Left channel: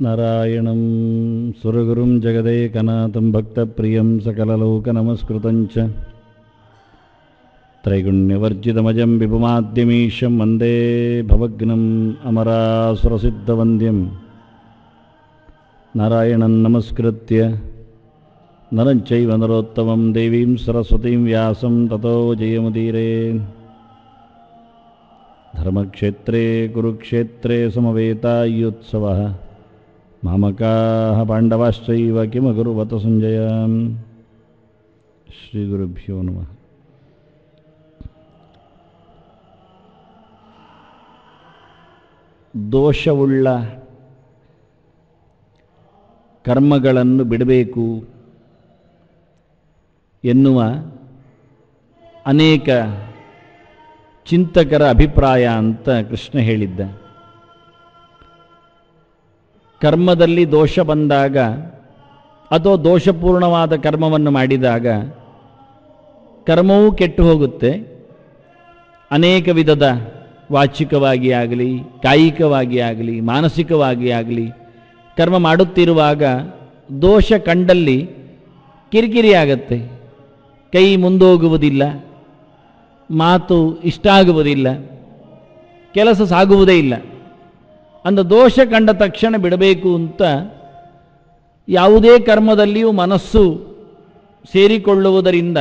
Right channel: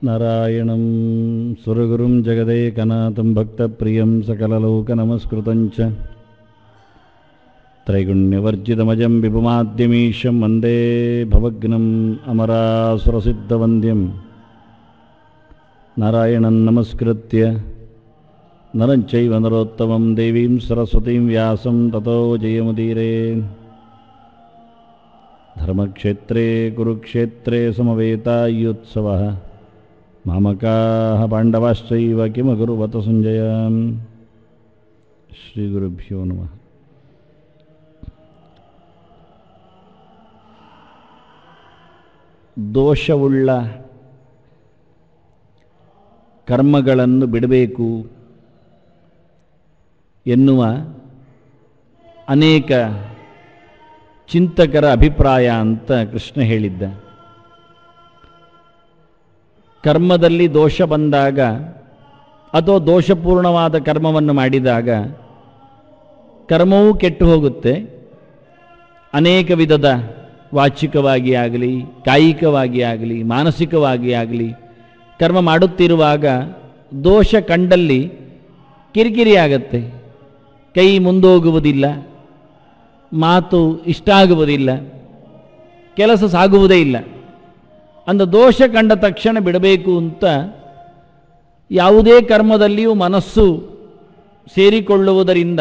ನಾರಾಯಣಂ ಸುರಗುರುಂ ಜಗದೇಕನಾಥಂ ಭಕ್ತಪ್ರಿಯಂ ಸಕಲಲೋಕನಮಸ್ಕೃತಂ ಚ ತ್ರೈಗುಣ್ಯವರ್ಜಿತಮಜಂ ವಿಭುಮಾದ್ಯಮೀಶಂ ವಂದೇ ಭವಗ್ನಂ ಅಮರಾಸುರಸಿದ್ಧವಂದ್ಯಂ ನಾರಾಯಣಂ ನಮಸ್ಕೃತ್ಯ ನರಂ ಚೈವ ನರೋತ್ತಮಂ ದೇವೀಂ ಸರಸ್ವತೀಂ ವ್ಯಾಸಂ ತತೋ ಜಯಮುದೀರೇ. ಧರ್ಮಕ್ಷೇತ್ರೇ ಕುರುಕ್ಷೇತ್ರೇ ಸಮವೇತಾಯುತ್ಸವಃ ಮಾಮಕಾಃ ಪಾಂಡವಾಶ್ಚೈವ ಕಿಮಕುರ್ವತ ಸಂಜಯ. ಶ್ರೀ ಗುರುಭ್ಯೋ ನಮಃ. ದೋಷವುಳ್ಳ ಕರ್ಮಗಳನ್ನು ಬಿಡಬೇಕು ಎನ್ನುವ ಅನೇಕ ಚಿಂತಕರ ಅಭಿಪ್ರಾಯ ಅಂತ ಕೃಷ್ಣ ಹೇಳಿದ್ದ. ಕರ್ಮದಲ್ಲಿ ದೋಷ ಬಂದಾಗ ಅಥವಾ ದೋಷಪೂರ್ಣವಾದ ಕರ್ಮವನ್ನು ಮಾಡಿದಾಗ ಕರ್ಮವೂ ಕೆಟ್ಟು ಹೋಗುತ್ತೆ. ಅನೇಕ ವಿಧದ ವಾಚಿಕವಾಗಿ ಆಗಲಿ, ಕಾಯಿಕವಾಗಿ ಆಗಲಿ, ಮಾನಸಿಕವಾಗಿ ಆಗಲಿ ಕರ್ಮ ಮಾಡುತ್ತಿರುವಾಗ ದೋಷ ಕಂಡಲ್ಲಿ ಕಿರಿಕಿರಿ ಆಗತ್ತೆ. ಕೈ ಮುಂದೋಗುವುದಿಲ್ಲ, ಮಾತು ಇಷ್ಟ ಆಗುವುದಿಲ್ಲ, ಕೆಲಸ ಸಾಗುವುದೇ ಇಲ್ಲ. ಅಂದ ದೋಷ ಕಂಡ ತಕ್ಷಣ ಬಿಡಬೇಕು ಅಂತ ಯಾವುದೇ ಕರ್ಮದಲ್ಲಿಯೂ ಮನಸ್ಸು ಸೇರಿಕೊಳ್ಳುವುದರಿಂದ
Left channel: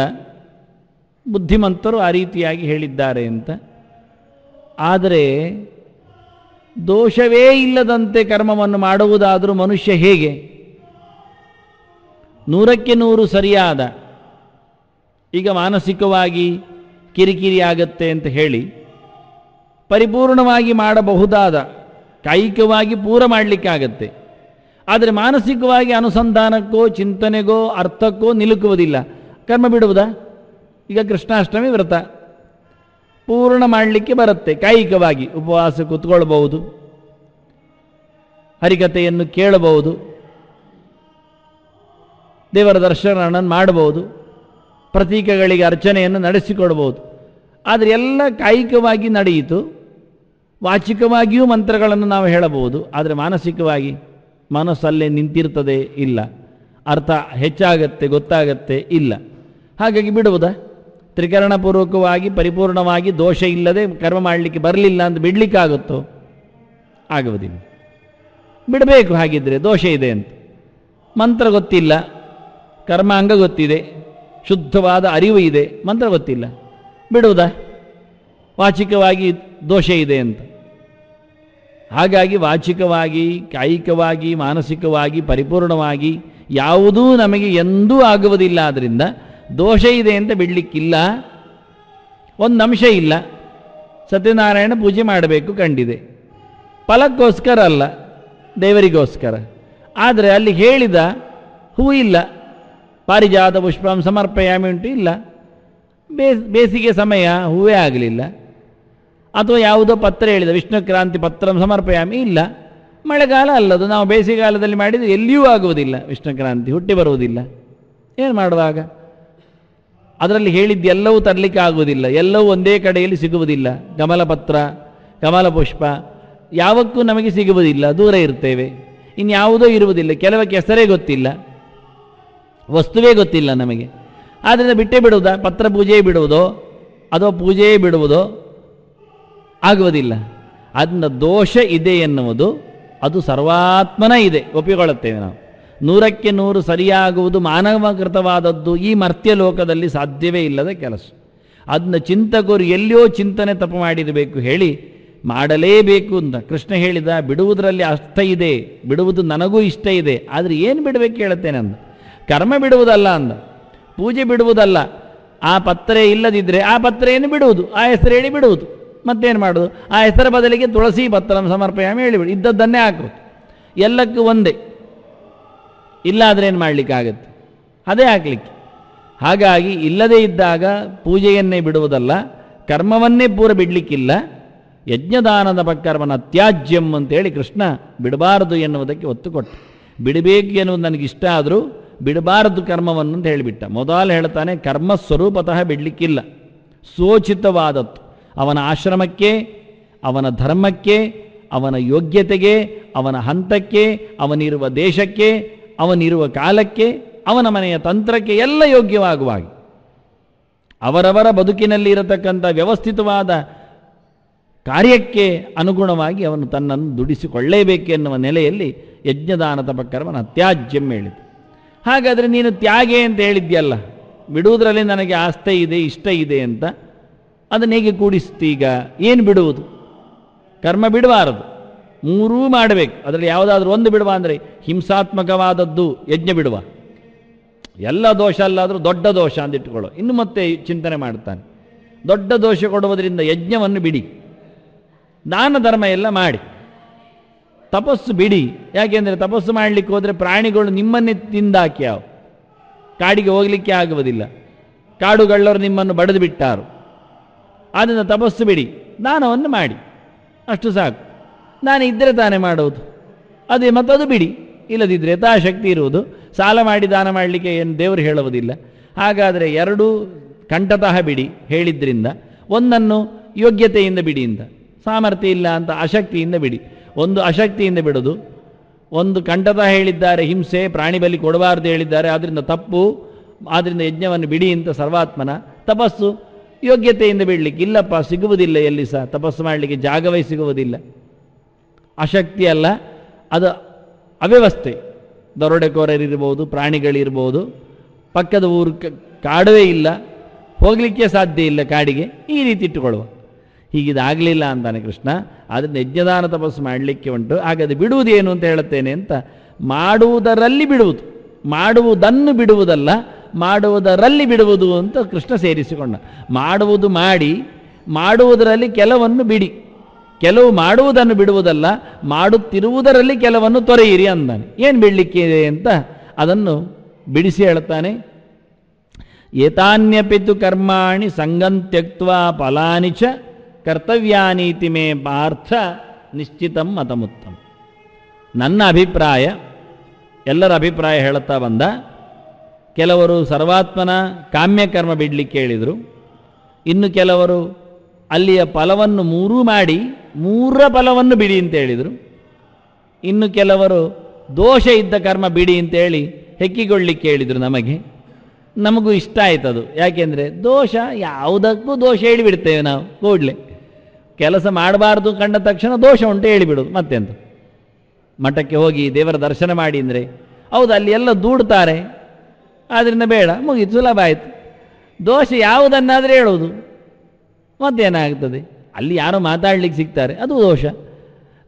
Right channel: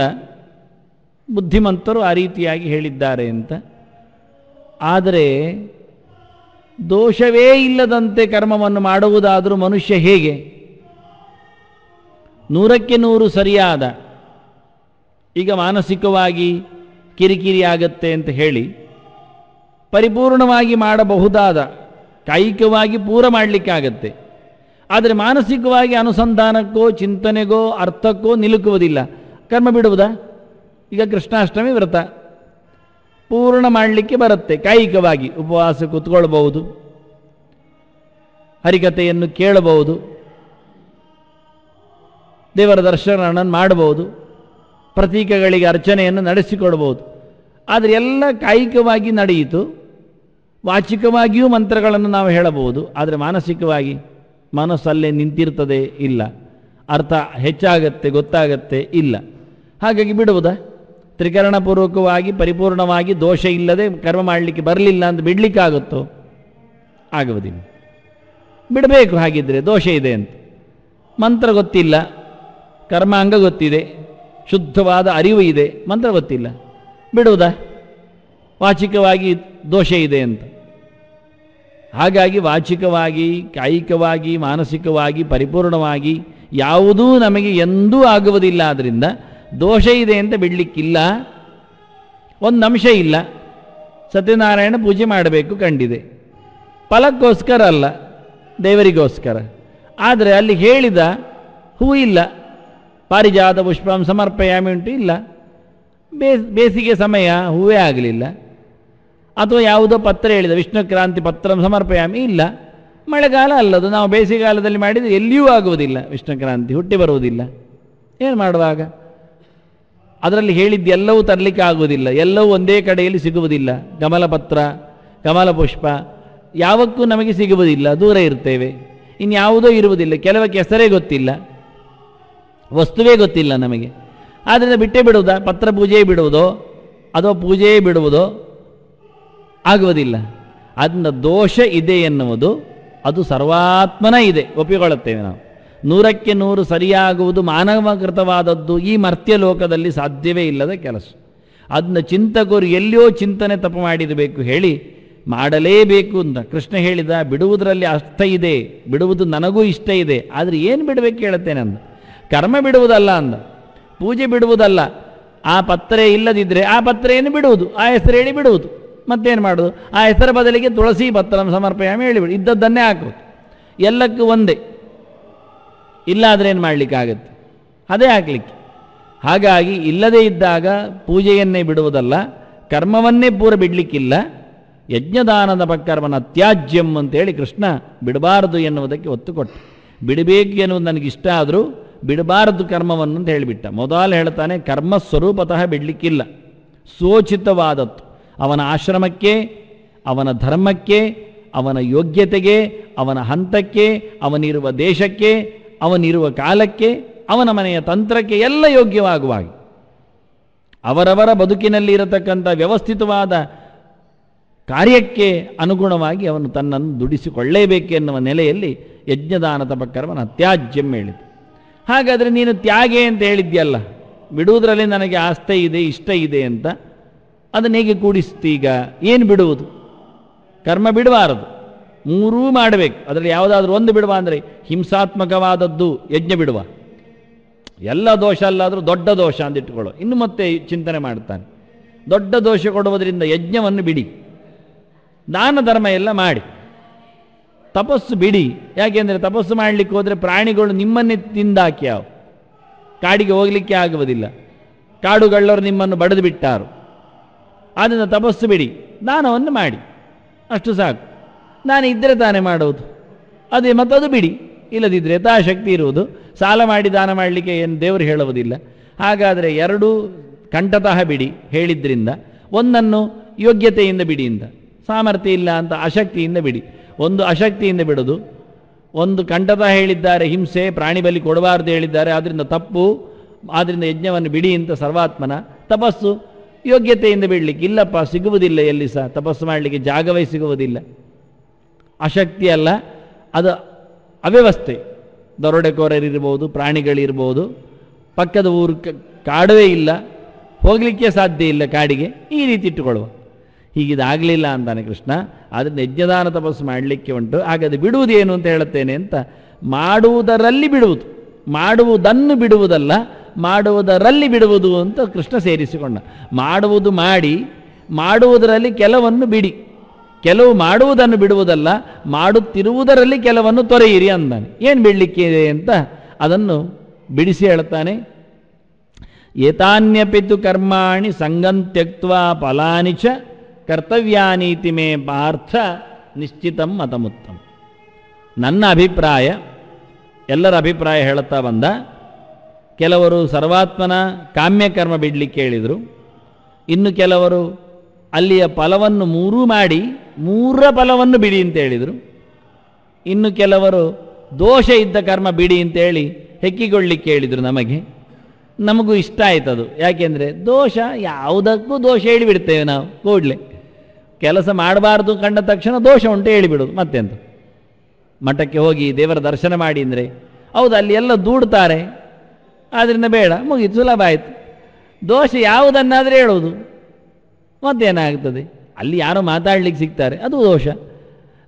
ಬುದ್ಧಿಮಂತರು ಆ ರೀತಿಯಾಗಿ ಹೇಳಿದ್ದಾರೆ ಅಂತ. ಆದರೆ ದೋಷವೇ ಇಲ್ಲದಂತೆ ಕರ್ಮವನ್ನು ಮಾಡುವುದಾದರೂ ಮನುಷ್ಯ ಹೇಗೆ? 100% ಸರಿಯಾದ, ಈಗ ಮಾನಸಿಕವಾಗಿ ಕಿರಿಕಿರಿ ಆಗತ್ತೆ ಅಂತ ಹೇಳಿ ಪರಿಪೂರ್ಣವಾಗಿ ಮಾಡಬಹುದಾದ, ಕಾಯಿಕವಾಗಿ ಪೂರ ಮಾಡಲಿಕ್ಕಾಗತ್ತೆ. ಆದರೆ ಮಾನಸಿಕವಾಗಿ ಅನುಸಂಧಾನಕ್ಕೋ ಚಿಂತನೆಗೋ ಅರ್ಥಕ್ಕೋ ನಿಲುಕುವುದಿಲ್ಲ. ಕರ್ಮ ಬಿಡುವುದಾ? ಈಗ ಕೃಷ್ಣಾಷ್ಟಮಿ ವ್ರತ ಪೂರ್ಣ ಮಾಡಲಿಕ್ಕೆ ಬರುತ್ತೆ. ಕಾಯಿಕವಾಗಿ ಉಪವಾಸ ಕೂತ್ಕೊಳ್ಬಹುದು, ಹರಿಕಥೆಯನ್ನು ಕೇಳಬಹುದು, ದೇವರ ದರ್ಶನ ಮಾಡಬಹುದು, ಪ್ರತೀಕಗಳಿಗೆ ಅರ್ಚನೆಯನ್ನು ನಡೆಸಿಕೊಳ್ಳಬಹುದು. ಆದರೆ ಎಲ್ಲ ಕಾಯಿಕವಾಗಿ ನಡೆಯಿತು. ವಾಚಿಕವಾಗಿಯೂ ಮಂತ್ರಗಳನ್ನು ನಾವು ಹೇಳಬಹುದು. ಆದರೆ ಮಾನಸಿಕವಾಗಿ ಮನಸ್ಸಲ್ಲೇ ನಿಂತಿರ್ತದೆ, ಇಲ್ಲ. ಅರ್ಥ ಹೆಚ್ಚಾಗತ್ತೆ, ಗೊತ್ತಾಗತ್ತೆ, ಇಲ್ಲ. ಹಾಗಾಗಿ ಬಿಡುವುದಾ? ತ್ರಿಕರಣಪೂರ್ವಕವಾಗಿ ಪರಿಪೂರ್ಣವಾಗಿ ದೋಷ ಇಲ್ಲದೆ ಕರ್ಮ ಮಾಡಲಿಕ್ಕೆ ಬರಲಿಲ್ಲ ಅಂತ ಬಿಡ್ಲಿಕ್ಕಾಗುತ್ತೋ? ಆಗುವುದಿಲ್ಲ. ಬಿಡಬೇಕು. ಹಾಗಿದ್ರೆ ದೋಷ ಇದೆ ಅಂತ ಮಂತ್ರ ಗೊತ್ತಿಲ್ಲ, ಕರ್ಮಾಂಗ ಗೊತ್ತಿದೆ, ಶುದ್ಧವಾದ ಅರಿವು ಇದೆ, ಮಂತ್ರ ಗೊತ್ತಿಲ್ಲ, ಬಿಡುವುದಾ? ವಾಚಿಕವಾಗಿ ದೋಷ ಇದೆ ಅಂತ. ಹಾಗಾಗಿ ವಾಚಿಕವಾಗಿ, ಕಾಯಿಕವಾಗಿ, ಮಾನಸಿಕವಾಗಿ ಪರಿಪೂರ್ಣವಾಗಿ ಯಾವುದೂ ನಮಗೆ ಎಂದೂ ಆಗುವುದಿಲ್ಲ. ಆದ್ರಿಂದ ದೋಷ ಇದೆ ಅಂತ ಬಿಡ್ಲಿಕ್ಕಿಲ್ಲ. ಒಂದು ಅಂಶ ಇಲ್ಲ. ಸತ್ಯನಾರಾಯಣ ಪೂಜೆ ಮಾಡಬೇಕು ಕಂಡಿದೆ, ಫಲಕ್ಕೋಸ್ಕರ ಅಲ್ಲ, ದೇವರಿಗೋಸ್ಕರ. ಆದರೆ ಅಲ್ಲಿ ಹೇಳಿದ ಹೂ ಇಲ್ಲ, ಪಾರಿಜಾತ ಪುಷ್ಪಂ ಸಮರ್ಪಯಾಮಿ ಉಂಟು, ಇಲ್ಲ. ಬೇಸಿಗೆ ಸಮಯ ಹೂವೇ ಆಗಲಿಲ್ಲ. ಅಥವಾ ಯಾವುದೋ ಪತ್ರ ಹೇಳಿದ ವಿಷ್ಣು ಕ್ರಾಂತಿ ಪತ್ರ ಸಮರ್ಪಯಾಮಿ, ಇಲ್ಲ. ಮಳೆಗಾಲ ಅಲ್ಲದು, ನಾವು ಬೇಸಿಗೆಗಾಲದಲ್ಲಿ ಮಾಡಿದರೆ ಎಲ್ಲಿಯೂ ಆಗುವುದಿಲ್ಲ, ವಿಷ್ಣು ಕ್ರಾಂತಿ ಹುಟ್ಟಿ ಬರುವುದಿಲ್ಲ. ಏನು ಮಾಡುವಾಗ? ಅದರಲ್ಲಿ ಹೇಳಿದ್ದು ಎಲ್ಲವೂ ತರಲಿಕ್ಕೆ ಆಗುವುದಿಲ್ಲ, ಎಲ್ಲವೂ ಒಂದೇ ಕಡೆಯಲ್ಲಿ ಸಿಗುವುದಿಲ್ಲ. ಕಮಲ ಪತ್ರ, ಕಮಲ ಪುಷ್ಪ ಯಾವಕ್ಕೂ ನಮಗೆ ಸಿಗುವುದಿಲ್ಲ, ದೂರ ಇರ್ತೇವೆ. ಇನ್ಯಾವುದೋ ಇರುವುದಿಲ್ಲ, ಕೆಲವಕ್ಕೆ ಹೆಸರೇ ಗೊತ್ತಿಲ್ಲ, ವಸ್ತುವೇ ಗೊತ್ತಿಲ್ಲ ನಮಗೆ. ಆದ್ದರಿಂದ ಬಿಟ್ಟೇ ಬಿಡುವುದಾ? ಪತ್ರ ಪೂಜೆ ಬಿಡುವುದೋ ಅಥವಾ ಪೂಜೆ ಬಿಡುವುದೋ? ಆಗುವುದಿಲ್ಲ. ಅದನ್ನ ದೋಷ ಇದೆ ಎನ್ನುವುದು ಅದು ಸರ್ವಾತ್ಮನ ಇದೆ, ಒಪ್ಪಿಕೊಳ್ಳುತ್ತೇವೆ ನಾವು. 100% ಸರಿಯಾಗುವುದು ಮಾನವಕೃತವಾದದ್ದು ಈ ಮರ್ತ್ಯ ಲೋಕದಲ್ಲಿ ಸಾಧ್ಯವೇ ಇಲ್ಲದ ಕೆಲಸ. ಅದನ್ನ ಚಿಂತಕರು ಎಲ್ಲಿಯೋ ಚಿಂತನೆ ತಪ್ಪು ಮಾಡಿರಬೇಕು, ಹೇಳಿ ಮಾಡಲೇಬೇಕು ಅಂತ ಕೃಷ್ಣ ಹೇಳಿದ. ಬಿಡುವುದರಲ್ಲಿ ಅರ್ಥ ಇದೆ, ಬಿಡುವುದು ನನಗೂ ಇಷ್ಟ ಇದೆ. ಆದ್ರೆ ಏನು ಬಿಡಬೇಕು ಹೇಳುತ್ತೇನೆ ಅಂದ. ಕರ್ಮ ಬಿಡುವುದಲ್ಲ ಅಂದ, ಪೂಜೆ ಬಿಡುವುದಲ್ಲ. ಆ ಪತ್ರ ಇಲ್ಲದಿದ್ರೆ ಆ ಪತ್ರ ಏನು ಬಿಡುವುದು, ಆ ಹೆಸರು ಹೇಳಿ ಬಿಡುವುದು. ಮತ್ತೇನು ಮಾಡುವುದು? ಆ ಹೆಸರ ಬದಲಿಗೆ ತುಳಸಿ ಪತ್ರವನ್ನು ಸಮರ್ಪಣೆ ಹೇಳಿಬಿಡು, ಇದ್ದದ್ದನ್ನೇ ಹಾಕುವುದು. ಎಲ್ಲಕ್ಕೂ ಒಂದೇ. ಇಲ್ಲ ಆದರೆ ಏನು ಮಾಡಲಿಕ್ಕಾಗತ್ತೆ? ಅದೇ ಹಾಕ್ಲಿಕ್ಕೆ. ಹಾಗಾಗಿ ಇಲ್ಲದೇ ಇದ್ದಾಗ ಪೂಜೆಯನ್ನೇ ಬಿಡುವುದಲ್ಲ, ಕರ್ಮವನ್ನೇ ಪೂರ ಬಿಡ್ಲಿಕ್ಕಿಲ್ಲ. ಯಜ್ಞದಾನದ ಕರ್ಮನ ತ್ಯಾಜ್ಯಂ ಅಂತೇಳಿ ಕೃಷ್ಣ ಬಿಡಬಾರದು ಎನ್ನುವುದಕ್ಕೆ ಒತ್ತು ಕೊಟ್ಟು, ಬಿಡಬೇಕು ಎನ್ನುವುದು ನನಗಿಷ್ಟ ಆದರೂ ಬಿಡಬಾರದು ಕರ್ಮವನ್ನು ಅಂತ ಹೇಳಿಬಿಟ್ಟ. ಮೊದಲು ಹೇಳ್ತಾನೆ ಕರ್ಮ ಸ್ವರೂಪತಃ ಬಿಡ್ಲಿಕ್ಕಿಲ್ಲ, ಸೋಚಿತವಾದದ್ದು ಅವನ ಆಶ್ರಮಕ್ಕೆ, ಅವನ ಧರ್ಮಕ್ಕೆ, ಅವನ ಯೋಗ್ಯತೆಗೆ, ಅವನ ಹಂತಕ್ಕೆ, ಅವನಿರುವ ದೇಶಕ್ಕೆ, ಅವನಿರುವ ಕಾಲಕ್ಕೆ, ಅವನ ಮನೆಯ ತಂತ್ರಕ್ಕೆ ಎಲ್ಲ ಯೋಗ್ಯವಾಗುವಾಗ ಅವರವರ ಬದುಕಿನಲ್ಲಿ ಇರತಕ್ಕಂಥ ವ್ಯವಸ್ಥಿತವಾದ ಕಾರ್ಯಕ್ಕೆ ಅನುಗುಣವಾಗಿ ಅವನು ತನ್ನನ್ನು ದುಡಿಸಿಕೊಳ್ಳೇಬೇಕೆನ್ನುವ ನೆಲೆಯಲ್ಲಿ ಯಜ್ಞದಾನ ತಪ ಕರ್ಮನ ಅತ್ಯಾಜ್ಯಂ ಹೇಳಿತು. ಹಾಗಾದರೆ ನೀನು ತ್ಯಾಗೆ ಅಂತ ಹೇಳಿದ್ಯಲ್ಲ, ಬಿಡುವುದರಲ್ಲಿ ನನಗೆ ಆಸ್ತೆ ಇದೆ, ಇಷ್ಟ ಇದೆ ಅಂತ, ಅದನ್ನ ಹೇಗೆ ಕೂಡಿಸ್ತೀಗ? ಏನು ಬಿಡುವುದು? ಕರ್ಮ ಬಿಡಬಾರದು, ಮೂರೂ ಮಾಡಬೇಕು. ಅದರಲ್ಲಿ ಯಾವುದಾದ್ರೂ ಒಂದು ಬಿಡುವ ಅಂದರೆ ಹಿಂಸಾತ್ಮಕವಾದದ್ದು ಯಜ್ಞ ಬಿಡುವ, ಎಲ್ಲ ದೋಷ ಅಲ್ಲಾದರೂ ದೊಡ್ಡ ದೋಷ ಅಂತ ಇಟ್ಟುಕೊಳ್ಳೋ. ಇನ್ನು ಮತ್ತೆ ಚಿಂತನೆ ಮಾಡ್ತಾನೆ, ದೊಡ್ಡ ದೋಷ ಕೊಡುವುದರಿಂದ ಯಜ್ಞವನ್ನು ಬಿಡಿ, ದಾನ ಧರ್ಮ ಎಲ್ಲ ಮಾಡಿ, ತಪಸ್ಸು ಬಿಡಿ. ಯಾಕೆಂದ್ರೆ ತಪಸ್ಸು ಮಾಡಲಿಕ್ಕೆ ಹೋದ್ರೆ ಪ್ರಾಣಿಗಳು ನಿಮ್ಮನ್ನೇ ತಿಂದಾಕಿ ಯಾವ ಕಾಡಿಗೆ ಹೋಗ್ಲಿಕ್ಕೆ ಆಗುವುದಿಲ್ಲ, ಕಾಡುಗಳ್ಳರು ನಿಮ್ಮನ್ನು ಬಡಿದು ಬಿಟ್ಟಾರು. ಆದ್ದರಿಂದ ತಪಸ್ಸು ಬಿಡಿ, ದಾನವನ್ನು ಮಾಡಿ, ಅಷ್ಟು ಸಾಕು. ನಾನು ಇದ್ದರೆ ತಾನೇ ಮಾಡುವುದು, ಅದೇ ಮತ್ತದು ಬಿಡಿ. ಇಲ್ಲದಿದ್ರೆ ಯಥಾಶಕ್ತಿ ಇರುವುದು, ಸಾಲ ಮಾಡಿ ದಾನ ಮಾಡಲಿಕ್ಕೆ ಏನು ದೇವರು ಹೇಳುವುದಿಲ್ಲ. ಹಾಗಾದರೆ ಎರಡೂ ಕಂಠತಃ ಬಿಡಿ ಹೇಳಿದ್ರಿಂದ, ಒಂದನ್ನು ಯೋಗ್ಯತೆಯಿಂದ ಬಿಡಿಯಿಂದ, ಸಾಮರ್ಥ್ಯ ಇಲ್ಲ ಅಂತ ಅಶಕ್ತಿಯಿಂದ ಬಿಡಿ. ಒಂದು ಅಶಕ್ತಿಯಿಂದ ಬಿಡೋದು, ಒಂದು ಕಂಠತಃ ಹೇಳಿದ್ದಾರೆ ಹಿಂಸೆ ಪ್ರಾಣಿ ಬಲಿ ಕೊಡಬಾರದು ಹೇಳಿದ್ದಾರೆ, ಆದ್ರಿಂದ ತಪ್ಪು, ಆದ್ರಿಂದ ಯಜ್ಞವನ್ನು ಬಿಡಿ ಅಂತ ಸರ್ವಾತ್ಮನ. ತಪಸ್ಸು ಯೋಗ್ಯತೆಯಿಂದ ಬಿಡ್ಲಿಕ್ಕೆ ಇಲ್ಲಪ್ಪ, ಸಿಗುವುದಿಲ್ಲ, ಎಲ್ಲಿ ಸಹ ತಪಸ್ಸು ಮಾಡಲಿಕ್ಕೆ ಜಾಗವೇ ಸಿಗುವುದಿಲ್ಲ, ಅಶಕ್ತಿ ಅಲ್ಲ, ಅದು ಅವ್ಯವಸ್ಥೆ. ದರೋಡೆಕೋರರಿರ್ಬೋದು, ಪ್ರಾಣಿಗಳಿರ್ಬೋದು, ಪಕ್ಕದ ಊರು ಕಾಡುವೇ ಇಲ್ಲ, ಹೋಗ್ಲಿಕ್ಕೆ ಸಾಧ್ಯ ಇಲ್ಲ ಕಾಡಿಗೆ, ಈ ರೀತಿ ಇಟ್ಟುಕೊಳ್ಳುವ. ಹೀಗಿದಾಗಲಿಲ್ಲ ಅಂತಾನೆ ಕೃಷ್ಣ. ಅದರಿಂದ ಯಜ್ಞದಾನ ತಪಸ್ಸು ಮಾಡಲಿಕ್ಕೆ ಉಂಟು. ಹಾಗಾದ್ರೆ ಬಿಡುವುದೇನು ಅಂತ ಹೇಳುತ್ತೇನೆ ಅಂತ, ಮಾಡುವುದರಲ್ಲಿ ಬಿಡುವುದು, ಮಾಡುವುದನ್ನು ಬಿಡುವುದಲ್ಲ, ಮಾಡುವುದರಲ್ಲಿ ಬಿಡುವುದು ಅಂತ ಕೃಷ್ಣ ಸೇರಿಸಿಕೊಂಡ. ಮಾಡುವುದು ಮಾಡಿ, ಮಾಡುವುದರಲ್ಲಿ ಕೆಲವನ್ನು ಬಿಡಿ, ಕೆಲವು ಮಾಡುವುದನ್ನು ಬಿಡುವುದಲ್ಲ, ಮಾಡುತ್ತಿರುವುದರಲ್ಲಿ ಕೆಲವನ್ನು ತೊರೆಯಿರಿ ಅಂದಾನೆ. ಏನು ಬಿಡ್ಲಿಕ್ಕೆ ಇದೆ ಅಂತ ಅದನ್ನು ಬಿಡಿಸಿ ಹೇಳ್ತಾನೆ. ಏತಾನ್ಯಪಿತು ಕರ್ಮಾಣಿ ಸಂಗಂ ತ್ಯಕ್ತ್ವಾ ಫಲಾನಿ ಚ ಕರ್ತವ್ಯಾನೀತಿ ಮೇ ಪಾರ್ಥ ನಿಶ್ಚಿತಂ ಮತಮುತ್ತಮ. ನನ್ನ ಅಭಿಪ್ರಾಯ, ಎಲ್ಲರ ಅಭಿಪ್ರಾಯ ಹೇಳುತ್ತಾ ಬಂದ. ಕೆಲವರು ಸರ್ವಾತ್ಮನ ಕಾಮ್ಯಕರ್ಮ ಬಿಡ್ಲಿಕ್ಕೆ ಹೇಳಿದರು, ಇನ್ನು ಕೆಲವರು ಅಲ್ಲಿಯ ಫಲವನ್ನು ಮೂರೂ ಮಾಡಿ ಮೂರ ಫಲವನ್ನು ಬಿಡಿ ಅಂತ ಹೇಳಿದರು, ಇನ್ನು ಕೆಲವರು ದೋಷ ಇದ್ದ ಕರ್ಮ ಬಿಡಿ ಅಂತ ಹೇಳಿ ಹೆಕ್ಕಿಕೊಳ್ಳಿಕ್ಕೆ ಹೇಳಿದರು. ನಮಗೂ ಇಷ್ಟ ಆಯ್ತದು. ಯಾಕೆಂದ್ರೆ ದೋಷ, ಯಾವುದಕ್ಕೂ ದೋಷ ಹೇಳಿಬಿಡ್ತೇವೆ ನಾವು. ಕೂಡ್ಲೆ ಕೆಲಸ ಮಾಡಬಾರದು ಕಂಡ ತಕ್ಷಣ ದೋಷ ಉಂಟು ಹೇಳಿಬಿಡುದು. ಮತ್ತೆಂತ, ಮಠಕ್ಕೆ ಹೋಗಿ ದೇವರ ದರ್ಶನ ಮಾಡಿ ಅಂದ್ರೆ ಹೌದು, ಅಲ್ಲಿ ಎಲ್ಲ ದೂಡ್ತಾರೆ, ಆದ್ರಿಂದ ಬೇಡ, ಮುಗಿತು, ಸುಲಭ ಆಯ್ತು. ದೋಷ ಯಾವುದನ್ನಾದ್ರೆ ಹೇಳುವುದು, ಮತ್ತೇನಾಗ್ತದೆ? ಅಲ್ಲಿ ಯಾರೋ ಮಾತಾಡ್ಲಿಕ್ಕೆ ಸಿಗ್ತಾರೆ, ಅದು ದೋಷ.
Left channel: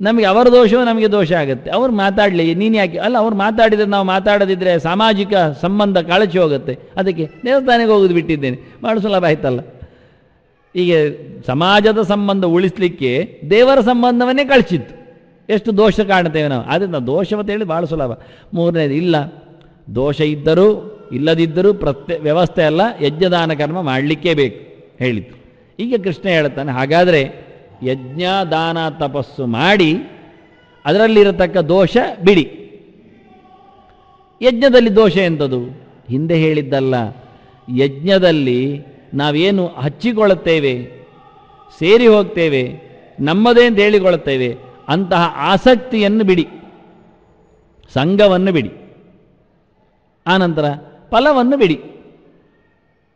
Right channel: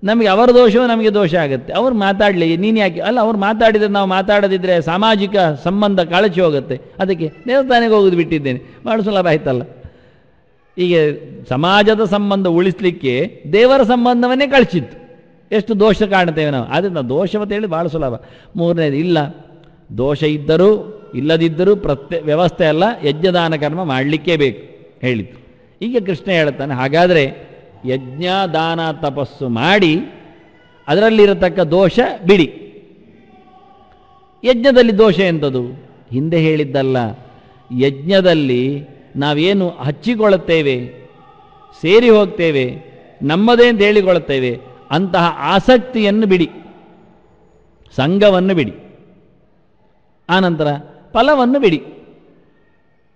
ನಮಗೆ ಅವರ ದೋಷವೂ ನಮಗೆ ದೋಷ ಆಗುತ್ತೆ. ಅವ್ರು ಮಾತಾಡ್ಲಿ, ನೀನು ಯಾಕೆ ಅಲ್ಲ, ಅವ್ರು ಮಾತಾಡಿದ್ರೆ ನಾವು ಮಾತಾಡದಿದ್ರೆ ಸಾಮಾಜಿಕ ಸಂಬಂಧ ಕಳಚಿ ಹೋಗುತ್ತೆ. ಅದಕ್ಕೆ ದೇವಸ್ಥಾನಕ್ಕೆ ಹೋಗುದು ಬಿಟ್ಟಿದ್ದೇನೆ, ಬಹಳ ಸುಲಭ ಆಯ್ತಲ್ಲ. ಈಗ ಸಮಾಜದ ಸಂಬಂಧ ಉಳಿಸ್ಲಿಕ್ಕೆ ದೇವರ ಸಂಬಂಧವನ್ನೇ ಕಳಿಸಿತ್ತು. ಎಷ್ಟು ದೋಷ ಕಾಣ್ತೇವೆ ನಾವು. ಅದರಿಂದ ದೋಷವತ್ತ ಹೇಳಿ ಬಹಳ ಸುಲಭ. ಮೂರನೇದು ಇಲ್ಲ, ದೋಷ ಇದ್ದರೂ ಇಲ್ಲದಿದ್ದರೂ ವ್ಯವಸ್ಥೆ ಅಲ್ಲ, ಯಜ್ಞದಾನ ಕರ್ಮ ಮಾಡಲಿಕ್ಕೇ ಬೇಕು ಹೇಳಿತು. ಈಗ ಕೃಷ್ಣ ಹೇಳ್ತಾನೆ, ಹಾಗಾದ್ರೆ ಯಜ್ಞ ದಾನ ತಪಸ್ಸು ಮಾಡಿ ಅದರಲ್ಲಿರತಕ್ಕ ದೋಷ ಬಿಡಿ. ಯಜ್ಞದಲ್ಲಿ ದೋಷ ಎಂಥದ್ದು? ಹಿಂದೆ ಹೇಳಿದ್ದಲ್ಲ, ಯಜ್ಞದಲ್ಲಿ ನಾವೇನು ಹಚ್ಚಿಕೊಳ್ಳುತ್ತೇವೆ, ಸೇರಿ ಹೋಗ್ತೇವೆ, ನಮ್ಮದೇ ಅಂತ ಹೇಳಿಕೊಳ್ಳುತ್ತೇವೆ, ಅಂತಹ ಆಸಕ್ತಿಯನ್ನು ಬಿಡಿ, ಸಂಘವನ್ನು ಬಿಡಿ. ಆನಂತರ ಫಲವನ್ನು ಬಿಡಿ.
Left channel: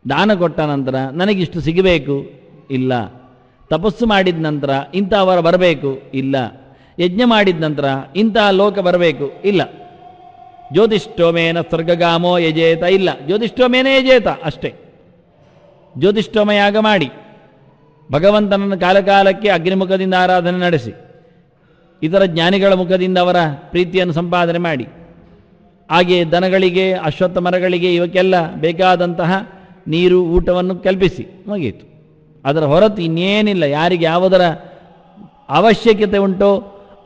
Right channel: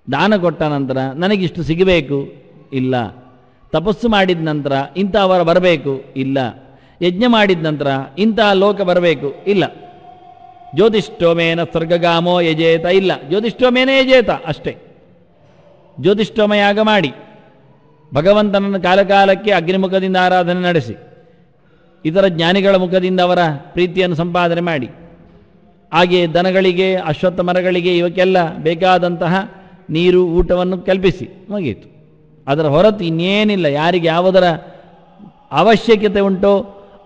ದಾನ ಕೊಟ್ಟ ನಂತರ ನನಗಿಷ್ಟು ಸಿಗಬೇಕು ಇಲ್ಲ, ತಪಸ್ಸು ಮಾಡಿದ ನಂತರ ಇಂಥವರ ಬರಬೇಕು ಇಲ್ಲ, ಯಜ್ಞ ಮಾಡಿದ ನಂತರ ಇಂತಹ ಲೋಕ ಬರಬೇಕು ಇಲ್ಲ, ಜ್ಯೋತಿಷ್ಠೋಮೇನ ಸ್ವರ್ಗಗಾಮೋ ಯಜೇತ ಇಲ್ಲ, ಜ್ಯೋತಿಷ್ಠೋಮೇನ ಯಜೇತ ಅಷ್ಟೇ. ಜ್ಯೋತಿಷ್ಠೋಮ ಯಾಗ ಮಾಡಿ ಭಗವಂತನನ್ನು ಕಾಲಕಾಲಕ್ಕೆ ಅಗ್ನಿಮುಖದಿಂದ ಆರಾಧನೆ ನಡೆಸಿ, ಇತರ ಜ್ಞಾನಿಗಳ ಮುಖದಿಂದ ಅವರ ಪ್ರೀತಿಯನ್ನು ಸಂಪಾದನೆ ಮಾಡಿ, ಹಾಗೆ ದನಗಳಿಗೆ, ಅಶ್ವತ್ಥ ಮರಗಳಿಗೆ ಇವಕ್ಕೆಲ್ಲ ಬೇಕಾದಂತಹ ನೀರು ಊಟವನ್ನು ಕಲ್ಪಿಸಿ, ಮುಗಿಯಿತು. ಅದರ ಹೊರತು ಇನ್ನೇನಿಲ್ಲ. ಯಾರಿಗೆ ಯಾವುದರ ಅವಶ್ಯಕತೆ ಉಂಟೋ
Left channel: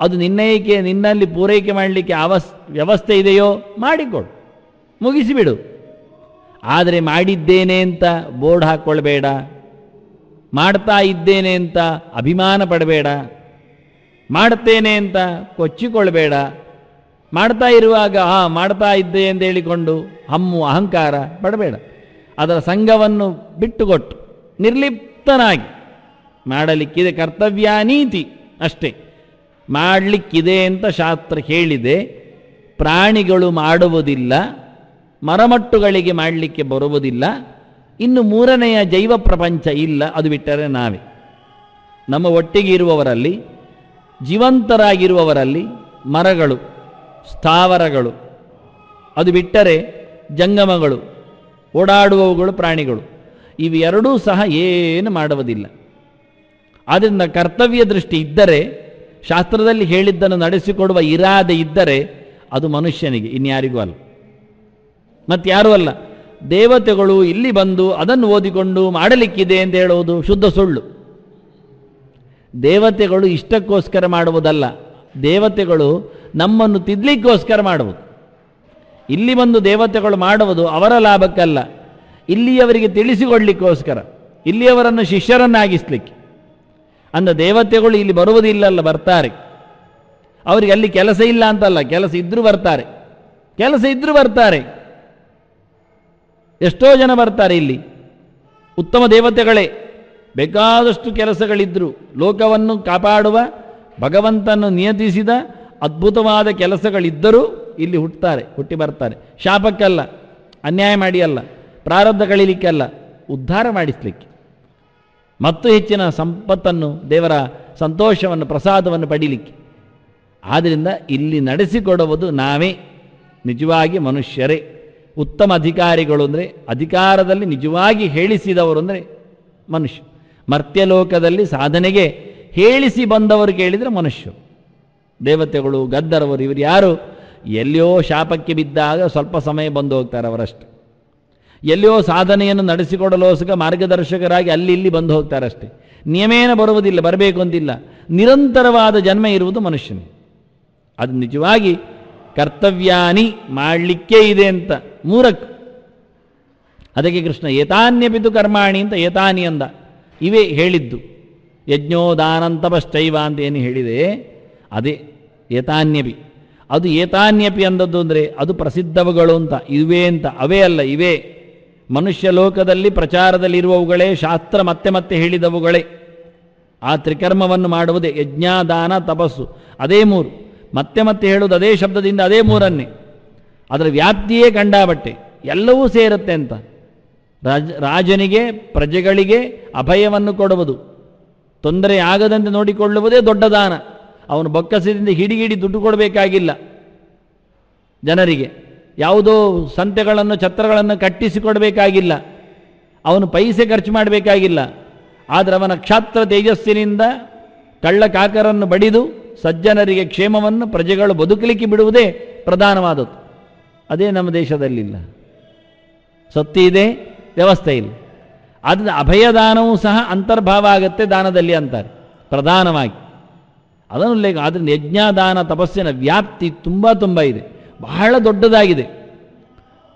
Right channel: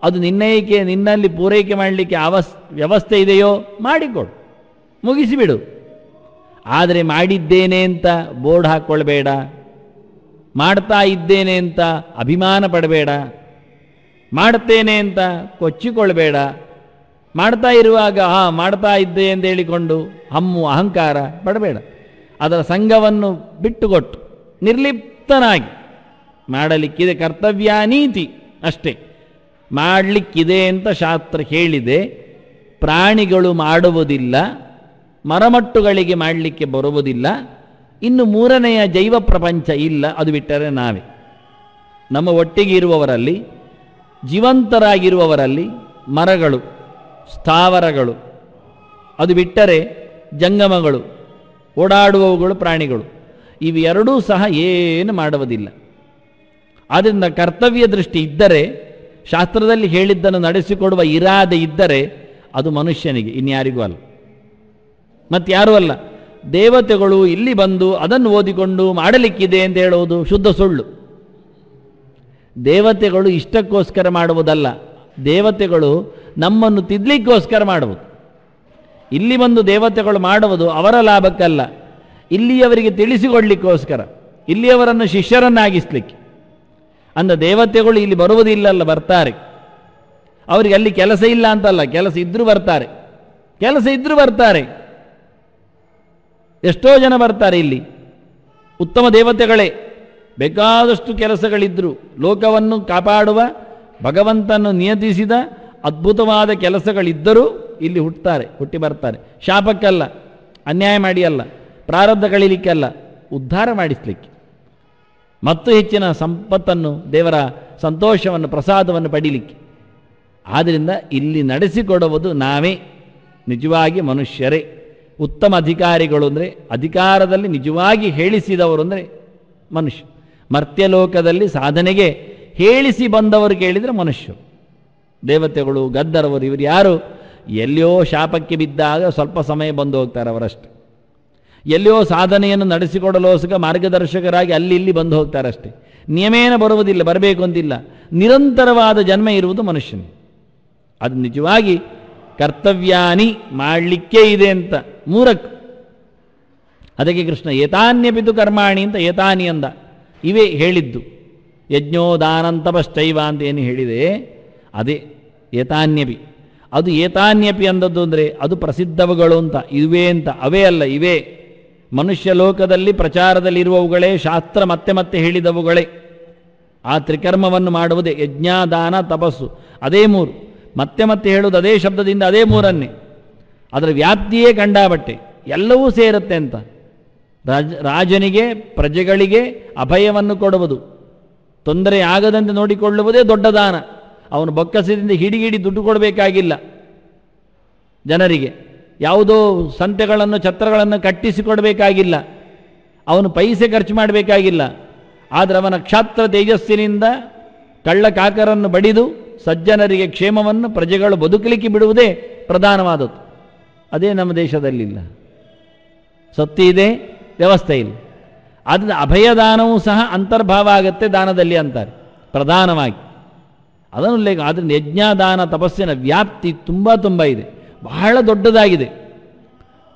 ಅದು ನಿನ್ನಲ್ಲಿ ಪೂರೈಕೆ ಮಾಡಲಿಕ್ಕೆ ವ್ಯವಸ್ಥೆ ಇದೆಯೋ ಮಾಡಿಕೊಡು, ಮುಗಿಸಿಬಿಡು. ಆದರೆ ಮಾಡಿದ್ದೇನೆ ಅಂತ ಬೋರ್ಡ್ ಹಾಕ್ಕೊಳ್ಬೇಡ, ಮಾಡ್ತಾ ಇದ್ದೇನೆ ಅಂತ ಅಭಿಮಾನ ಪಡಬೇಡ, ಮಾಡ್ತೇನೆ ಅಂತ ಕೊಚ್ಚಿಕೊಳ್ಬೇಡ. ಮಾಡ್ತಾ ಇರುವಾಗ ಮಾಡ್ತಾ ಇದ್ದೆ ಎಂದು ಹೇಳಿಕೊಂಡು ಹಮ್ಮು ಅಹಂಕಾರ ಪಡಬೇಡ. ಅದರ ಸಂಘವನ್ನು ಬಿಟ್ಟುಕೊಟ್ಟು ನಿರ್ಲಿಪ್ತನಾಗಿ ಮಾಡಲಿಕ್ಕಿದೆ ಕರ್ತವ್ಯ ನೀತಿ ಅಷ್ಟೇ. ಮಾಡಲಿಕ್ಕಿದೆ ಅಂತ ಶಾಸ್ತ್ರ ಹೇಳಿದೆ. ಪ್ರಾಣಿಗಳು ಮಾಡುವುದಿಲ್ಲ, ಮರಮಟ್ಟುಗಳಿಗೆ ಮಾಡಲಿಕ್ಕೆ ಬರುವುದಿಲ್ಲ. ಇನ್ನು ಮೂರನೆಯ ಜೈವ ಪ್ರಪಂಚ ಇಲ್ಲ, ಅದು ಬಿಟ್ಟರೆ ನಾವೇ. ನಮ್ಮ ಒಟ್ಟಿಗೆ ಇರುವವರಲ್ಲಿ, ಜೀವಂತರಾಗಿರುವವರಲ್ಲಿ ಮರಗಳು, ಸ್ಥಾವರಗಳು, ಅದು ಬಿಟ್ಟರೆ ಜಂಗಮಗಳು, ಓಡಾಡುವವುಗಳು ಪ್ರಾಣಿಗಳು, ಇವೆರಡೂ ಸಹ ಏನು ಮಾಡುವುದಿಲ್ಲ. ಆದ್ದರಿಂದ ಕರ್ತವ್ಯ ದೃಷ್ಟಿ ಇದ್ದರೆ, ಶಾಸ್ತ್ರದಲ್ಲಿ ಹೇಳಿದ್ದನ್ನು ನಡೆಸಿಕೊಡುವ ಇರಾದೆ ಇದ್ದರೆ ಅದು ಮನುಷ್ಯನಿಗೆ, ಇನ್ಯಾರಿಗೂ ಅಲ್ಲ, ಮತ್ತಾರೂ ಅಲ್ಲ. ದೇವತೆಗಳು ಇಲ್ಲಿ ಬಂದು ಅದನ್ನು ಓದಿಕೊಂಡು ಮಾಡಲಿಕ್ಕಿದೆ ಅಂತ ಹೇಳುವುದು ಶುದ್ಧ ಸುಳ್ಳು. ದೇವತೆಗಳು ಇಷ್ಟಕ್ಕೋಸ್ಕರ ಮಾಡುವುದಲ್ಲ, ದೇವತೆಗಳು ನಮ್ಮನ್ನು ತಿದ್ಲಿಕ್ಕೋಸ್ಕರ ಮಾಡುವುದು. ಇಲ್ಲಿ ಬಂದು ದೇವತೆಗಳು ಮಾಡುವುದು ಅವರ ಲಾಭಕ್ಕಲ್ಲ, ಇಲ್ಲಿಯವರಿಗೆ ತಿಳಿಸಿಕೊಳ್ಳಿಕ್ಕೋಸ್ಕರ, ಇಲ್ಲಿಯವರನ್ನು ಶಿಷ್ಯರನ್ನಾಗಿಸ್ಲಿಕ್ಕೆ. ಅಂದ ದೇವತೆಗಳು ಇಲ್ಲಿ ಬರುವುದಿಲ್ಲಲ್ಲ, ಬರ್ತಾರೆ. ಅವರಿಗೆ ಅಲ್ಲಿ ಕೆಲಸ ಇಲ್ಲ ಅಂತಲ್ಲ, ಕೆಲಸ ಇದ್ರೂ ಬರ್ತಾರೆ, ಕೆಲಸ ಇದ್ರೂ ಬರ್ತಾರೆ. ಎಷ್ಟೋ ಜನ ಬರ್ತಾರೆ ಇಲ್ಲಿ, ಉತ್ತಮ ದೇವತೆಗಳೇ, ಬೇಕಾದಷ್ಟು ಕೆಲಸಗಳಿದ್ರು, ಲೋಕವನ್ನು ಕಾಪಾಡುವ ಭಗವಂತನು ನಿಯತಿಸಿದ ಅದ್ಭುತವಾದ ಕೆಲಸಗಳಿದ್ದರೂ ಇಲ್ಲಿ ಹುಟ್ಟಿ ಬರ್ತಾರೆ. ಶಾಪಕ್ಕಲ್ಲ, ಅನ್ಯಾಯ ಮಾಡಿ ಅಲ್ಲ, ಪ್ರಾರಬ್ಧಗಳಿಲಿಕ್ಕಲ್ಲ, ಉದ್ಧಾರ ಮಾಡಿಸ್ಲಿಕ್ಕೆ ಮತ್ತು ಹೆಚ್ಚಿನ ಸಂಪತ್ತನ್ನು, ದೇವರ ಸಂತೋಷವನ್ನು, ಪ್ರಸಾದವನ್ನು ಪಡೀಲಿಕ್ಕೆ. ಆದ್ದರಿಂದ ಇಲ್ಲಿ ನಡೆಸಿಕೊಡುವುದು ನಾವೇ, ನಿಜವಾಗಿ ಮನುಷ್ಯರೇ. ಉತ್ತಮ ಅಧಿಕಾರಿಗಳು ಅಂದರೆ, ಅಧಿಕಾರದಲ್ಲಿ ನಿಜವಾಗಿ ಹೇಳಿಸಿದವರು ಅಂದರೆ ಮನುಷ್ಯ. ಮರ್ತ್ಯಲೋಕದಲ್ಲಿ ಸಾಧನೆಗೆ ಹೇಳಿಸಿ ಬಂದವರಿಗೆ ಹೇಳಿದರೆ ಮನುಷ್ಯ. ದೇವತೆಗಳು, ಗದ್ದರವರು, ಇವರು ಯಾರು? ಎಲ್ಲಿಯೋ ಶಾಪಕ್ಕೆ ಬಿದ್ದಾಗ ಸ್ವಲ್ಪ ಸಮಯ ಬಂದು ಹೋಗ್ತಾರೆ ಅವರಷ್ಟು. ಎಲ್ಲಿಯೋ ಸಾಧನೆಯನ್ನು ನಡೆಸಿಕೊಡಲೋಸ್ಕರ ಮಾರ್ಗದರ್ಶಕರಾಗಿ ಅಲ್ಲಿ ಇಲ್ಲಿ ಬಂದು ಹೋಗ್ತಾರೆ ಅಷ್ಟೇ. ನಿಯಮೇನ ಬರುವುದಿಲ್ಲ, ಬರಬೇಕು ಅಂತಿಲ್ಲ. ನಿರಂತರವಾದ ಜನ್ಮ ಇರುವುದು ಮನುಷ್ಯನಿಗೆ. ಅದು ನಿಜವಾಗಿ ಕರ್ತವ್ಯಾನಿ ಮಾಡಲಿಕ್ಕೇ ಇದೆ ಅಂತ ಮೂರಕ್ಕೂ. ಅದಕ್ಕೆ ಕೃಷ್ಣ ಏತಾನ್ಯಪಿತು ಕರ್ಮಾಣಿ ಅಂತ ಏತಾನಿ ಅಂದ. ಇವೇ ಹೇಳಿದ್ದು. ಯಜ್ಞೋದಾನಂತಪಶ್ಚೈವ ಅಂತ ಏನು ಹೇಳಿದೆ ಅದೇ ಏತಾನ್ಯಪಿ. ಅದು ಏತಾನ್ಯಪಿ ಅಂದದ್ದು ಅಂದರೆ ಅದು ಪ್ರಸಿದ್ಧವುಗಳು ಅಂತ, ಇವೇ ಅಂತ. ಅವೇ ಅಲ್ಲ, ಇವೇ ಮನುಷ್ಯ ಲೋಕದಲ್ಲಿ ಪ್ರಚಾರದಲ್ಲಿ ಇರುವವುಗಳೇ, ಶಾಸ್ತ್ರ ಮತ್ತೆ ಮತ್ತೆ ಹೇಳಿದವುಗಳೇ. ಆ ತ್ರಿಕರ್ಮವನ್ನು ಮಾಡುವುದೇ ಯಜ್ಞ, ದಾನ, ತಪಸ್ಸು, ಅದೇ ಮೂರು. ಮತ್ತೆ ಮತ್ತೆ ಹೇಳುವುದು ಅದೇ ಶಬ್ದದಿಂದ, ಅದೇ ಮೂರನ್ನೇ. ಅದರ ವ್ಯಾಪ್ತಿಯೇ ಕಂಡಾಬಟ್ಟೆ, ಎಲ್ಲವೂ ಸೇರುತ್ತೆ ಅಂತ. ರಾಜನಿಗೆ, ಪ್ರಜೆಗಳಿಗೆ ಅಭಯವನ್ನು ಕೊಡುವುದು, ತೊಂದರೆ ಆಗದಂತೆ ನೋಡಿಕೊಳ್ಳುವುದೇ ದೊಡ್ಡ ದಾನ. ಅವನು ಬೊಕ್ಕಸದಿಂದ ಹಿಡಿಗಿಡಿ ದುಡ್ಡು ಕೊಡಬೇಕಾಗಿಲ್ಲ. ಜನರಿಗೆ ಯಾವುದೋ ಸಂತೆಗಳನ್ನು, ಛತ್ರಗಳನ್ನು ಕಟ್ಟಿಸಿಕೊಡಬೇಕಾಗಿಲ್ಲ. ಅವನು ಪೈಸೆ ಖರ್ಚು ಮಾಡಬೇಕಾಗಿಲ್ಲ. ಆದರೆ ಅವನ ಕ್ಷಾತ್ರ ತೇಜಸ್ಸಿನಿಂದ ಕಳ್ಳ ಕಾಕರನ್ನು ಬಡಿದು ಸಜ್ಜನರಿಗೆ ಕ್ಷೇಮವನ್ನು, ಪ್ರಜೆಗಳು ಬದುಕಲಿಕ್ಕೆ ಬಿಡುವುದೇ ಪ್ರಧಾನವಾದದ್ದು. ಅದೇ ನಮ್ಮ ದೇಶದಲ್ಲಿಲ್ಲ. ಸೊತ್ತಿ ಇದೆ, ವ್ಯವಸ್ಥೆ ಇಲ್ಲ. ಅದನ್ನ ಅಭಯದಾನವೂ ಸಹ ಅಂತರ್ಭಾವ ಆಗುತ್ತೆ ದಾನದಲ್ಲಿ ಅಂತಾರೆ ಪ್ರಧಾನವಾಗಿ. ಅದನ್ನು ಉಲ್ಲೇಖ. ಅದರಿಂದ ಯಜ್ಞದಾನ ತಪಸ್ಸಿನ ವ್ಯಾಪ್ತಿ ತುಂಬ ಇದೆ, ಬಹಳ ದೊಡ್ಡದಾಗಿದೆ.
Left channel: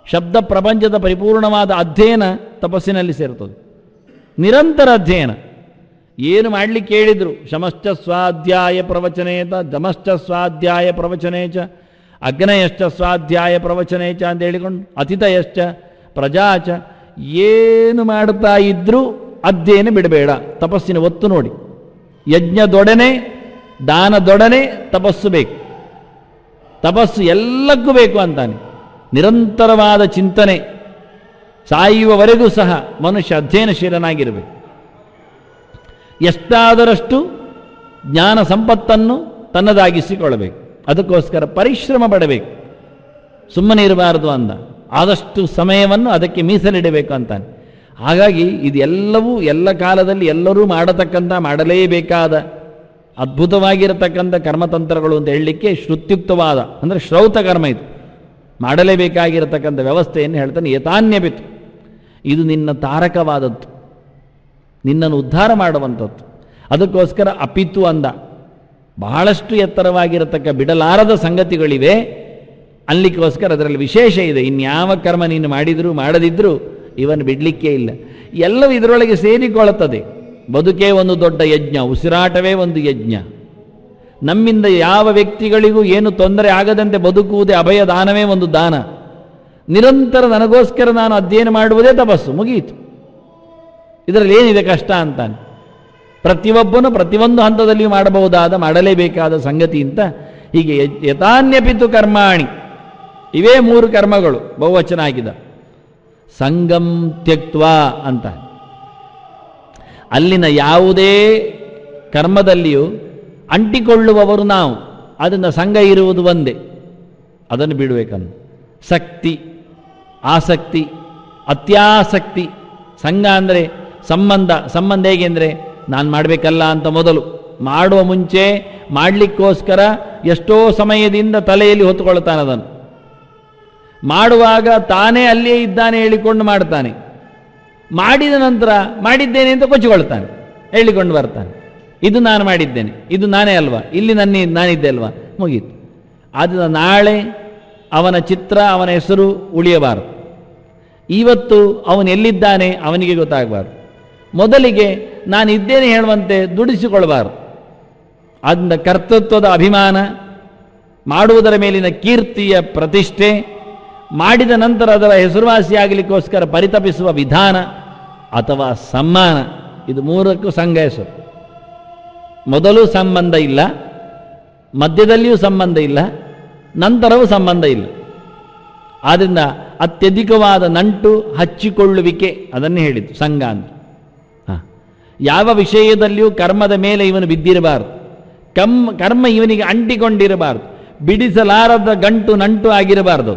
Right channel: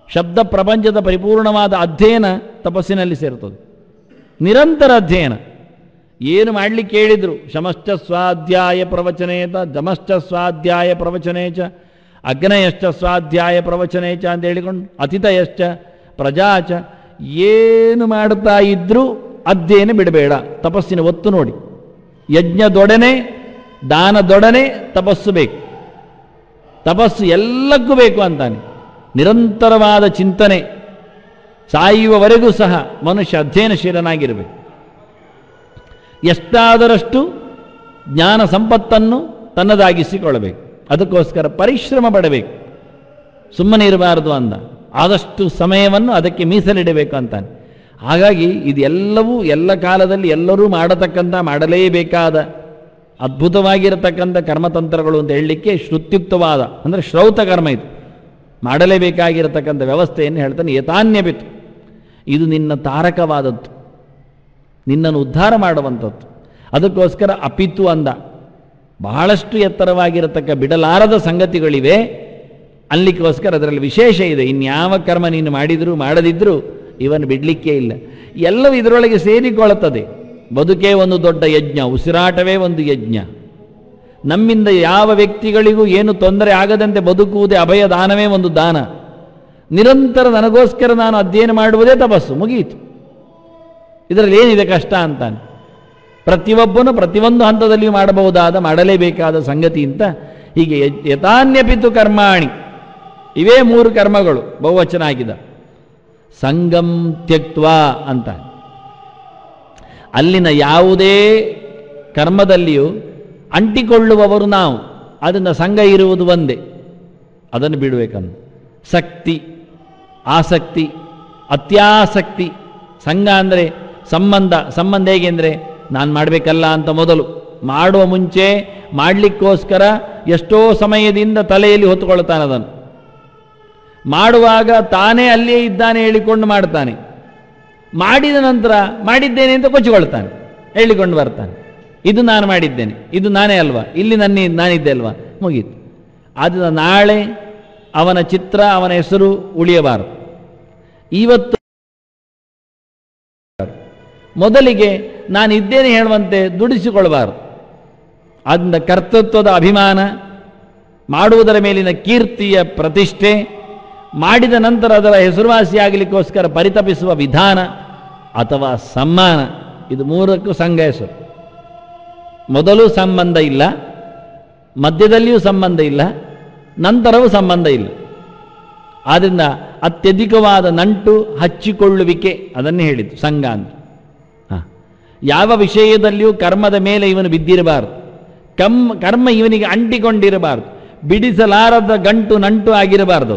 ಶಬ್ದ ಪ್ರಪಂಚದ ಪರಿಪೂರ್ಣವಾದ ಅಧ್ಯಯನ ತಪಸ್ಸಿನಲ್ಲಿ ಸೇರ್ತದೆ. ನಿರಂತರ ಅಧ್ಯಯನ. ಏನು ಮಾಡಲಿಕ್ಕೆ ಹೇಳಿದ್ರು, ಶಮಶ್ಚ ಸ್ವಾಧ್ಯಾಯ ಪ್ರವಚನೇತ, ದಮಶ್ಚ ಸ್ವಾಧ್ಯಾಯ ಪ್ರವಚನೇಚ, ಅಗ್ನಯಶ್ಚ ಸ್ವಾಧ್ಯಾಯ ಪ್ರವಚನೇಚ ಅಂತ ಹೇಳಿಕೊಂಡು, ಅತಿಥಯಶ್ಚ ಪ್ರಜಾಚ, ಏನು ಮಾಡುತ್ತಾ ಇದ್ರೂ ಅಧ್ಯಯನ ಬಿಡಬೇಡ. ತಪಸ್ಸಿನ ಒತ್ತು ನೋಡಿ. ಯಜ್ಞದೊಡನೆ, ದಾನದೊಡನೆ ತಪಸ್ಸು ಬೇಕು. ತಪಸ್ಸು ಎಲ್ಲಕ್ಕೂ ಬೇಕು ಅಂತಾನೆ. ನಿರಂತರವಾದ ಚಿಂತನೆ, ಸಾಯುವವರೆಗೂ ಸಹ ಮನುಷ್ಯ ಅಧ್ಯಯನಶೀಲನಾಗಿರಬೇಕು. ಎಷ್ಟಾದರಷ್ಟು ಜ್ಞಾನ ಸಂಪತ್ತನ್ನು ತನ್ನದಾಗಿಸಿಕೊಳ್ಳಬೇಕು. ಅದಕ್ಕೋಸ್ಕರ ಪರಿಶ್ರಮ ಪಡಬೇಕು, ಸುಮ್ಮನೆ ಇರಬಾರದು ಅಂದ. ಆದಷ್ಟು ಸಮಯವನ್ನು ಅದಕ್ಕೆ ಮೀಸಲಿಡಬೇಕು ಅಂತಾನೆ. ಹಾಗಾಗಿ ಇದೆಲ್ಲವೂ ಎಲ್ಲ ಕಾಲದಲ್ಲಿ ಎಲ್ಲರೂ ಮಾಡತಕ್ಕಂಥ, ಮಾಡಲೇಬೇಕಾದ ಅದ್ಭುತವಾಗಿರತಕ್ಕಂಥ ಕರ್ಮತಂತ್ರಗಳು ಅಂತ ಹೇಳಲಿಕ್ಕೆ ಶ್ರುತ್ಯುಕ್ತವಾದ, ಅಂದರೆ ಶ್ರೌತ ಕರ್ಮ ಇದು. ಮಾಡಲೇಬೇಕಾಗಿರತಕ್ಕಂಥ ವ್ಯವಸ್ಥೆಯನ್ನು ಹೇಳ್ತಾನೆ. ಏತಾನ್ಯಪಿತು, ಇದು ನಿನ್ನ ತಾರಕವಾದದ್ದು, ನಿನ್ನನ್ನು ಉದ್ಧಾರ ಮಾಡುವಂಥದ್ದು. ಅದಕ್ಕೋಸ್ಕರ ಅಪಿತು ಅಂದ. ಬಹಳಷ್ಟು ಎತ್ತರವಾಗಿರತಕ್ಕ ಬಿಡಲಾರದ ಸಂಗತಿಗಳಿವೆ ಅಲ್ಲಿಗೋಸ್ಕರ ಅದರಲ್ಲಿ ವಿಶೇಷ ಇದೆ. ಇನ್ಯಾವ ಕರ್ಮ ನೀನು ಮಾಡಿದ್ರು ಮಾಡದಿದ್ರು ಇವನು ಬಿಡ್ಲಿಕ್ಕೆ ಇಲ್ಲ. ಎಲ್ಲವೂ ಇದರೊಳಗೆ ಸೇರಿಕೊಳ್ಳುತ್ತದೆ. ಬದುಕೇ ಒಂದು ದೊಡ್ಡ ಯಜ್ಞ, ಉಸಿರಾಟವೇ ಒಂದು ಯಜ್ಞ, ನಮ್ಮಿಂದ ಯಾವ ವ್ಯಕ್ತಿಗಳಿಗೂ ಏನು ತೊಂದರೆ ಆಗದಂತೆ ಬದುಕುವುದೇ ಅಭಯ ದಾನವೇ ಒಂದು ದಾನ. ನಿರಂತರ ನನಗೋಸ್ಕರ ನಾನು ಅಧ್ಯಯನ ಮಾಡುವುದೇ ತಪಸ್ಸು, ಮುಗಿಯಿತು. ಇದರಲ್ಲಿ ಏನಿದೆ ಕಷ್ಟ ಅಂತಾನೆ. ಪ್ರತಿಯೊಬ್ಬನು ಪ್ರತಿಯೊಂದು ಹಂತದಲ್ಲಿ ಮಾಡಲೇಬೇಕಾದ ಸಂಗತಿ ಅಂತ ಹೀಗೆ ಯಥಾನ್ಯಪಿತು ಕರ್ಮಾಣಿ, ಇವೇ 3 ಕರ್ಮಗಳು ಬಹುವಚನ ಆಗಿದೆ. ಸಂಗಂ ತ್ಯಕ್ತ್ವಾ ಅಂತ, ಅಲ್ಲಿನ ಯಾವುದೇ ಕರ್ಮದಲ್ಲಿಯೂ ಅಂಟಿಕೊಳ್ಳುವವರು ನಾವು, ಅದನ್ನ ಸಂಘ ಇರುವುದು ಒಂದೇ, ಅದನ್ನು ಬಿಡಬೇಕಂತ. ಶಕ್ತಿ, ಆಸಕ್ತಿ, ಅತ್ಯಾಸಕ್ತಿ. ಸಂಘ ಅಂದ್ರೆ ಸಂಬಂಧ ಹೇಗೆ ಅಂದ್ರೆ ನಾನು ಮಾಡಬೇಕಲ್ಲ ಅಂತ ಮೊದಲು ಮಾಡುವ ಮುಂಚೆ ಮಾಡಲಿಕ್ಕೋಸ್ಕರ ಎಷ್ಟೋ ಸಮಯದಿಂದ ತಲೆಯಲ್ಲಿ ಹೊತ್ತುಕೊಳ್ತಾನೆ. ಅದನ್ನು ಮಾಡುವಾಗ ತಾನೇ ಅಲ್ಲಿ ಇದ್ದಾನೆ ಹೇಳಿಕೊಂಡು ಮಾಡ್ತಾನೆ, ಮಾಡಿದ ನಂತರ ಮಾಡಿದ್ದೇನೆ ಅಂತ ಕೊಚ್ಚಿಕೊಳ್ತಾನೆ, ಹೇಳಿಕೊಂಡು ಬರ್ತಾನೆ, ಇದು ನಾನು ಮಾಡಿದ್ದೇನೆ, ಇದು ನಾನೇ ಅಲ್ವಾ, ಇಲ್ಲಿ ನಾನಿದ್ದೆ ಅಲ್ವಾ, ಮುಗೀತು. ಆದ ನಾಳೆ ಅವನ ಚಿತ್ರ, ಅವನ ಹೆಸರು ಉಳಿಯಬಾರದು. ಇವತ್ತು ಅವನು ಎಲ್ಲಿದ್ದಾನೆ ಅವನಿಗೆ ಗೊತ್ತಾಗಬಾರದು. ಮೊದಲಿಗೆ ನಾನಿದ್ದೇನೆ ಹೇಳುವಂತೆ ದುಡಿಸಿಕೊಳ್ಬಾರದು. ಅದನ್ನ ಕರ್ತೃತ್ವದ ಅಭಿಮಾನ, ಮಾಡುವುದರ ಮೇಲಿನ ಕೀರ್ತಿಯ ಪ್ರತಿಷ್ಠೆ, ಮಾಡಿದ ನಂತರ ಅದರ ಹೆಸರುವಾಸಿಯಾಗಲಿಕ್ಕೋಸ್ಕರ ಪರಿತಪಿಸುವ ವಿಧಾನ ಅಥವಾ ಸಮ್ಮಾನ, ಇದು 3ಕ್ಕೂ ಸಂಘ ಹೆಸರು. ಮೊದಲು ಸಂಬಂಧ ಇಲ್ಲ, ಮಧ್ಯದಲ್ಲಿಯೂ ಸಂಬಂಧ ಇಲ್ಲ, ನಂತರವೂ ಸಂಬಂಧ ಇಲ್ಲ. ಆದ್ದರಿಂದ ಅತ್ಯಧಿಕವಾದ ನಂಟು ಹಚ್ಚಿಕೊಳ್ಳುವಿಕೆ ಅದನ್ನು ಹೇಳಿದ್ದು ಸಂಘ ಅಂತ. ಯಾವ ವಿಷಯದಲ್ಲಿಯೂ ಕರ್ಮದ ಮೇಲೆ ಇವನು ಬಿದ್ದಿರಬಾರದು, ಕರ್ಮ ಇವನಿಗೆ ಅಂಟಿಕೊಂಡಿರಬಾರದು, ಬಿಡಿಸಲಾರದ ಗಂಟು ನಂಟು ಆಗಿರಬಾರದು.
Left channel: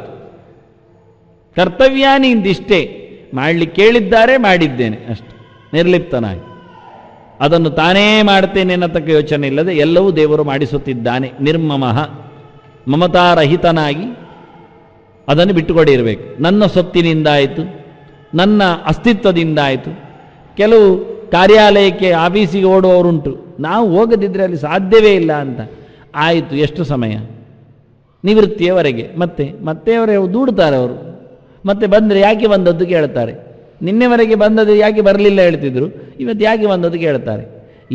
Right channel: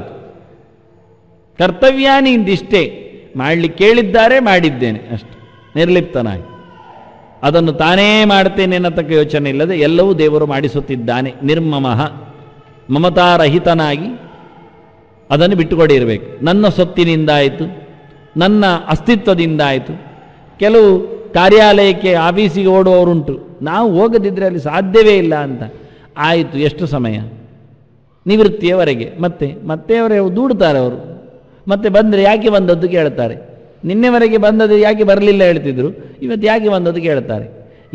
ಕರ್ತವ್ಯಾನಿ ಇಂದಿಷ್ಟೇ, ಮಾಡ್ಲಿಕ್ಕೆ ಕೇಳಿದ್ದಾರೆ ಮಾಡಿದ್ದೇನೆ ಅಷ್ಟೆ, ನಿರ್ಲಿಪ್ತನಾಗಿ ಅದನ್ನು ತಾನೇ ಮಾಡ್ತೇನೆ ಅನ್ನತಕ್ಕ ಯೋಚನೆ ಇಲ್ಲದೆ ಎಲ್ಲವೂ ದೇವರು ಮಾಡಿಸುತ್ತಿದ್ದಾನೆ. ನಿರ್ಮಮಃ, ಮಮತಾರಹಿತನಾಗಿ ಅದನ್ನು ಬಿಟ್ಟುಕೊಂಡಿರಬೇಕು. ನನ್ನ ಸೊತ್ತಿನಿಂದ ಆಯಿತು, ನನ್ನ ಅಸ್ತಿತ್ವದಿಂದ ಆಯಿತು. ಕೆಲವು ಕಾರ್ಯಾಲಯಕ್ಕೆ ಆಫೀಸಿಗೆ ಓಡುವವರುಂಟು, ನಾವು ಹೋಗದಿದ್ರೆ ಅದು ಸಾಧ್ಯವೇ ಇಲ್ಲ ಅಂತ. ಆಯಿತು, ಎಷ್ಟು ಸಮಯ? ನಿವೃತ್ತಿಯವರೆಗೆ. ಮತ್ತೆ ಅವರು ದೂಡುತ್ತಾರೆ. ಅವರು ಮತ್ತೆ ಬಂದರೆ ಯಾಕೆ ಬಂದದ್ದು ಕೇಳ್ತಾರೆ. ನಿನ್ನೆವರೆಗೆ ಬಂದದ್ದು ಯಾಕೆ ಬರಲಿಲ್ಲ ಹೇಳ್ತಿದ್ರು, ಇವತ್ತು ಯಾಕೆ ಬಂದದ್ದು ಕೇಳ್ತಾರೆ.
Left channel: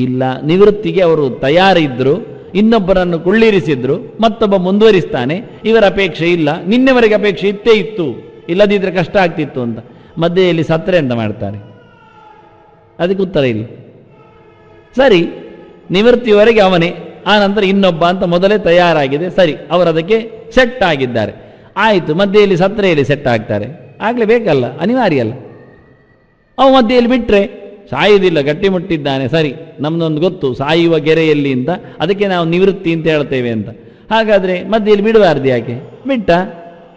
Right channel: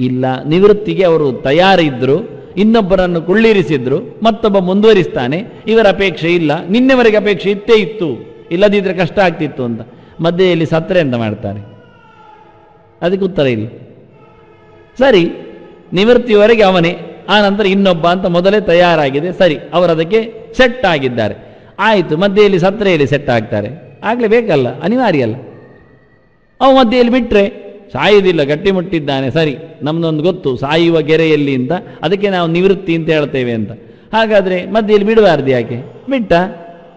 ಇಲ್ಲ, ನಿವೃತ್ತಿಗೆ ಅವರು ತಯಾರಿದ್ರು, ಇನ್ನೊಬ್ಬರನ್ನು ಕುಳ್ಳಿರಿಸಿದ್ರು, ಮತ್ತೊಬ್ಬ ಮುಂದುವರಿಸ್ತಾನೆ, ಇವರ ಅಪೇಕ್ಷೆ ಇಲ್ಲ, ನಿನ್ನೆವರೆಗೆ ಅಪೇಕ್ಷೆ ಇತ್ತೇ ಇತ್ತು, ಇಲ್ಲದಿದ್ರೆ ಕಷ್ಟ ಆಗ್ತಿತ್ತು ಅಂತ ಮಧ್ಯೆಯಲ್ಲಿ ಸತ್ರೆ ಅಂತ ಮಾಡ್ತಾರೆ. ಅದಕ್ಕೆ ಉತ್ತರ ಇಲ್ಲ. ಸರಿ, ನಿವೃತ್ತಿಯವರೆಗೆ ಅವನೇ, ಆ ನಂತರ ಇನ್ನೊಬ್ಬ ಅಂತ ಮೊದಲೇ ತಯಾರಾಗಿದೆ, ಸರಿ, ಅವರು ಅದಕ್ಕೆ ಸೆಟ್ ಆಗಿದ್ದಾರೆ. ಆಯಿತು, ಮಧ್ಯೆಯಲ್ಲಿ ಸತ್ರೆಯಲ್ಲಿ ಸೆಟ್ ಆಗ್ತಾರೆ, ಆಗ್ಲೇಬೇಕಲ್ಲ, ಅನಿವಾರ್ಯ ಅಲ್ಲ. ಅವು ಮಧ್ಯೆಯಲ್ಲಿ ಬಿಟ್ರೆ ಸಾಯುವುದಿಲ್ಲ, ಗಟ್ಟಿ ಮುಟ್ಟಿದ್ದಾನೆ, ಸರಿ, ನಮ್ದೊಂದು ಗೊತ್ತು ಸಾಯುವ ಕೆರೆಯಲ್ಲಿ ಅಂತ, ಅದಕ್ಕೆ ನಾವು ನಿವೃತ್ತಿ ಅಂತ ಹೇಳ್ತೇವೆ ಅಂತ. ಹಾಗಾದ್ರೆ ಮಧ್ಯೆಯಲ್ಲಿ ಬಿಡಬಾರ್ದು, ಯಾಕೆ ಬಿಟ್ಟ?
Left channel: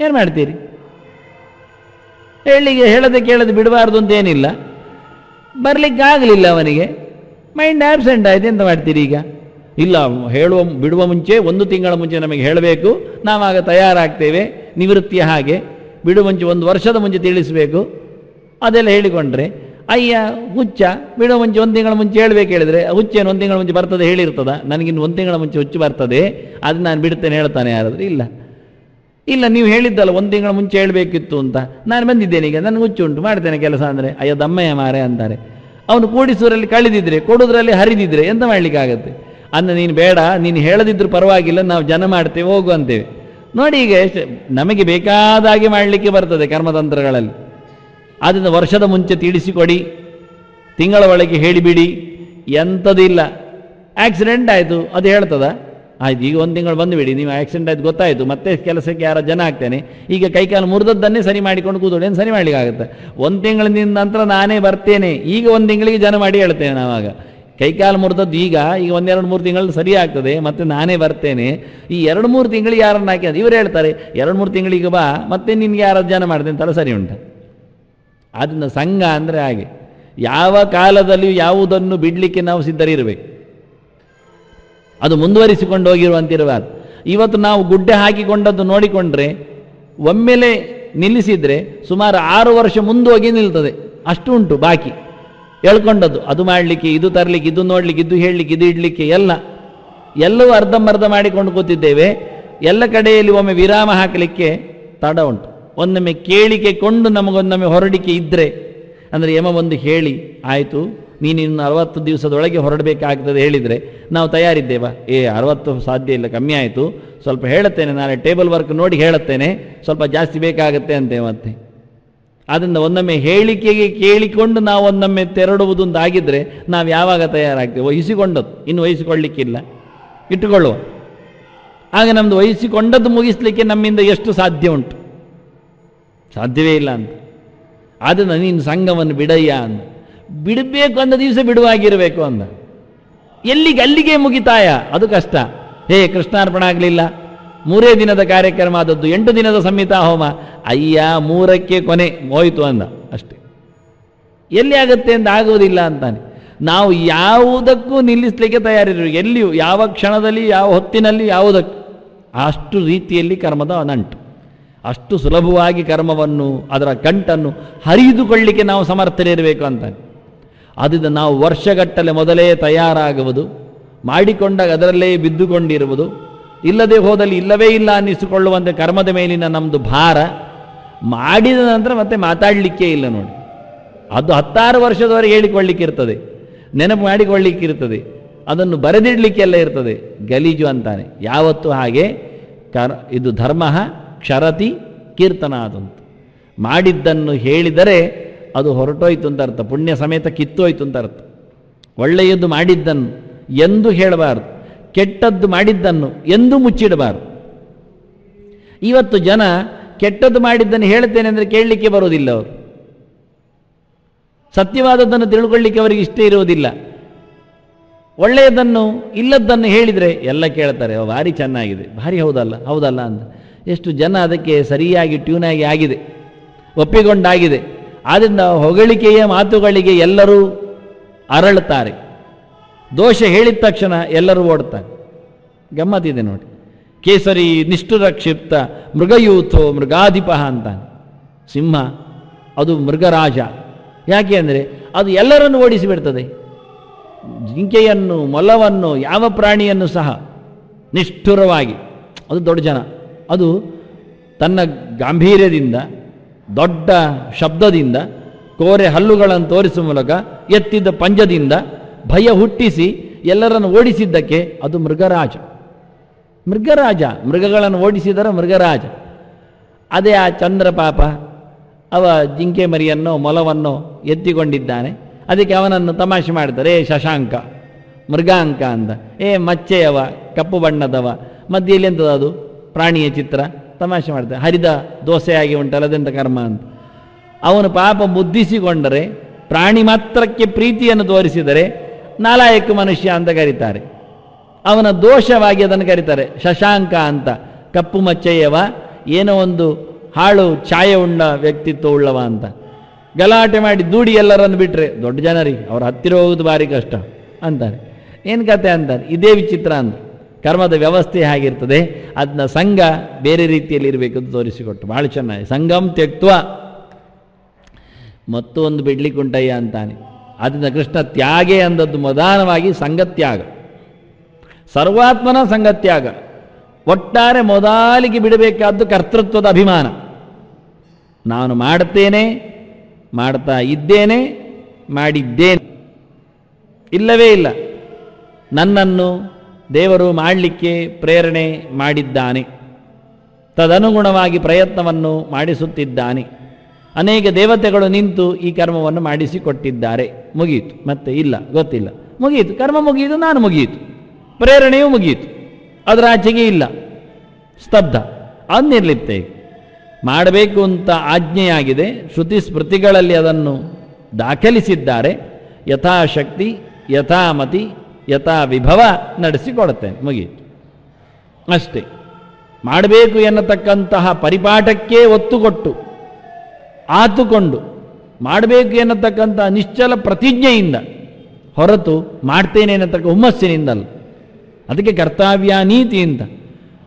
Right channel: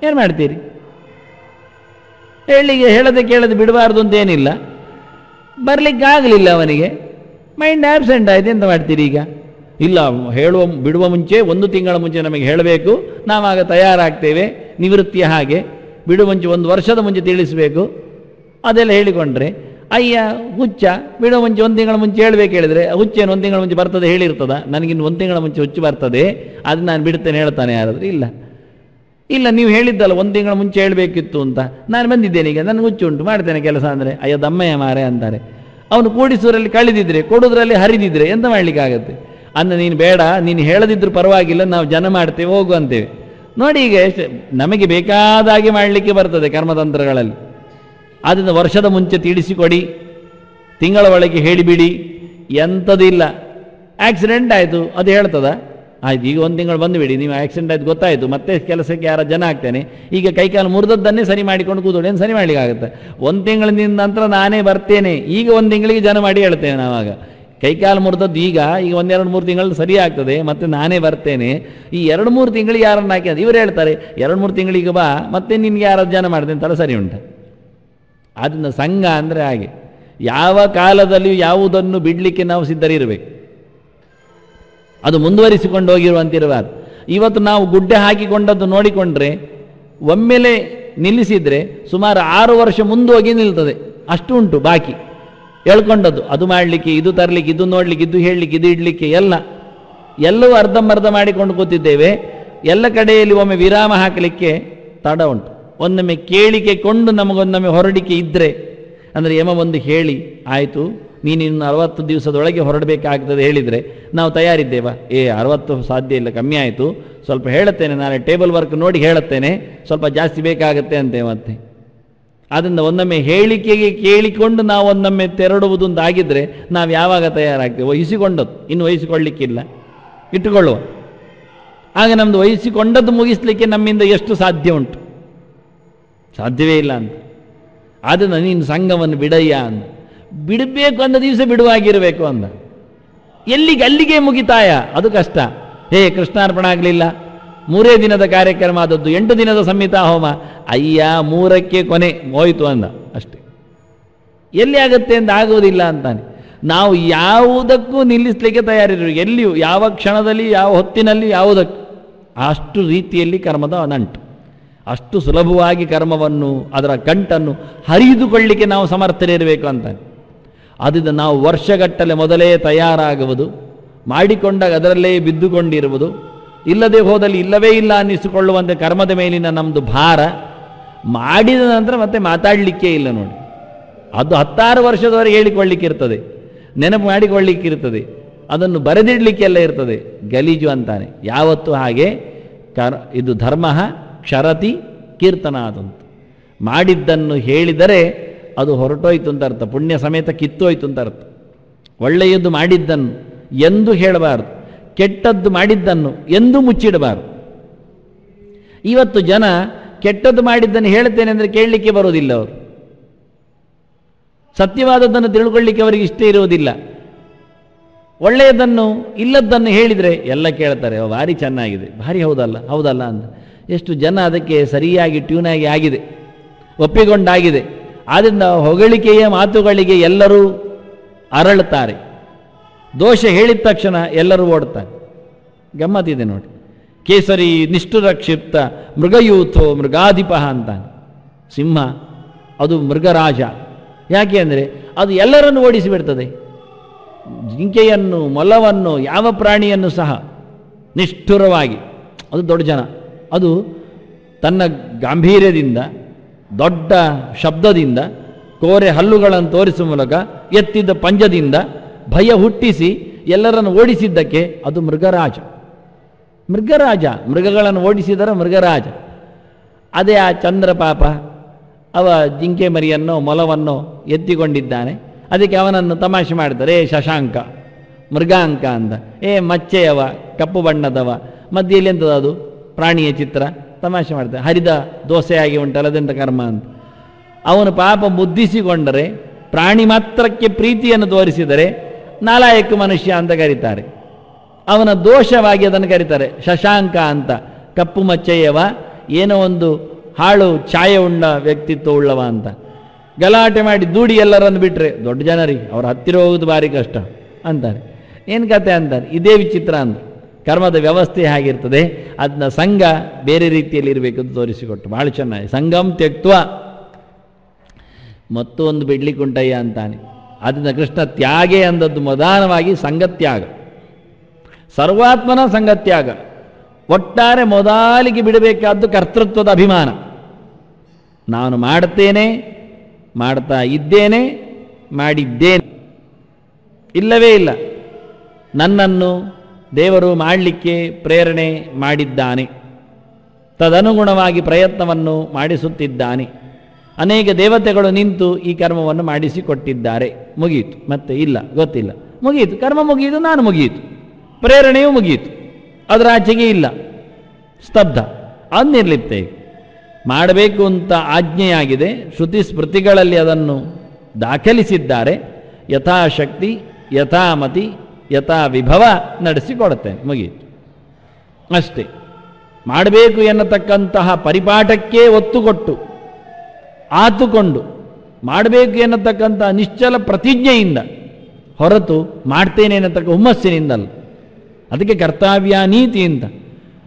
ಏನ್ ಮಾಡ್ತೀರಿ? ಹೇಳದೆ ಕೇಳದೆ ಬಿಡಬಾರ್ದು ಅಂತ ಏನಿಲ್ಲ, ಬರ್ಲಿಕ್ಕೆ ಆಗಲಿಲ್ಲ ಅವನಿಗೆ, ಮೈಂಡ್ ಆಬ್ಸೆಂಟ್ ಆಯ್ತು, ಎಂತ ಮಾಡ್ತೀರಿ ಈಗ? ಇಲ್ಲ, ಬಿಡುವ ಮುಂಚೆ 1 ತಿಂಗಳ ಮುಂಚೆ ನಮಗೆ ಹೇಳಬೇಕು, ನಾವಾಗ ತಯಾರಾಗ್ತೇವೆ. ನಿವೃತ್ತಿಯ ಹಾಗೆ ಬಿಡುವ ಮುಂಚೆ 1 ವರ್ಷದ ಮುಂಚೆ ತಿಳಿಸಬೇಕು. ಅದೆಲ್ಲ ಹೇಳಿಕೊಂಡ್ರೆ ಅಯ್ಯ ಹುಚ್ಚ, ಬಿಡುವ ಮುಂಚೆ 1 ತಿಂಗಳ ಮುಂಚೆ ಹೇಳ್ಬೇಕು. ಹೇಳಿದ್ರೆ ಹುಚ್ಚ 1 ತಿಂಗಳ ಮುಂಚೆ ಬರ್ತದೆ ಹೇಳಿರ್ತದ, ನನಗಿನ್ನು 1 ತಿಂಗಳ ಮುಂಚೆ ಹುಚ್ಚು ಬರ್ತದೆ, ಅದು ನಾನು ಬಿಡ್ತೇನೆ ಹೇಳ್ತಾನೆ ಯಾರಾದ್ರು? ಇಲ್ಲ, ನೀವು ಹೇಳಿದ್ದಲ್ಲ 1 ತಿಂಗಳ ಮುಂಚೆ ಹೇಳ್ಬೇಕಿತ್ತು ಅಂತ, ನಾನು ಬಂದಿದ್ದೇನೆ, ಈಗ ನಾನು ಹುಚ್ಚು ಉಂಟು ಮಾಡ್ತೇನೆ ಕೆಲಸ ಅಂದ್ರೆ, ಅಯ್ಯ ದಮ್ಮಯ್ಯ ಮಾರೆ ಅಂತಾರೆ. ಅವ್ರು ಕೂಡಿಸೋದ್ರಲ್ಲಿ ಕಳೆದಿದ್ರೆ, ಕೊಡೋದ್ರಲ್ಲಿ ಹರಿದಿದ್ರೆ ಎಂತ ಮಾಡ್ಲಿಕ್ಕಾಗತ್ತೆ? ಅಂದ್ರೆ ನೀನು ಬೇಡ, ನೀನು ಹೇಳದಿದ್ರು ಪರವಾಗಿಲ್ಲ, ನಾವು ಜನ ಮಾಡ್ತೇವೆ, ಹೋಗು ಅಂತೇವೆ. ನೋಡಿ, ಈಗ ನಮಗೆ ಬೇಕಾದಾಗೆ ಮಾಡಲಿಕ್ಕೆ ಬರ್ತದೆ ಕರ್ಮತಂತ್ರಗಳಲ್ಲಿ. ಅದನ್ನು ವರ್ಷದ ಮುಂಚೆ ತಿಳಿಸಿಕೊಡಿ, ತಿಂಗಳ ಒಳಗೆ ಹೇಳಿಬಿಡಿ, ಎಂಥದಿಲ್ಲ. ಆಕ್ಸಿಡೆಂಟ್ ಆಯ್ತು ಅದು ಹೇಳ್ತದ? ಆಯ್ತು, ಈಗ 1 ತಿಂಗಳು ಬಂದು ಬಿಡಿ, ನೀವು ಆಕ್ಸಿಡೆಂಟ್ ಆಯ್ತು ಗೊತ್ತಾಯ್ತು, ಮತ್ತೆ ಕೆಲಸಕ್ಕೆ ಯಾರ ಜನ ಆಗ್ತೇನೆ, ಈಗ ಕೈಕಾಲು ಮುರಿದದ್ದನ್ನೇ ಸರಿ ಮಾಡಿಕೊಂಡು ಕೂತ್ಕೊಂಡು ಏನು ಸರಿ ಮಾಡ್ಲಿಕ್ಕಾಗತ್ತೆ? 1 ತಿಂಗಳಿನ ನಂತರ ನಾನೇ ಬರ್ತೇನೆ, ಈಗ 1 ತಿಂಗಳಿಗೆ ಜನ ಮಾಡಿ ಹೇಳ್ತೇನೆ. ಆವಾಗ ಕೈಕಾಲು ಮುರಿದದ್ದು ಈಗ 1, 2, 3 ತಿಂಗಳಲ್ಲಿ ಸರಿ ಆಗ್ತದೆ, ಮತ್ತೆ ನಾನೇ ಬರ್ತೇನೆ. ಈ 2, 3 ತಿಂಗಳಿಗೆ ಯಾರನ್ನ ಹಾಕಿ ಇವ್ರು ಹೇಳ್ತಾರೆ, 2, 3 ತಿಂಗಳಿಗೆ ಬಾ, ಮತ್ತೆ ನಿನ್ಗೆ ಯಾರ ಜನ ಮಾಡ್ತೇನೆ ಅಂತ ಸರಿ ಉಂಟು. ಅದನ್ನ ಸಂಘ ಅಂದ್ರೆ ಹಾಗೆ, ಯಾವ ಕಾಲದಲ್ಲಿ ಯಾವುದನ್ನು ಬಿಡ್ಲಿಕ್ಕೆ ನಾವು ಸಿದ್ಧರಿರ್ಬೇಕು, ಅದು ಮುಂದುವರಿಸಿಕೊಂಡು ಹೋಗಿರುವಂತಿರಬಾರ್ದು. ಇವತ್ತು ನಾವು ಗುಡ್ಡೆ ಹಾಕಿಕೊಂಡದ್ದು ನೋಡಿಕೊಂಡ್ರೆ ಒಮ್ಮೆಲೆ ನಿಲ್ಲಿಸಿದ್ರೆ ಸುಮಾರು 6 ವರ್ಷ ಮುಂದೋಗಿ ನಿಲ್ತದೆ, ಅಷ್ಟು ಉಂಟು ಬಾಕಿ ಹೇಳ್ಕೊಂಡದ್ದು. ಅದು ಮಾಡ್ಲಿಕ್ಕೆ, ಇದು ತರ್ಲಿಕ್ಕೆ, ಇದು ನೋಡ್ಲಿಕ್ಕೆ, ಇದು ಹೇಳಲಿಕ್ಕೆ, ಇದು ಇಡ್ಲಿಕ್ಕೆ, ಎಲ್ಲವೂ ಅರ್ಧಂಬರ್ಧ ಮಾಡಿಕೊಂಡು ಕೂತಿದ್ದೇವೆ. ಎಲ್ಲ ಕಡೆಯಲ್ಲಿ ಒಮ್ಮೆ ವಿರಾಮ ಹಾಕಲಿಕ್ಕೆ ತಡ ಉಂಟು. ಒಂದೊಮ್ಮೆ ಕೇಳಿಕೆ ಕೊಂಡು ನಮಗೊಂದೊಮ್ಮೆ ಹೊರಡಿಕೆ ಇದ್ರೆ, ಅಂದ್ರೆ ಯಮ ಬಂದು ಹೇಳಿ ಆಯ್ತು ನೀನಿನ್ನು 60 ದಿವಸದೊಳಗೆ ಹೊರಡಬೇಕಾಗ್ತದೆ ಹೇಳಿದರೆ ನಾವು ತಯಾರಿದ್ದೇವಾ? 60 ಸಾಧ್ಯ ಇಲ್ಲ, ಕಮ್ಮಿ ಆಯಿತು, ಸ್ವಲ್ಪ ಹೇಳುತ್ತೇನೆ, ನಾಳೆ ಟೇಬಲ್ ವರ್ಕ್ ನೋಡಿ ಹೇಳುತ್ತೇನೆ, ಸ್ವಲ್ಪ ಜಾಸ್ತಿ ಬೇಕಾಗತ್ತೆ ಅಂತೇವಂತೆ. ಅದರಿಂದ ಒಂದೊಮ್ಮೆ ಹೇಳಿಕೆಗೆ ಕೇಳಿಕೊಂಡು ನಾವು ಒಂದೊಮ್ಮೆ ತೆರಳುವುದು ಒಂದಾಗಿದ್ರೆ ನಾವು ಯಾವಾಗ ತಯಾರಾಗ್ತೇವೆ? ವಹಿಸಿಕೊಂಡದ್ದು, ಇನ್ನು ವಹಿಸಿಕೊಳ್ಳಿಕ್ಕಿಲ್ಲ, ಇಟ್ಟುಕೊಳ್ಳುವ. ಆಗ ನಮ್ದು ವಹಿಸಿಕೊಂಡದ್ದು ಮುಗಿಸ್ಲಿಕ್ಕೆ ನಮ್ಮಿಂದ ಎಷ್ಟು ಸಾಧ್ಯ ಉಂಟು? ಸಾಧ್ಯವೇ ಇಲ್ಲ ಅಂತ. ಅದನ್ನು ನೀನು ಸಂಘವನ್ನು ಬಿಡಯ್ಯ ಅಂತ. ಬಿಡಬೇಕು ಅಂದ ದಿವಸ ಬಿಡುವಾಗಿರಬೇಕು ಅಂದ. ಅಲ್ಲಿಗೆ ಮುಗಿತಾಯ, ಅದು ಕಷ್ಟ. ಕೃಷ್ಣಾರ್ಪಣ ಆಗ್ಲಿಲ್ಲ, 3 ದಿನದ ಕಾರ್ಯಕ್ರಮ ಆದದ್ದು, 8 ದಿನದ ಸಂಹಿತಾ ಹೋಮ, ಅಯ್ಯ 3ಕ್ಕೆ ಕೊನೆ ಹೋಯ್ತು ಅಂದ ಅಷ್ಟೇ. ಎಲ್ಲಿ ಆಗುತ್ತೆ ಅಂತ ಆಗೋದಿಲ್ಲ ಅಂತಾನೆ. ನಾವು ಯಾವುದಕ್ಕೂ ನಿಲ್ಲಿಸ್ಲಿಕ್ಕೆ ತಯಾರಿರು, ಎಲ್ಲಿಯೂ, ಯಾವ ಕ್ಷಣದಲ್ಲಿ, ಯಾವ ಹೊತ್ತಿನಲ್ಲಿ, ಯಾವುದಕ್ಕೂ ಅಷ್ಟು ರೀತಿಯಲ್ಲಿ ಕರ್ಮದ ನಂಟು. ಅಷ್ಟು ಸುಲಭವಾಗಿ ಕರ್ಮವನ್ನು, ಅದರ ಕಂಟನ್ನು ಹರಿದುಕೊಳ್ಳಿಕ್ಕೆ ನಾವು ಸಮರ್ಥನಿರಬೇಕು ಅಂತ. ಅದರಿಂದ ನಾವು ವರ್ಷಗಟ್ಟಲೆ ಮೊದಲೇ ತಯಾರಾಗುವುದು, ಮಾಡಿಕೊಂಡಾಗ ಅದರಲ್ಲೇ ಬಿದ್ದುಕೊಂಡಿರುವುದು, ಇಲ್ಲದೆ ಹೋದಲ್ಲಿ ಇಲ್ಲವೇ ಇಲ್ಲ ಅನ್ನಿಸಿಕೊಳ್ಳುವಂತೆ ಕರ್ಮದ ಮೇಲಿನ ನಮ್ದು ಭಾರ. ಮಾಡಿದ ನಂತರ ಮತ್ತೆ ಮಾತಾಡಲಿಕ್ಕೆ ಇಲ್ಲ ನೋಡಿ. ಅದು 16 ವರ್ಷದವರೆಗೆ ಹೇಳಿಕೊಳ್ಳಿಕ್ಕೆ ಇರ್ತದೆ, ನೆನಪು ಮಾಡಿಕೊಳ್ಳಿಕ್ಕಿರ್ತದೆ, ಅದನ್ನು ಬರೆದಿಡ್ಲಿಕ್ಕೆಲ್ಲ ಇರ್ತದೆ. ಗಲೀಜು ಅಂತಾನೆ ಯಾವತ್ತು ಹಾಗೆ. ಇದು ಧರ್ಮ ಕ್ಷರತಿ ಕೀರ್ತನಾದಂತ. ಮಾಡಿದ್ದನ್ನು ಹೇಳಿದರೆ ಅದು ಹೊರಟೋಯ್ತು ಅಂತ ಅರ್ಥ, ಪುಣ್ಯ ಸಮೇತ ಕಿತ್ತೋಯ್ತು ಅಂತ ಅರ್ಥ. ಒಳ್ಳೆಯದು ಮಾಡಿದ್ದನ್ನು ಎಂದು ಹೇಳಬಾರದು, ಕೆಟ್ಟದ್ದು ಮಾಡಿದ್ದನ್ನು ಎಂದು ಮುಚ್ಚಿಡಬಾರದು. ಇವತ್ತು ಜನ ಕೆಟ್ಟದ್ದು ಮಾಡಿದ್ದನ್ನು ಹೇಳ್ತೇನೆ ಅಂದ್ರೆ ಕೇಳಲಿಕ್ಕೆ ಬರುವುದಿಲ್ಲ. ಅವರು ಸತ್ಯವಾದದ್ದನ್ನು ತಿಳ್ಕೊಳ್ಳಿಕ್ಕೆ ಅವರಿಗೆ ಇಷ್ಟ ಇರುವುದಿಲ್ಲ. ಒಳ್ಳೆಯದನ್ನು ಇಲ್ಲದ್ದನ್ನು ಹೇಳಿದ್ರೆ ಎಲ್ಲ ಕೇಳ್ತಾರೆ, ಭಾರಿ ಚೆನ್ನಾಗಿದೆ, ಭಾರಿ ಹೌದಲ್ಲ ಹೌದಲ್ಲ ಅಂತ. ಎಷ್ಟು ಜನ ಅದಕ್ಕೆ ಸರಿಯಾಗಿ ಟ್ಯೂನ್ ಆಗಿದೆ, ಒಪ್ಪಿಕೊಂಡಾಗಿದೆ. ಆದ್ರಿಂದ ಹೊಗಳಿಕೆಯ ಮಾತುಗಳಿಗೆ ಎಲ್ಲರೂ ಅರಳುತ್ತಾರೆ. ದೋಷ ಹೇಳಿದ ತಕ್ಷಣ ಎಲ್ಲರೂ ಓಡ್ತಾರೆ. ಗಮ್ಮತ್ತಿದೆ ನೋಡಿ. ಕೇಸರಿ ನಿಷ್ಠುರ ಕ್ಷಿಪ್ತ ಮೃಗಯೂಥೋ ಮೃಗಾಧಿಪ ಅಂತ. ಸಿಂಹ ಅದು ಮೃಗರಾಜ. ಯಾಕೆ ಅಂದ್ರೆ ಅದು ಎಲ್ಲರನ್ನು ಓಡಿಸಿಬಿಡ್ತದೆ. ಜಿಂಕೆಯನ್ನು, ಮೊಲವನ್ನು, ಯಾವ ಪ್ರಾಣಿಯನ್ನು ಸಹ ನಿಷ್ಠುರವಾಗಿ, ಅದು ದೊಡ್ಡ ಜನ, ಅದು ತನ್ನ ಗಾಂಭೀರ್ಯದಿಂದ, ದೊಡ್ಡ ಶಬ್ದದಿಂದ, ಕೋರೆ ಹಲ್ಲುಗಳನ್ನು ತೋರಿಸುವ ಮೂಲಕ, ಎತ್ತಿದ ಪಂಜದಿಂದ ಭಯ ಹುಟ್ಟಿಸಿ ಎಲ್ಲರನ್ನು ಓಡಿಸಿದ್ದಕ್ಕೆ ಅದು ಮೃಗರಾಜ. ಮೃಗರಾಜ, ಮೃಗಗಳನ್ನು ಓಡಿಸಿದರ ಮೃಗರಾಜ. ಅದೇ ಆ ಚಂದ್ರ ಪಾಪ, ಅವ ಜಿಂಕೆ ಮರಿಯನ್ನು, ಮೊಲವನ್ನು ಎತ್ತಿಕೊಂಡಿದ್ದಾನೆ. ಅದಕ್ಕೆ ಅವನನ್ನು ತಮಾಷೆ ಮಾಡ್ತಾರೆ, ಶಶಾಂಕ, ಮೃಗಾಂಕ ಅಂತ. ಮಚ್ಚೆಯವ, ಕಪ್ಪು ಬಣ್ಣದವ, ಮಧ್ಯೆಯಲ್ಲಿ ಎಂತದ ಅದು ಪ್ರಾಣಿಯ ಚಿತ್ರ, ತಮಾಷೆ ಮಾಡ್ತಾರೆ. ಹರಿದ ದೋಸೆಯಾಗಿ ಉಂಟಲ್ಲ ಅದೆಂತ ಕರ್ಮ ಅಂತ. ಅವನು ಪಾಪ ಬುದ್ಧಿಸಿಕೊಂಡರೆ, ಪ್ರಾಣಿ ಮಾತ್ರಕ್ಕೆ ಪ್ರೀತಿಯನ್ನು ತೋರಿಸಿದರೆ ನಾಲಾಯಕ ಮನುಷ್ಯ ಅಂತ ಕರೀತಾರೆ. ಅವನ ದೋಷವಾಗಿ ಅದನ್ನು ಕರೀತಾರೆ ಶಶಾಂಕ ಅಂತ. ಕಪ್ಪು ಮಚ್ಚೆಯವ, ಏನೋ ಒಂದು ಹಾಳು ಛಾಯೆ ಉಳ್ಳ ವ್ಯಕ್ತಿತ್ವ ಉಳ್ಳವ ಅಂತ. ಗಲಾಟೆ ಮಾಡಿ ದೂಡಿ ಎಲ್ಲರನ್ನು ಬಿಟ್ರೆ ದೊಡ್ಡ ಜನರಿಗೆ ಅವ್ರ ಹತ್ತಿರ ಹೋಗುವುದು ಭಾರಿ ಕಷ್ಟ ಅಂತಾರೆ. ಏನ್ ಕತೆ ಅಂತಾರೆ. ಇದೇ ವಿಚಿತ್ರ ಅಂತ. ಕರ್ಮದ ವ್ಯವಸ್ಥೆ ಆಗಿರ್ತದೆ, ಅದನ್ನ ಸಂಘ ಬೇರೆ ರೀತಿಯಲ್ಲಿ ಇರಬೇಕು ಅಂತ ತೋರಿಸಿಕೊಟ್ಟು ಬಹಳ ಚೆನ್ನಾಗಿ. ಸಂಘಂ ತ್ಯಕ್ತ್ವ ಮತ್ತೊಂದು ಬಿಡ್ಲಿಕ್ಕುಂಟಯ್ಯ ಅಂತಾನೆ. ಅದನ್ನ ಕೃಷ್ಣ ತ್ಯಾಗೆ ಅಂದದ್ದು ಮೊದಲವಾಗಿ ಸಂಘತ್ಯಾಗ, ಸರ್ವಾತ್ಮನ ಸಂಘತ್ಯಾಗ. ಒಟ್ಟಾರೆ ಮೊದಲಿಗೆ ಬಿಡಬೇಕಾದ್ದು ಕರ್ತೃತ್ವದ ಅಭಿಮಾನ. ನಾನು ಮಾಡುತ್ತೇನೆ, ಮಾಡ್ತಾ ಇದ್ದೇನೆ, ಮಾಡಿದ್ದೇನೆ, ಇಲ್ಲವೇ ಇಲ್ಲ. ನನ್ನನ್ನು ದೇವರು ಮಾಡಲಿಕ್ಕೆ ಪ್ರೇರಣೆ ಮಾಡಿದ್ದಾನೆ, ತದನುಗುಣವಾಗಿ ಪ್ರಯತ್ನವನ್ನು ಮಾಡಿಸುತ್ತಿದ್ದಾನೆ. ಅನೇಕ ದೇವತೆಗಳು ನಿಂತು ಈ ಕರ್ಮವನ್ನು ಮಾಡಿಸಿಕೊಟ್ಟಿದ್ದಾರೆ. ಮುಗೀತು, ಮತ್ತೆ ಇಲ್ಲ, ಗೊತ್ತಿಲ್ಲ, ಮುಗೀತು, ಕರ್ಮ ಮುಗಿಯಿತು, ನಾನು ಮುಗಿಯಿತು, ಪ್ರೇರಣೆಯೂ ಮುಗಿಯಿತು, ಅದರ ಆಚೆಗೆ ಇಲ್ಲ, ಸ್ತಬ್ಧ. ಅನ್ನಿರ್ಲಿತ್ತೆ. ಮಾಡಬೇಕು ಅಂತ ಆಜ್ಞೆಯಾಗಿದೆ, ಶ್ರುತಿ ಸ್ಮೃತಿಗಳಲ್ಲಿ ಅದನ್ನು ದಾಖಲಿಸಿದ್ದಾರೆ. ಯಥಾಶಕ್ತಿ, ಯಥಾಮತಿ, ಯಥಾ ವಿಭವ ನಡೆಸಿಕೊಡುತ್ತೆ, ಮುಗೀತು ಅಷ್ಟೇ. ಮಾಡಬೇಕು ಎನ್ನತಕ್ಕಂತಹ ಪರಿಪಾಠಕ್ಕೆ ಒತ್ತು ಕೊಟ್ಟು ಆತುಕೊಂಡು ಮಾಡಬೇಕು ಎನ್ನತಕ್ಕಂತಹ ನಿಶ್ಚಲ ಪ್ರತಿಜ್ಞೆಯಿಂದ ಹೊರತು ಮಾಡ್ತೇನೆ ಎನ್ನತಕ್ಕ ಹುಮ್ಮಸ್ಸಿನಿಂದಲ್ಲ. ಅದಕ್ಕೆ ಕರ್ತವ್ಯ ನೀತಿ ಅಂತ.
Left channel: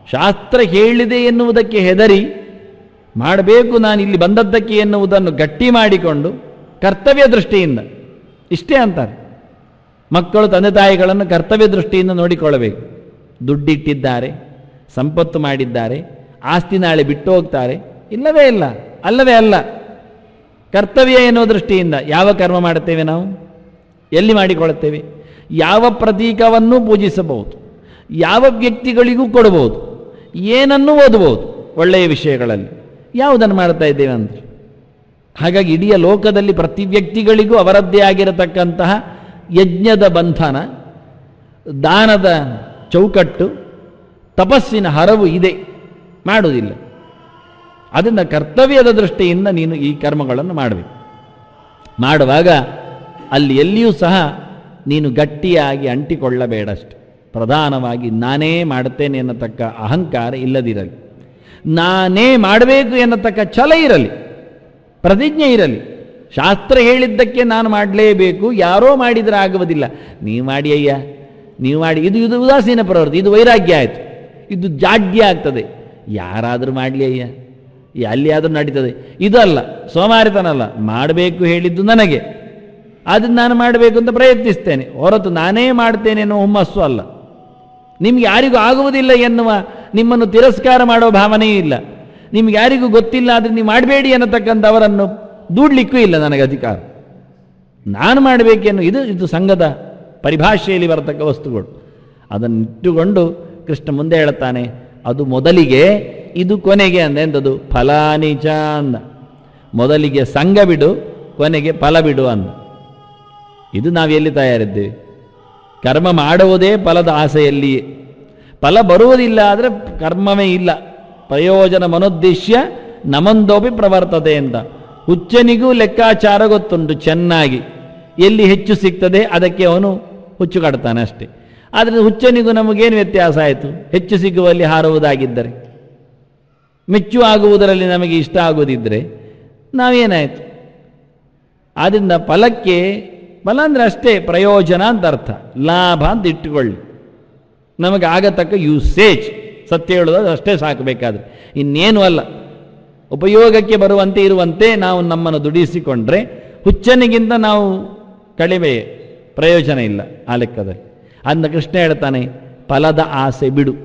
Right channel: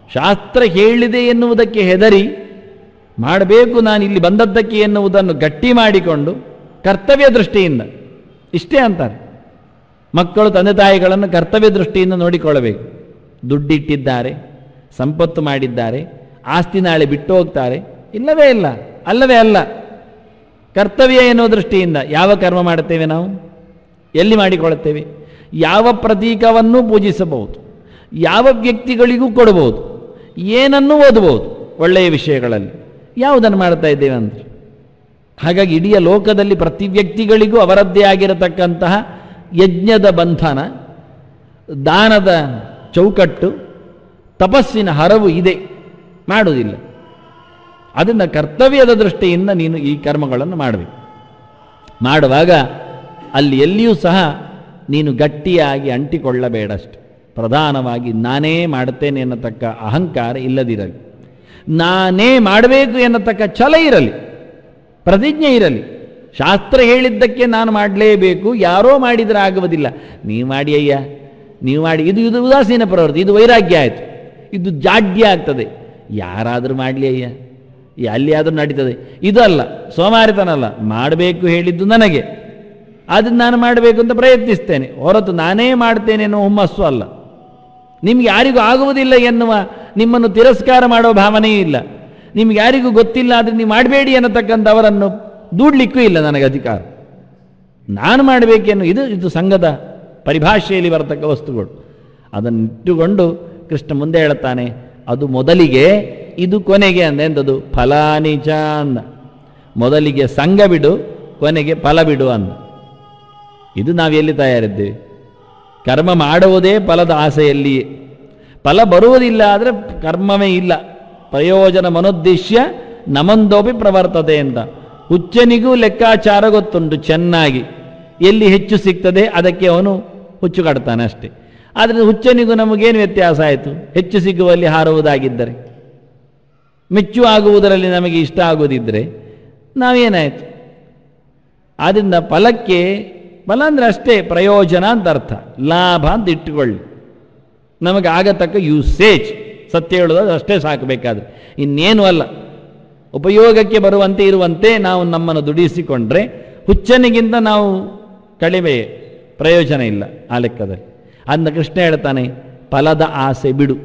ಶಾಸ್ತ್ರ ಹೇಳಿದೆ ಎನ್ನುವುದಕ್ಕೆ ಹೆದರಿ ಮಾಡಬೇಕು ನಾನು ಇಲ್ಲಿ ಬಂದದ್ದಕ್ಕೆ ಎನ್ನುವುದನ್ನು ಗಟ್ಟಿ ಮಾಡಿಕೊಂಡು ಕರ್ತವ್ಯ ದೃಷ್ಟಿಯಿಂದ ಇಷ್ಟೇ ಅಂತಾರೆ. ಮಕ್ಕಳು ತಂದೆ ತಾಯಿಗಳನ್ನು ಕರ್ತವ್ಯ ದೃಷ್ಟಿಯಿಂದ ನೋಡಿಕೊಳ್ಳಬೇಕು. ದುಡ್ಡಿಟ್ಟಿದ್ದಾರೆ, ಸಂಪತ್ತು ಮಾಡಿದ್ದಾರೆ, ಆಸ್ತಿ ನಾಳೆ ಬಿಟ್ಟು ಹೋಗ್ತಾರೆ, ಇಲ್ಲವೇ ಇಲ್ಲ, ಅಲ್ಲವೇ ಅಲ್ಲ. ಕರ್ತವ್ಯ ಎನ್ನುವ ದೃಷ್ಟಿಯಿಂದ ಯಾವ ಕರ್ಮ ಮಾಡುತ್ತೇವೆ ನಾವು? ಎಲ್ಲಿ ಮಾಡಿಕೊಳ್ಳುತ್ತೇವೆ? ಯಾವ ಪ್ರತೀಕವನ್ನು ಪೂಜಿಸಬಹುದು, ಯಾವ ವ್ಯಕ್ತಿಗಳಿಗೂ ಕೊಡಬಹುದು, ಏನನ್ನು ಓದಬಹುದು ಒಳ್ಳೆಯ ವಿಷಯಗಳಲ್ಲಿ, ಯಾವುದನ್ನು ಮಾಡ್ತಾ ಇದ್ದೇವೆ ಅಂದ್ರೆ. ಹಾಗಾಗಿ ಇಡೀ ಲೋಕದಲ್ಲಿ ಪ್ರತಿ ವ್ಯಕ್ತಿಗಳಿಗೂ ಅವರದ್ದೇ ಆಗಿರತಕ್ಕಂತಹ ಯಜ್ಞದ ಬಂಧನ, ದಾನದ ಚೌಕಟ್ಟು, ತಪಸ್ಸಿನ ಹರವು ಇದೆ, ಮಾಡುವುದಿಲ್ಲ. ಅದನ್ನ ಕರ್ತವ್ಯದ ದೃಷ್ಟಿಯಿಂದ ನೀನು ಈ ಕರ್ಮಗಳನ್ನು ಮಾಡಬೇಕು. ಮಾಡುವಾಗ ಅಲ್ಲಿ ಎಲ್ಲಿಯೂ ಸಹ ನೀನು ಗಟ್ಟಿಯಾಗಿ ಅಂಟಿಕೊಳ್ಳಬೇಡಷ್ಟೆ. ಪ್ರಧಾನವಾಗಿ ನಾನೇ ಮಾಡುತ್ತೇನೆ ಎನ್ನತಕ್ಕ ಅಹಂಕಾರ ಇಲ್ಲದಿರಲಿ, ನಾನೇ ಮಾಡಬೇಕು ಎನ್ನತಕ್ಕ ಛಲ ಇರಲಿ, ಪ್ರತಿಜ್ಞೆ ಇರಲಿ. ಶಾಸ್ತ್ರ ಹೇಳಿದ್ದಕ್ಕೆ ನಾನು ಮಾಡಲೇಬೇಕು, ಯಾರೋ ಮಾಡಿದ್ರೆ ಆಗುವುದಿಲ್ಲ. ನೀವು ಮಾಡಿ ಅಯ್ಯ, ನೀವು ಮಾಡಿ, ಇದು ಉದಾಸೀನ ಪ್ರವೃತ್ತಿ, ಇದು ವೈರಾಗ್ಯ ಆಯ್ತು, ಇದು ಜಾಡ್ಯ ಆಗ್ತದೆ. ಯಾರಾದರೂ ಮಾಡಲಿ ಅಯ್ಯ, ಎಲ್ಲಿಯಾದರೂ ನಡೀತದೆ. ಇದಲ್ಲ, ಸೋಮಾರಿತನಲ್ಲ. ಮಾಡಬೇಕು ಹೇಳಿದ್ದು ನನಗೆ, ಅದನ್ನು ನಾನು ಮಾಡಬೇಕು ಅಂತ ಪ್ರಯತ್ನಿಸ್ತೇನೆ ಹೊರತು ನಾನೇ ಮಾಡ್ತೇನೆ ಅನ್ನೋ ಹುಮ್ಮಸ್ಸು ಅಲ್ಲ. ನಿಮ್ಗೆ ಯಾರಿಗೂ ಆಗುವುದಿಲ್ಲ ಎನ್ನುವ ನಿಮ್ಮನ್ನು ತಿರಸ್ಕಾರ ಮಾಡುವ ಭಾವನೆ ಇಲ್ಲ. ನಿಮ್ಗೆ ಯಾರಿಗೂ ಗೊತ್ತಿಲ್ಲ ಅದನ್ನು ನೀವು ಮಾಡಬೇಡಿ ಅನ್ನತಕ್ಕಂಥ ಅವರನ್ನು ದೂಡ್ಲಿಕ್ಕೂ ಇಲ್ಲ ನನಗೆ ಅಧಿಕಾರ. ನಾನು ಮಾಡಬೇಕೇನು, ಇದು ಸಂಘದ ಪರಿಭಾಷೆಯಲ್ಲಿ ಬರತಕ್ಕ ವಸ್ತುಗಳು. ಅದನ್ನು ಇಟ್ಟುಕೊಂಡು ಕೃಷ್ಣ ಮುಂದೆ ಹೇಳುತ್ತಾನೆ, ಅದು ಮೊದಲಿಗೆ, ಇದು ಕೊನೆಗೆ. ಅಂದೆಂದದು ಫಲಾನಿಚ ಅಂದ. ಮೊದಲಿಗೆ ಸಂಘ ಬಿಡು, ಕೊನೆಗೆ ಫಲ ಬಿಡು ಅಂದ. ಇದು ನಾವೆಲ್ಲಿ ತಯಾರಿದ್ದೇವೆ? ಕರ್ಮ ಮಾಡುವುದೇ ಫಲದ ಆಸೆಯಲ್ಲಿ. ಫಲ ಬರುವುದಿಲ್ಲ ಆದರೆ ಕರ್ಮವೇ ಇಲ್ಲ. ಪ್ರಯೋಜನ ಮನೋದ್ದೇಶ್ಯ ನಮಂದೋಪಿ ಪ್ರವರ್ತದೆ ಅಂತ. ಹುಚ್ಚನಿಗೂ ಲೆಕ್ಕಾಚಾರ ಗೊತ್ತುಂಟು ಚೆನ್ನಾಗಿ. ಎಲ್ಲಿ ಹೆಚ್ಚು ಸಿಗ್ತದೆ ಅದಕ್ಕೆ ಅವನು ಹುಚ್ಚು ಕಾಡ್ತಾನೆ ಅಷ್ಟೇ. ಆದರೆ ಹುಚ್ಚನಿಗೂ ನಮಗೇನು ವ್ಯತ್ಯಾಸ ಆಯಿತು? ಹೆಚ್ಚು ಸಿಗುವಲ್ಲಿ ಹಾರುವುದಾಗಿದ್ದರೆ, ಮೆಚ್ಚು ಆಗುವುದರಲ್ಲಿ ನಮಗೆ ಇಷ್ಟ ಆಗುವುದಿದ್ರೆ ನಾವೇನಾಯ್ತು? ಆದ್ರಿಂದ ಫಲಕ್ಕೆ, ಫಲ ಅಂದ್ರೆ ಅಷ್ಟೇ ಪ್ರಯೋಜನ ಅಂತ ಅರ್ಥ, ಲಾಭ ಅಂತ ಇಟ್ಟುಕೊಳ್ಳಿ. ನಮಗೆ ಆಗತಕ್ಕ ಯೂಸೇಜ್, ಸತ್ಯ ಹೇಳುವುದು ಅಷ್ಟೇ ಸಾಕಬೇಕಾದ್ರೆ, ಇನ್ನೇನು ಅಲ್ಲ. ಉಪಯೋಗಕ್ಕೆ ಬರುವಂತೆ ಇರುವಂತೆ ನಾವು ನಮ್ಮನ್ನು ದುಡಿಸಿಕೊಂಡ್ರೆ ಹುಚ್ಚನಿಗಿಂತ ನಾವು ಕಡಿಮೆ, ಪ್ರಯೋಜನ ಇಲ್ಲ ಆ ಲೆಕ್ಕದಲ್ಲಿ. ಅಂದ ಕೃಷ್ಣ ಹೇಳ್ತಾನೆ, ಫಲದ ಆಸೆ ಬಿಡು.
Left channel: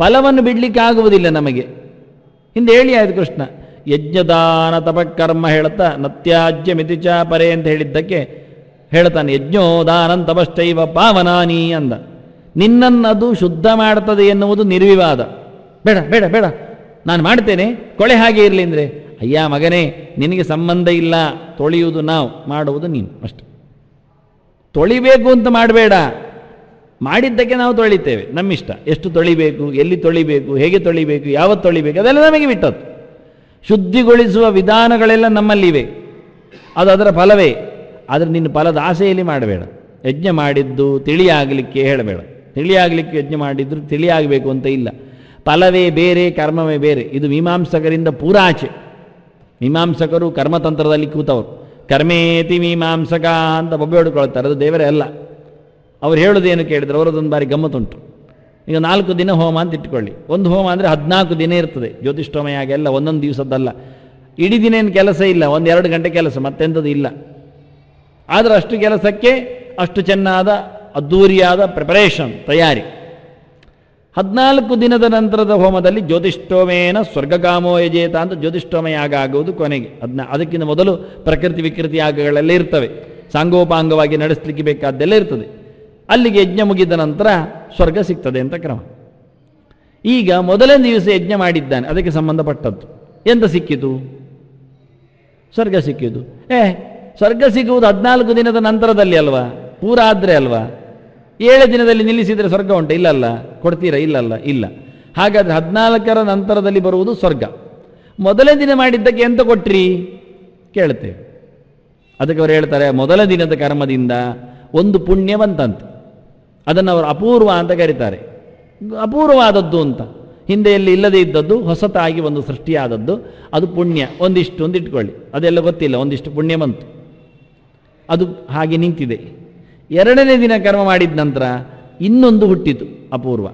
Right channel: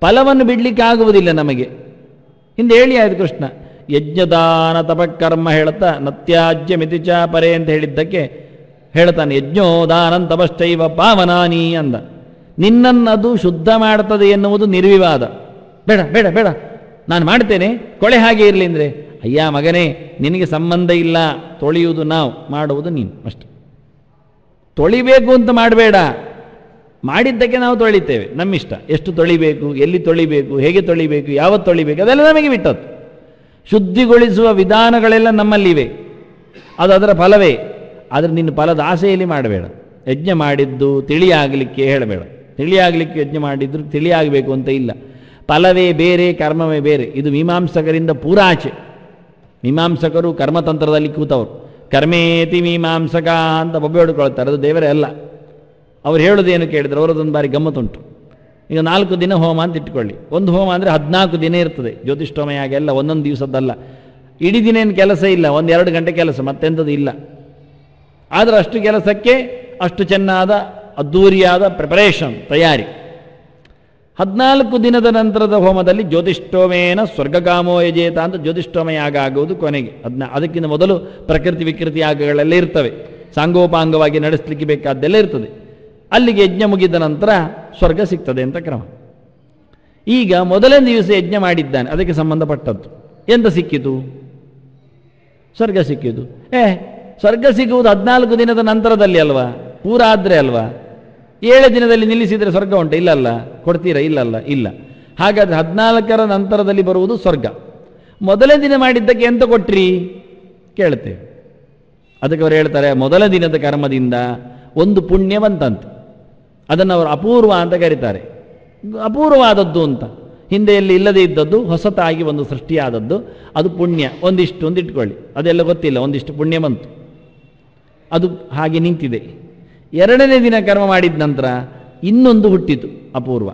ಫಲವನ್ನು ಬಿಡ್ಲಿಕ್ಕೆ ಆಗುವುದಿಲ್ಲ ನಮಗೆ. ಹಿಂದೆ ಹೇಳಿ ಆಯ್ತು ಕೃಷ್ಣ, ಯಜ್ಞದಾನ ತಪಕರ್ಮ ಹೇಳುತ್ತಾ ನತ್ಯಾಜ್ಯ ಮಿತಿಚ ಪರೇ ಅಂತ ಹೇಳಿದ್ದಕ್ಕೆ ಹೇಳ್ತಾನೆ, ಯಜ್ಞೋದಾನಂ ತಪಶ್ಚೈವ ಪಾವನಾನಿ ಅಂದ. ನಿನ್ನನ್ನದು ಶುದ್ಧ ಮಾಡ್ತದೆ ಎನ್ನುವುದು ನಿರ್ವಿವಾದ. ಬೇಡ ಬೇಡ ಬೇಡ, ನಾನು ಮಾಡ್ತೇನೆ, ಕೊಳೆ ಹಾಗೆ ಇರಲಿ ಅಂದ್ರೆ, ಅಯ್ಯ ಮಗನೇ, ನಿನಗೆ ಸಂಬಂಧ ಇಲ್ಲ. ತೊಳೆಯುವುದು ನಾವು, ಮಾಡುವುದು ನೀನು ಅಷ್ಟೆ. ತೊಳಿಬೇಕು ಅಂತ ಮಾಡಬೇಡ, ಮಾಡಿದ್ದಕ್ಕೆ ನಾವು ತೊಳಿತೇವೆ, ನಮ್ಮಿಷ್ಟ. ಎಷ್ಟು ತೊಳಿಬೇಕು, ಎಲ್ಲಿ ತೊಳಿಬೇಕು, ಹೇಗೆ ತೊಳಿಬೇಕು, ಯಾವತ್ತು ತೊಳಿಬೇಕು, ಅದೆಲ್ಲ ನಮಗೆ ಬಿಟ್ಟದ್ದು. ಶುದ್ಧಿಗೊಳಿಸುವ ವಿಧಾನಗಳೆಲ್ಲ ನಮ್ಮಲ್ಲಿವೆ, ಅದು ಅದರ ಫಲವೇ. ಆದರೆ ನೀನು ಫಲದ ಆಸೆಯಲ್ಲಿ ಮಾಡಬೇಡ. ಯಜ್ಞ ಮಾಡಿದ್ದು ತಿಳಿಯಾಗಲಿಕ್ಕೆ ಹೇಳಬೇಡ. ತಿಳಿಯಾಗಲಿಕ್ಕೆ ಯಜ್ಞ ಮಾಡಿದ್ದು ತಿಳಿಯಾಗಬೇಕು ಅಂತ ಇಲ್ಲ. ಫಲವೇ ಬೇರೆ, ಕರ್ಮವೇ ಬೇರೆ. ಇದು ಮೀಮಾಂಸಕರಿಂದ ಪೂರಾಚೆ. ಮೀಮಾಂಸಕರು ಕರ್ಮತಂತ್ರದಲ್ಲಿ ಕೂತವರು. ಕರ್ಮೇತಿ ಮೀಮಾಂಸಕ ಅಂತ ಒಬ್ಬ ಹಿಡ್ಕೊಳ್ತಾರೆ, ಅದು ದೇವರೇ ಅಲ್ಲ. ಅವ್ರು ಹೇಳೋದೇನು ಕೇಳಿದ್ರೆ ಅವರದೊಂದು ಬಾರಿ ಗಮ್ಮತ್ತುಂಟು. ಈಗ 4 ದಿನ ಹೋಮ ಅಂತ ಇಟ್ಕೊಳ್ಳಿ. ಒಂದು ಹೋಮ ಅಂದರೆ 14 ದಿನ ಇರ್ತದೆ. ಜ್ಯೋತಿಷ್ಠೋಮ ಹಾಗೆಲ್ಲ ಒಂದೊಂದು ದಿವಸದಲ್ಲ, ಇಡೀ ದಿನ ಏನು ಕೆಲಸ ಇಲ್ಲ, 1-2 ಗಂಟೆ ಕೆಲಸ, ಮತ್ತೆಂಥದ್ದು ಇಲ್ಲ. ಆದರೂ ಅಷ್ಟು ಕೆಲಸಕ್ಕೆ ಅಷ್ಟು ಚೆನ್ನಾದ ಅದ್ದೂರಿಯಾದ ಪ್ರಿಪರೇಷನ್, ತಯಾರಿ. 14 ದಿನದ ನಂತರದ ಹೋಮದಲ್ಲಿ ಜ್ಯೋತಿಷ್ಠೋಮೇನ ಸ್ವರ್ಗಗಾಮೋ ಯಜೇತ ಅಂತ ಜ್ಯೋತಿಷ್ಠೋಮ ಯಾಗ ಆಗುವುದು ಕೊನೆಗೆ. ಅದಕ್ಕಿಂತ ಮೊದಲು ಪ್ರಕೃತಿ ವಿಕೃತಿ ಯಾಗಗಳೆಲ್ಲ ಇರ್ತವೆ, ಸಾಂಗೋಪಾಂಗವಾಗಿ ನಡೆಸಲಿಕ್ಕೆ ಬೇಕಾದ್ದೆಲ್ಲ ಇರ್ತದೆ. ಅಲ್ಲಿಗೆ ಯಜ್ಞ ಮುಗಿದ ನಂತರ ಸ್ವರ್ಗ ಸಿಗ್ತದೆ ಅಂತ ಕ್ರಮ. ಈಗ ಮೊದಲನೇ ದಿವಸ ಯಜ್ಞ ಮಾಡಿದ್ದಾನೆ, ಅದಕ್ಕೆ ಸಂಬಂಧಪಟ್ಟದ್ದು ಎಂತ ಸಿಕ್ಕಿತು? ಸ್ವರ್ಗ ಸಿಕ್ಕಿತು. ಸ್ವರ್ಗ ಸಿಗುವುದು 14 ದಿನದ ನಂತರದಲ್ಲಿ ಅಲ್ವಾ, ಪೂರ ಆದ್ರೆ ಅಲ್ವಾ? 7 ದಿನದಲ್ಲಿ ನಿಲ್ಲಿಸಿದ್ರೆ ಸ್ವರ್ಗ ಉಂಟು? ಇಲ್ಲಲ್ಲ. ಕೊಡ್ತೀರಾ? ಇಲ್ಲಲ್ಲ, ಇಲ್ಲ. ಹಾಗಾದ್ರೆ 14ರ ನಂತರದಲ್ಲಿ ಬರುವುದು ಸ್ವರ್ಗ. ಮೊದಲನೇ ದಿನ ಮಾಡಿದ್ದಕ್ಕೆ ಎಂತ ಕೊಟ್ರಿ ಕೇಳುತ್ತೇವೆ. ಅದಕ್ಕೆ ಅವರು ಹೇಳ್ತಾರೆ, ಮೊದಲ ದಿನದ ಕರ್ಮದಿಂದ ಒಂದು ಪುಣ್ಯವಂತಂತ, ಅದನ್ನು ಅವರು ಅಪೂರ್ವ ಅಂತ ಕರೀತಾರೆ. ಅಪೂರ್ವವಾದದ್ದು ಅಂತ, ಹಿಂದೆ ಎಲ್ಲಿ ಇಲ್ಲದೆ ಇದ್ದದ್ದು ಹೊಸತಾಗಿ ಒಂದು ಸೃಷ್ಟಿಯಾದದ್ದು, ಅದು ಪುಣ್ಯ. ಒಂದಿಷ್ಟು ಒಂದು ಇಟ್ಕೊಳ್ಳಿ, ಅದೆಲ್ಲ ಗೊತ್ತಿಲ್ಲ, ಒಂದಿಷ್ಟು ಪುಣ್ಯ ಬಂತು, ಅದು ಹಾಗೆ ನಿಂತಿದೆ. 2ನೇ ದಿನ ಕರ್ಮ ಮಾಡಿದ ನಂತರ ಇನ್ನೊಂದು ಹುಟ್ಟಿತು ಅಪೂರ್ವ,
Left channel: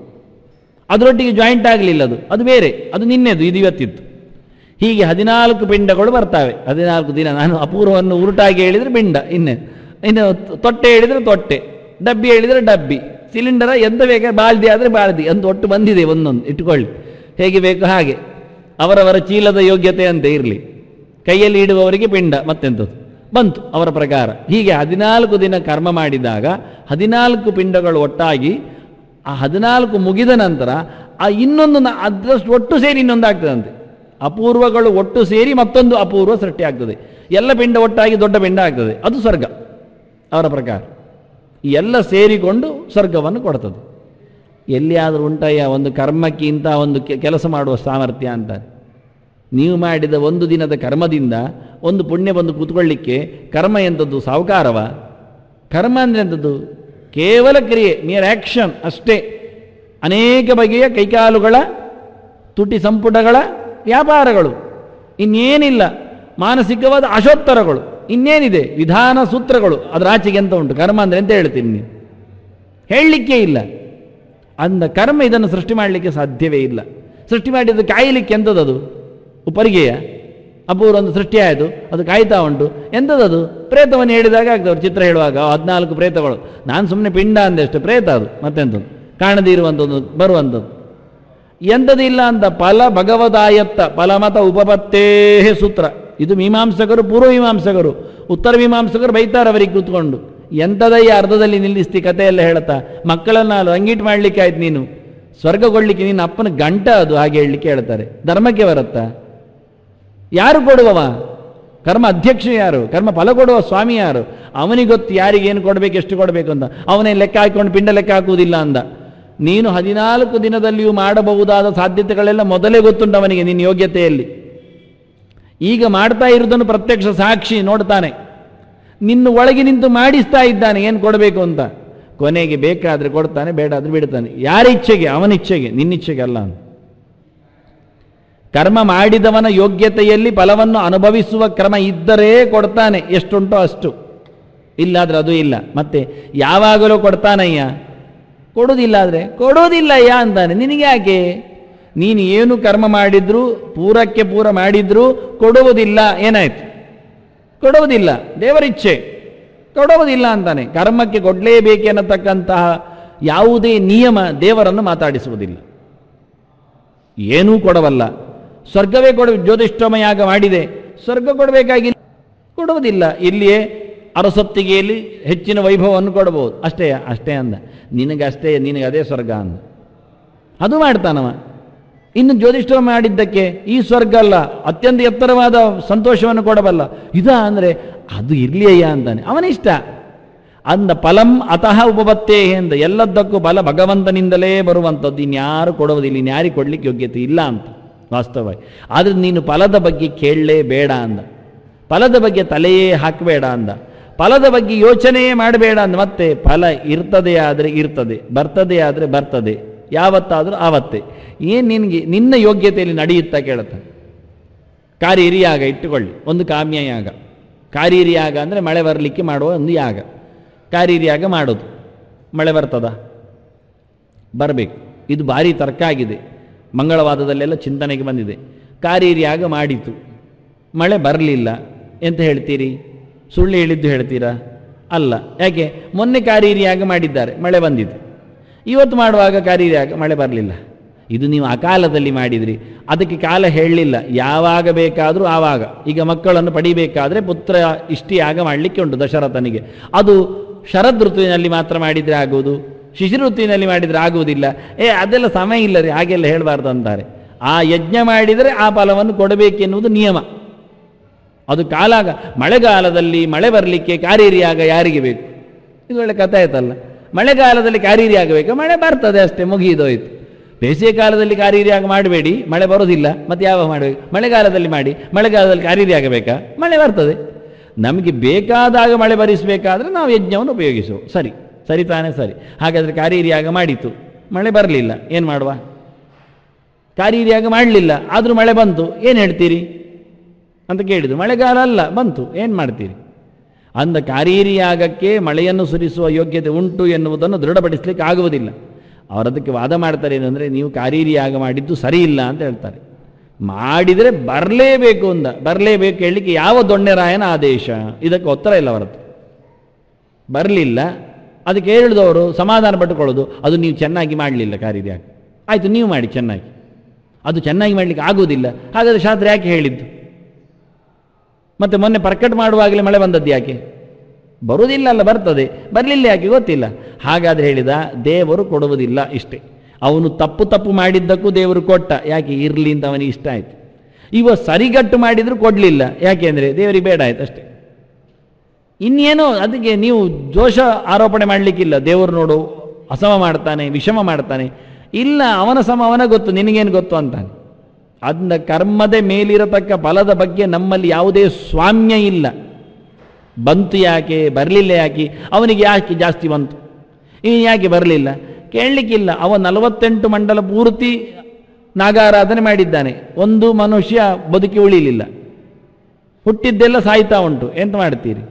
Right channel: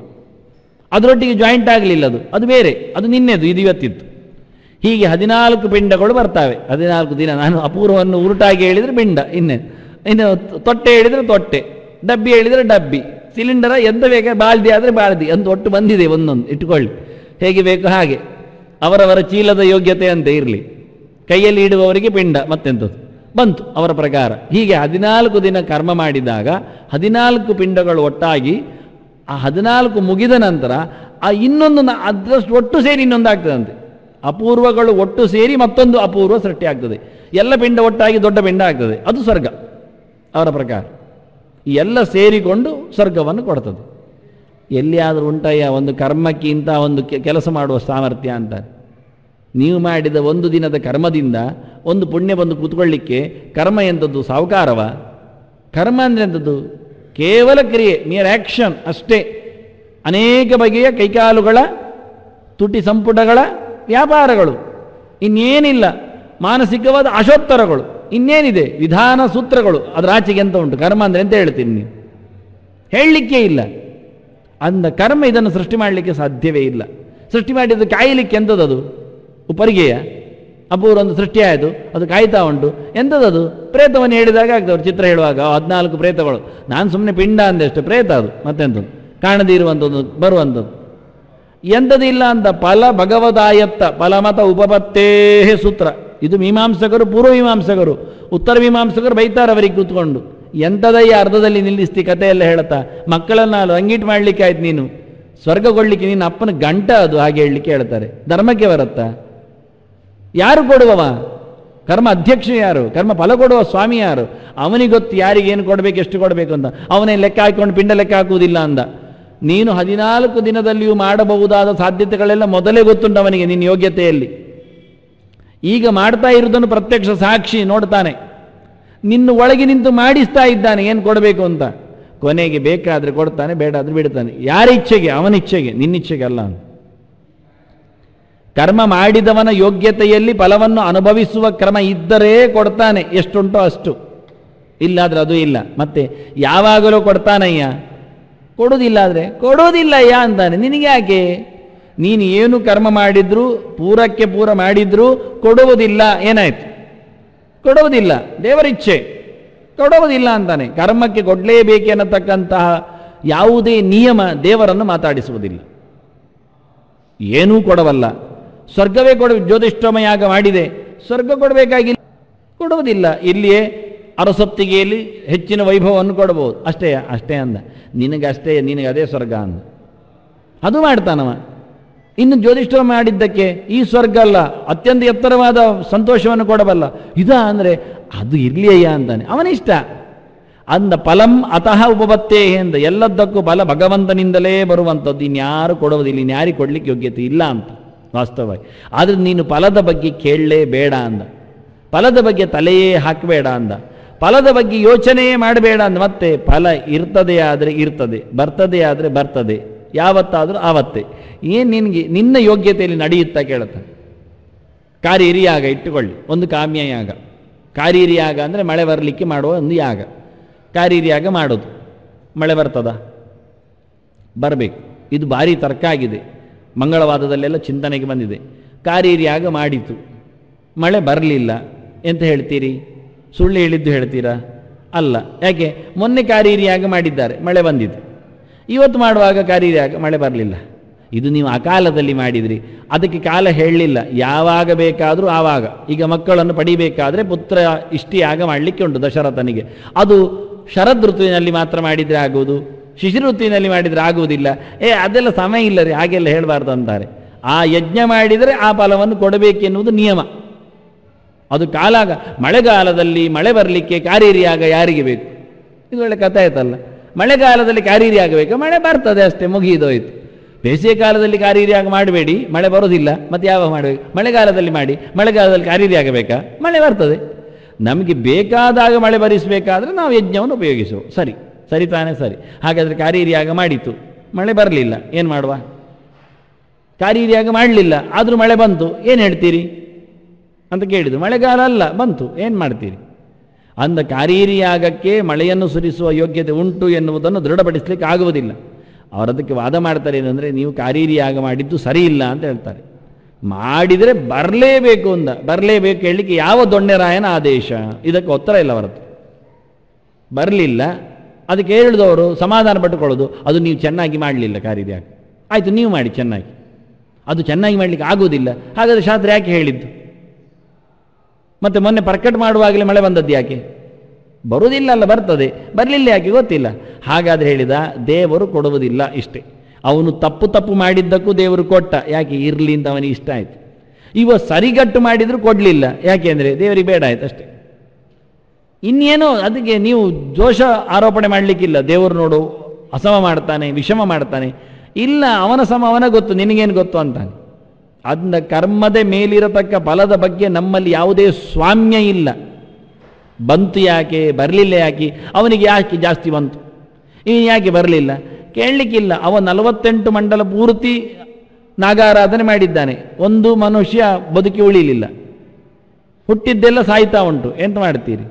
ಅದರೊಟ್ಟಿಗೆ ಜಾಯಿಂಟ್ ಆಗಲಿಲ್ಲ, ಅದು ಬೇರೆ, ಅದು ನಿನ್ನೆದು, ಇದು ಇವತ್ತಿತ್ತು. ಹೀಗೆ 14 ಪಿಂಡಗಳು ಬರ್ತವೆ 14 ದಿನ. ನಾನು ಅಪೂರ್ವವನ್ನು ಉರುಟಾಗಿ ಹೇಳಿದ್ರೆ ಪಿಂಡ, ಇನ್ನು ತೊಟ್ಟೆ ಹೇಳಿದ್ರೆ ತೊಟ್ಟೆ, ಡಬ್ಬಿ ಹೇಳಿದ್ರೆ ಡಬ್ಬಿ, ಸಿಲಿಂಡರ್ ಎಂತ ಬೇಕಾದ್ರೆ, ಬಾಲ್ದಿ ಆದರೆ ಬಾಲ್ದಿ ಅಂತ ಒಟ್ಟು ಬಂದಿದೆ. ಒಂದೊಂದು ಇಟ್ಕೊಳ್ಳಿ, ಹೇಗೆ ಬೇಕು ಹಾಗೆ, ಅವರವರ ಚೀಲದ ಯೋಗ್ಯತೆ ಅಂತ ಇರಲಿ. ಕೈಯಲ್ಲಿ ಇಡುವವರಿಗೆ ಪಿಂಡ, ಮತ್ತೆಂಥದ್ದು ಬಂತು ಅವರ ಪ್ರಕಾರ. ಹೀಗೆ 14 ದಿನ ಕರ್ಮ ಮಾಡಿದಾಗ 14 ಪಿಂಡಗಳು ಒಟ್ಟಾಗಿ ಆ 14 ಮುಗಿದ ನಂತರ ಆ ಇನ್ನೊಂದು ಅದರಷ್ಟು ಒಟ್ಟು ಸೇರಿ ಇನ್ನೊಂದು ಆಗ್ತದಂತೆ. ಅಪೂರ್ವಗಳು ಒಟ್ಟು ಸೇರಿ ಮತ್ತೊಂದು ಅಪೂರ್ವ ಸೃಷ್ಟಿ ಆಗ್ತದೆ. ಎಲ್ಲ ಪಿಂಡ ಒಟ್ಟಾಗಿ ದೊಡ್ಡ ಪಿಂಡ ಆಗ್ತದೆ. ಅದು ಸ್ವರ್ಗ ಅವರ ಪ್ರಕಾರ. ಎಲ್ಲ ಸೇರಿಕೊಂಡು ಸ್ವರ್ಗವನ್ನು ಕೊಡ್ತದೆ. ಎಲ್ಲಿಯಾದರೂ ಉಂಟಯ್ಯ ಒಂದು ಕರ್ಮಕ್ಕಿಂತ ಒಂದು ಕೆಲಸ ಮಾಡುವ ಸಾಮರ್ಥ್ಯ ಅಂತ? ನೀವು ಮಾಡಿದ ಒಂದು ದಿನದ ಕರ್ಮದಿಂದ ಒಂದು ಪುಣ್ಯ ಬಂದು ಕೂತ್ಕೊಳ್ಳಿಕ್ಕೆ ಕರ್ಮ ಎಂಥದ್ದು ಸಾಹುಕಾರವ? ಕರ್ಮ ಎಂಥದ್ದು ಕೇವಲ ಕ್ರಿಯೆ, ನಿಯರ್ ಆಕ್ಷನ್ ಅಷ್ಟೇ. ಅನೇಕ ಬಗೆಯ ಕೈಕಾಲುಗಳ ತುಟಿ ಸಂಪುಟಗಳ ವ್ಯಾಪಾರಗಳು, ಇನ್ನೇನಿಲ್ಲ. ಮಾನಸಿಕವಾದ ಅಶೋತ್ತರಗಳು, ಇನ್ನೇನಿದೆ? ವಿಧಾನ ಸೂತ್ರಗಳು. ಅದು ಆಚೆಗೆ ಅಂತ ಉಂಟು. ಕರ್ಮ ಅಂದ್ರೆ ಎಂತ ಹೇಳ್ತೀನಿ ನೀವು? ಹೇಳಲಿಕ್ಕೆ ಇಲ್ಲ. ಅಂದ ಕರ್ಮ ಇದನ್ನು ಸೃಷ್ಟಿ ಮಾಡಲಿಕ್ಕೆ ಸಾಧ್ಯವೇ ಇಲ್ಲ. ಸೃಷ್ಟಿ ಮಾಡಿದ್ದು ಕಾಯಲಿಕ್ಕೆ ಎಂಥದ್ದು? ಉಪರಿಗೆಯ ಅಪೂರ್ವ ಒಂದು ಸೃಷ್ಟಿ ಆಯಿತು, ಅದು ಕಾಯ್ತಾ ಉಂಟು. ಎಂಥದ್ದು? ಪ್ರೇತವನ್ನು ಹೇಳಿದಾಗ ಆಗ್ತದೆ. ಚಿತ್ರ ಹೇಳುವಾಗ 14 ಪ್ರೇತಗಳು. ನಾನು ಸುಮ್ಮನೆ ಪಿಂಡ ಅಂದೆಷ್ಟು, ಪ್ರೇತ ಅದು ಮತ್ತೆಂತ ಕಾಣದೇ ಇರುವಂಥದ್ದು ಬರುವಂಥದ್ದು ಎಂಥದಿಲ್ಲ ಅಂತ. ಫಲ ಭಗವದಾಯತ್ತ ಫಲಮತ ಉಪಪತ್ತೇ ಸೂತ್ರ. ಇದು ಮೀಮಾಂಸಕರು, ಪೂರ್ವ ಮೀಮಾಂಸಕರು. ಉತ್ತರ ಮೀಮಾಂಸಕರು ಬೈತಾರೆ ಅವರಿಗೆ ಕೂತ್ಕೊಂಡು. ಎಂಥದಯ್ಯ ಅರ್ಧದಲ್ಲಿ ನಿಲ್ಲಿಸ್ತಿ ಕಥೆ ಎಲ್ಲ ಹೇಳ್ತಾ? ಮಕ್ಕಳನ್ನ ರಂಗೀಟ್ ಮಾಡ್ಲಿಕ್ಕೆ ಆಯ್ತು ನೀನು, ಸ್ವರ್ಗಗೊಳ್ಳಿಕ್ಕೆ ನೀನು ಅಪ್ಪನ ಗಂಟ ಅದು ಹಾಗೆ ಹೇಳಲಿಕ್ಕೆ ಹೇಳ್ತಾರೆ. ಧರ್ಮಕ್ಕೆ ಬರುತ್ತಾ? ಯಾರು ಕೊಡುವವ? ಕರ್ಮ ಅಧ್ಯಕ್ಷ ಯಾರು? ಕರ್ಮ ಫಲ ಕೊಡುವ ಸ್ವಾಮಿ ಯಾರು? ಅವನಿಗೆ ಗೊತ್ತು ಯಾರಿಗೇನು ಕೊಡ್ಬೇಕು, ಎಷ್ಟು ಕೊಡಬೇಕು ಅಂತ. ಅವನೇ ಲೆಕ್ಕ ಹಾಕೊಂಡು ಪಿಂಡ ಲೆಕ್ಕ ಹಾಕುವುದಿಲ್ಲ ಅಂದ. ನೀನು 14 ದಿನದಲ್ಲಿಯೂ ಮಾಡಬಹುದಾದ ಸಾಧ್ಯತೆಗಳೆಲ್ಲ ಮೊದಲೇ ಗೊತ್ತುಂಟು ಅವನಿಗೆ, ನಿನ್ನ ಯೋಗ್ಯತೆಯಲ್ಲಿ. ಈಗ ಮಾಡ್ತಾ ಇರುವುದನ್ನು ಪ್ರತ್ಯಕ್ಷ ಸಾಕ್ಷಿ ನೋಡ್ತಾನೆ. ನಿನ್ನ ಒಳಗೆ ನಿಂತು ಮಾಡಿಸ್ತಾ ಇದ್ದಾನೆ ಏನು ಕೊಡಬೇಕು ಅಂತ. ಕೊನೆಗೆ ಬೇಕಾದ್ರೆ ಕೊಡ್ತಾನೆ, ಬೇಡ ಅದು ಬಿಡ್ತಾನೆ. ಯಾರ ಇಚ್ಛೆಗೆ? ಅವನ ಇಚ್ಛೆಗೆ, ನಿನ್ನ ಇಚ್ಛೆಗೆ ಅಲ್ಲ. ಕರ್ಮ ಮಾಡಿದವನ ಯೋಗ್ಯತೆಯಲ್ಲಿ ಫಲವನ್ನು ಅನುಭವಿಸುವ ಕ್ರಮ ಇದ್ದರೆ ಕೊಡ್ತಾನೆ, ಎಷ್ಟುಂಟೋ ಅಷ್ಟು. ಇಲ್ಲಾದ್ರೆ ಅದು ಇಲ್ಲ. ಮತ್ತೆ ಯಾವಾಗಲೂ ಕೊಡ್ತಾನಯ್ಯ, ಕೊಡೋದಿಲ್ಲ ಆದ್ರೆ ಕೊಡೋದಿಲ್ಲಯ್ಯ ಅಂತಾನೆ. ನಿನಗೆ ಯಾಕೆ? ನೀನು ಏನು ಕರ್ಮ ಮಾಡಿದ್ರು, ಪೂರಕ್ಕೆ ಪೂರ ಮಾಡಿದ್ರು ಕೊಡುವುದಿಲ್ಲ. ಏನಾಯ್ತು? ಕೊಡುವುದಿಲ್ಲ. ದೇವರಿಚ್ಛೆ, ಕೊಡುವುದಿಲ್ಲ ಅಂತಾನೆ. ಕರ್ಮಕ್ಕೆ ಕೊಡ್ಲೇಬೇಕೆನ್ನತಕ್ಕಂತಹ ಯಾವುದೇ ನಿಯಮ ದೇವರನ್ನು ಮಾತಾಡಿಸುವುದಿಲ್ಲ. ಏನೂ ಕೊಡವಲ್ಲ. ಸ್ವರ್ಗವೇ ಜ್ಯೋತಿಷ್ಠೋಮ ಯಾಗ ಮಾಡಿದೆ, ಸ್ವರ್ಗ ಕೊಡಬೇಕಾಗಿಲ್ಲ, ಕೊಡುವುದಿಲ್ಲ. ಇಲ್ಲಿಯೇ ಅರಸೊತ್ತಿಗೆಯಲ್ಲಿ ಹೆಚ್ಚಿನ ವೈಭವವನ್ನು ಕೊಡಬಹುದು ಅಷ್ಟೇ. ಅಷ್ಟೇ ಅಂದ. ನಿನಗಷ್ಟೇ, ನಿನಗೆ ಅದೇ ಸ್ವರ್ಗ ಅಂದ. ಅದು ಮಾಡ್ತಾನವ. ಇನ್ನು ಜ್ಯೋತಿಷ್ಠೋಮ ಮಾಡಿದ್ದಕ್ಕೆ ಈ ಸ್ವರ್ಗ ಅಲ್ಲ, ಅತ್ಯಂತ ಎತ್ತರವಾದ ಸಂತೋಷವನ್ನು ಕೊಡಬಲ್ಲ. ಇದ ಅಂದ್ರೆ ಅದು ಇಲ್ಲಿಯಯ್ಯ ಅಂತಾನೆ. ಅವನಿಷ್ಟ ಅಂದ. ಫಲಂ ಅತಃ ಉಪಪತ್ತೇ ಎಂದ. ಎಲ್ಲದಕ್ಕೂ ಬಲ ಭಗವಂತನಿಂದಲೇ ಬರುವಂಥದ್ದು. ಇನ್ಯಾರು ಕೊಡುವುದಿಲ್ಲ, ಇನ್ಯಾರಿಗೆ ಕೊಡ್ಲಿಕ್ಕೆ ಯೋಗ್ಯತೆ ಇಲ್ಲ ಅಂತ ವಾಸ್ತವವಾಗಿ. ಆದ್ರೆ ನೀನು ಫಲದ ಬಗ್ಗೆ ಕೇಳಲೇ ಬೇಡ ಅಂದ. ಫಲದ ಬಗ್ಗೆ ತಲೆಯೇ ಹಾಕಬೇಡ ಅಂದ. ಫಲದ ಬಗ್ಗೆ ಯೋಚನೆಯೇ ಮಾಡಬೇಡ ಅಂದ. ಮತ್ತೆ ಫಲ ಇರ್ತದೆ ಆದ್ರೆ ಇರ್ತದೆ, ಬರ್ತದೆ ಆದ್ರೆ ಬರ್ತದೆ, ಯಾವತ್ತಾದ್ರೂ ಆವತ್ತೇ. ಏನ್ ನಿನ್ಗೆ ನಿನ್ನ ಯೋಗ್ಯತೆಯಲ್ಲಿ ನಡೆಯುತ್ತಾ ಕೇಳುತ್ತೆ. ಕಾರೀರಿ ಯಾಗ ಇಟ್ಟುಕೊಳ್ಳಿ, ಒಂದು ಕಾಮ್ಯ ಯಾಗ. ಕಾರೀರಿ ಯಾಗ ಅಂದ್ರೆ ಮಳೆ ಬರಲಿಕ್ಕೆ ಮಾಡುವ ಒಂದು ಯಾಗ. ಕಾರೀರಿ ಯಾಗ ಮಾಡೋದು. ಮಳೆ ಬರ್ತದ? ಬರಬೇಕು. ಇದು ಭಾರಿ ತರ್ಕ ಆಗಿದೆ. ಮಂಗಳವಾರದಲ್ಲೆಲ್ಲ ಚಿಂತನೆಗೆ ಬಂದಿದೆ. ಕಾರೀರಿ ಯಾಗ ಮಾಡಿತು, ಮಳೆ ಬರಲಿಲ್ಲ ಎಂತ ಹೇಳ್ತೀರಿ? ಸುಳ್ಳು ಹೇಳಿದ್ದು ಹೇಳ್ತೀರಾ? ಅಲ್ಲ. ಯಾಕೆ? ಮೊನ್ನೆ ಕಾರೀರಿ ಯಾಗ ಮಾಡಿದ್ದಾರೆ, ಮಳೆ ಬಂದಿದೆ. ಇವತ್ತು ಮಾಡುವಾಗ ಕಾರೀರಿ ಯಾಗ ಮಳೆ ಬರಲಿಲ್ಲ. ಇದು ನೀವು ಅಕಾಲದಲ್ಲಿ ಮಾಡಿದ್ರಿ, ಅದಕ್ಕೆ ಕಾಲ ಹೇಳಲಿಲ್ಲ. ಯಾವಾಗ ಬೇಕಾದರೂ ಆವಾಗ. ಈಗ ಮಕ್ಕಳನ್ನು ಪಡಿಬೇಕಾದ್ರೆ ಪುತ್ರ ಇಷ್ಟಿಯಾಗ ಮಾಡಲಿಕ್ಕೆ ಉಂಟು ದಶರಥನಿಗೆ. ಅದು ಶರದ್ ಋತುವಿನಲ್ಲಿ ಮಾತ್ರ ಮಾಡಿದ್ರೆ ಆಗುವುದು, ಶಿಶಿರ ಋತುವಿನಲ್ಲಿ ಮಾಡಿದ್ರೆ ಆಗುವುದಿಲ್ಲ. ಅದೆಲ್ಲ ಸಮಯ ಇಲ್ಲದೆ ಹಾಗೆಲ್ಲ ಹೇಳಬಾರ್ದು ಅಂತಾರೆ. ಆ ಯಜ್ಞ ಮಾಡಿದರೆ ಆ ಫಲವನ್ನು ಕೊಡಬೇಕೆನ್ನುವುದು ನಿಯಮ. ಅದು ಕಾಲ. ಮಳೆಗಾಲದಲ್ಲಿ ಮಳೆ ಬರಲಿಕ್ಕೆ ಕಾರೀರಿ ಯಾಗ ಯಾರಿಗೆ ಬೇಕು? ಇದೊಳ್ಳೆ ಕಥೆ ಆಯ್ತಲ್ಲ. ಮಳೆಗಾಲದಲ್ಲಿ ಕಾರೀರಿ ಆಗಬೇಕು, ಮಳೆ ಬರ್ತದೆ ಅಷ್ಟೇ, ಮುಗಿದೋಯ್ತು. ಬೇಸಿಗೆ ಕಾಲದಲ್ಲಿ ಕಾರೀರಿ ಯಾಗ ಮಾಡಬೇಡಿ, ಮಳೆ ಬರೋದಿಲ್ಲ. ಮತ್ತೆ ಯಾವಾಗ ಮಾಡಬೇಕು? ಮಳೆಗಾಲದಲ್ಲಿ ಮಾಡಿ. ಮಳೆಗಾಲದಲ್ಲಿ ಕಾರೀರಿ ಆಗಬೇಕಾ? ಮಳೆ ಬರ್ತದೆ. ನಮಗೆ ಬೇಕಾದಾಗ ಮಳೆ ಬರಿಸಬೇಕಾದ್ರೆ ನಾವು ಯಜ್ಞವನ್ನು ಉಪಯೋಗಿಸುವ. ಸರಿ, ಸರಿ ತಾನೇ? ಸರಿ. ಹಾಗಾದ್ರೆ ಕಾರೀರಿ ಯಾಗ ಮಾಡಿತು, ಮಳೆ ಬರಲಿಲ್ಲ, ಏನ್ ಮಾಡುವ? ಕಾರೀರಿ ಯಾಗ ಮಾಡಲಿಲ್ಲ, ಆದ್ರೂ ಮಳೆ ಬಂತು, ಏನ್ ಹೇಳ್ತೀರಿ ಅಂತ ಕೇಳಿದ್ರು. ಮಳೆಗಾಲ ಅಲ್ಲ, ಬಂತು, ಏನ್ ಮಾಡ್ತೀರಿ ಅಂದ. ಕಾರೀರಿ ಯಾಗಕ್ಕೆ ಮಳೆಯನ್ನು ಸುರಿಸುವ ಯೋಗ್ಯತೆ ಉಂಟು ಎನ್ನುವುದನ್ನು ದೃಢಪಡಿಸ್ಲಿಕ್ಕೆ ಆಗುವುದಿಲ್ಲ. ಅವರದಕ್ಕೆ ವಾದ ಮಾಡ್ತಾರೆ. ಏನಂದ್ರೆ ನೀವು ಕಾರೀರಿ ಯಾಗ ಮಾಡಿದ್ದು ಸರಿ ಇಲ್ಲ ಅಂತ ಹೇಳ್ತಾರೆ. ಮಾಡಿದ್ರೆ ಬರಲೇಬೇಕು ಅಂತ. ಬರಲೇಬೇಕು ಹೇಳಲಿಕ್ಕೆ ಯಾವ ದೊಣ್ಣೆರಾಯನ ಆದೇಶ? ಇದಕ್ಕೆ ಉತ್ತರ ಇಲ್ಲ ಅವರದ್ದು. ಬರಲಿಲ್ಲ, ಅದಕ್ಕೆ ಹೇಳಿದವರು ಸಮಾಧಾನ ಪಟ್ಟುಕೊಳ್ಳೋದು, ಅದು ನೀವು ಚೆನ್ನಾಗಿ ಮಾಡಲಿಲ್ಲ ಕಾರೀರಿ ಯಾಗ. ಆಯ್ತು, ನೀವು ಮಾಡಿ ಚೆನ್ನಾಗಿ. ಅದು ಚೆನ್ನಾಗಿ ಮಾಡ್ಲಿಕ್ಕೆ ಆಗುವುದಿಲ್ಲ, ಹಾಗಾದ್ರೆ ಶಾಸ್ತ್ರ ಯಾಕೆ ಹೇಳಿದ್ದು? ಮತ್ತೆ ಮೊನ್ನೆ ಪ್ರಕಟ ಮಾಡುವಾಗಲೇ ಮಳೆ ಬಂದದ್ದು ಯಾಕೆ? ಬರುವುದಿಲ್ಲ ಅಲ್ಲ, ಬರ್ತದೆ, ಬರಲಿಲ್ಲ ಯಾಕೆ ಗೊತ್ತಿಲ್ಲ. ಹಾಗಾದ್ರೆ ಹೇಳಿದ ದೇವರು ಕೊಡುವುದಿಲ್ಲ ಇಷ್ಟೇ. ಅವನು ತಪ್ಪು ಮಾಡಿದ್ದಕ್ಕೂ ದೇವರು ಕೊಟ್ಟ, ಯಾಕೆ? ಇರ್ಲಿ ಅಂತ ಅವನಿಗೆ ಇಷ್ಟ ಆಯ್ತು. ಇವ ಸರಿಗಟ್ಟು ಮಾಡಿದ್ರು ಕೊಡ್ಲಿಲ್ಲ, ಯಾಕೆಂದ್ರೆ ದೇವರಿಗೆ ಬೇಡ ಆಯ್ತು ಅಷ್ಟೇ. ಇನ್ನೇನೋ ಅದಕ್ಕೆ ನೀವು ದೋಷ ಆರೋಪಣೆ ಮಾಡ್ಲಿಕ್ಕಿಲ್ಲ. ದೇವರು ನೋಡು ಅಸಮ ಮಾಡ್ತಾನೆ, ವಿಷಮ ಮಾಡ್ತಾನೆ, ಇಲ್ಲ ಅವನ ಸಮ ಅವನ ಗೊತ್ತು, ನಿನಗೇನು ಗೊತ್ತು ಅಂತ. ಅಂದ ಕರ್ಮದ ಮೇಲಿರತಕ್ಕ ಫಲದ ಬಗ್ಗೆ ನಮ್ಮಲ್ಲಿ ಯಾವುದೇ ಸ್ವಾಮ್ಯ ಇಲ್ಲ. ಬಂತು ಯಾಕೆ, ಬರಲಿಲ್ಲ ಯಾಕೆ, ಅವನಿಗೆ ಯಾಕೆ ಜಾಸ್ತಿ ಬಂತು, ಈ ಯಾಕೆ ಬರಲಿಲ್ಲ ಕೇಳಲಿಕ್ಕಿಲ್ಲ. ಅವ 48 ಮಂಡಲ ಪೂರ್ತಿ ನಾಗಾರಾಧನೆ ಮಾಡಿದ್ದಾನೆ, ಒಂದು ಮನುಷ್ಯ ಬದುಕಿ ಉಳಿಲಿಲ್ಲ, ಹುಟ್ಟಿದ್ದೆಲ್ಲ ಸಾಯ್ತಾ ಉಂಟು. ಎಂತ ಮಾಡ್ತೀರಿ?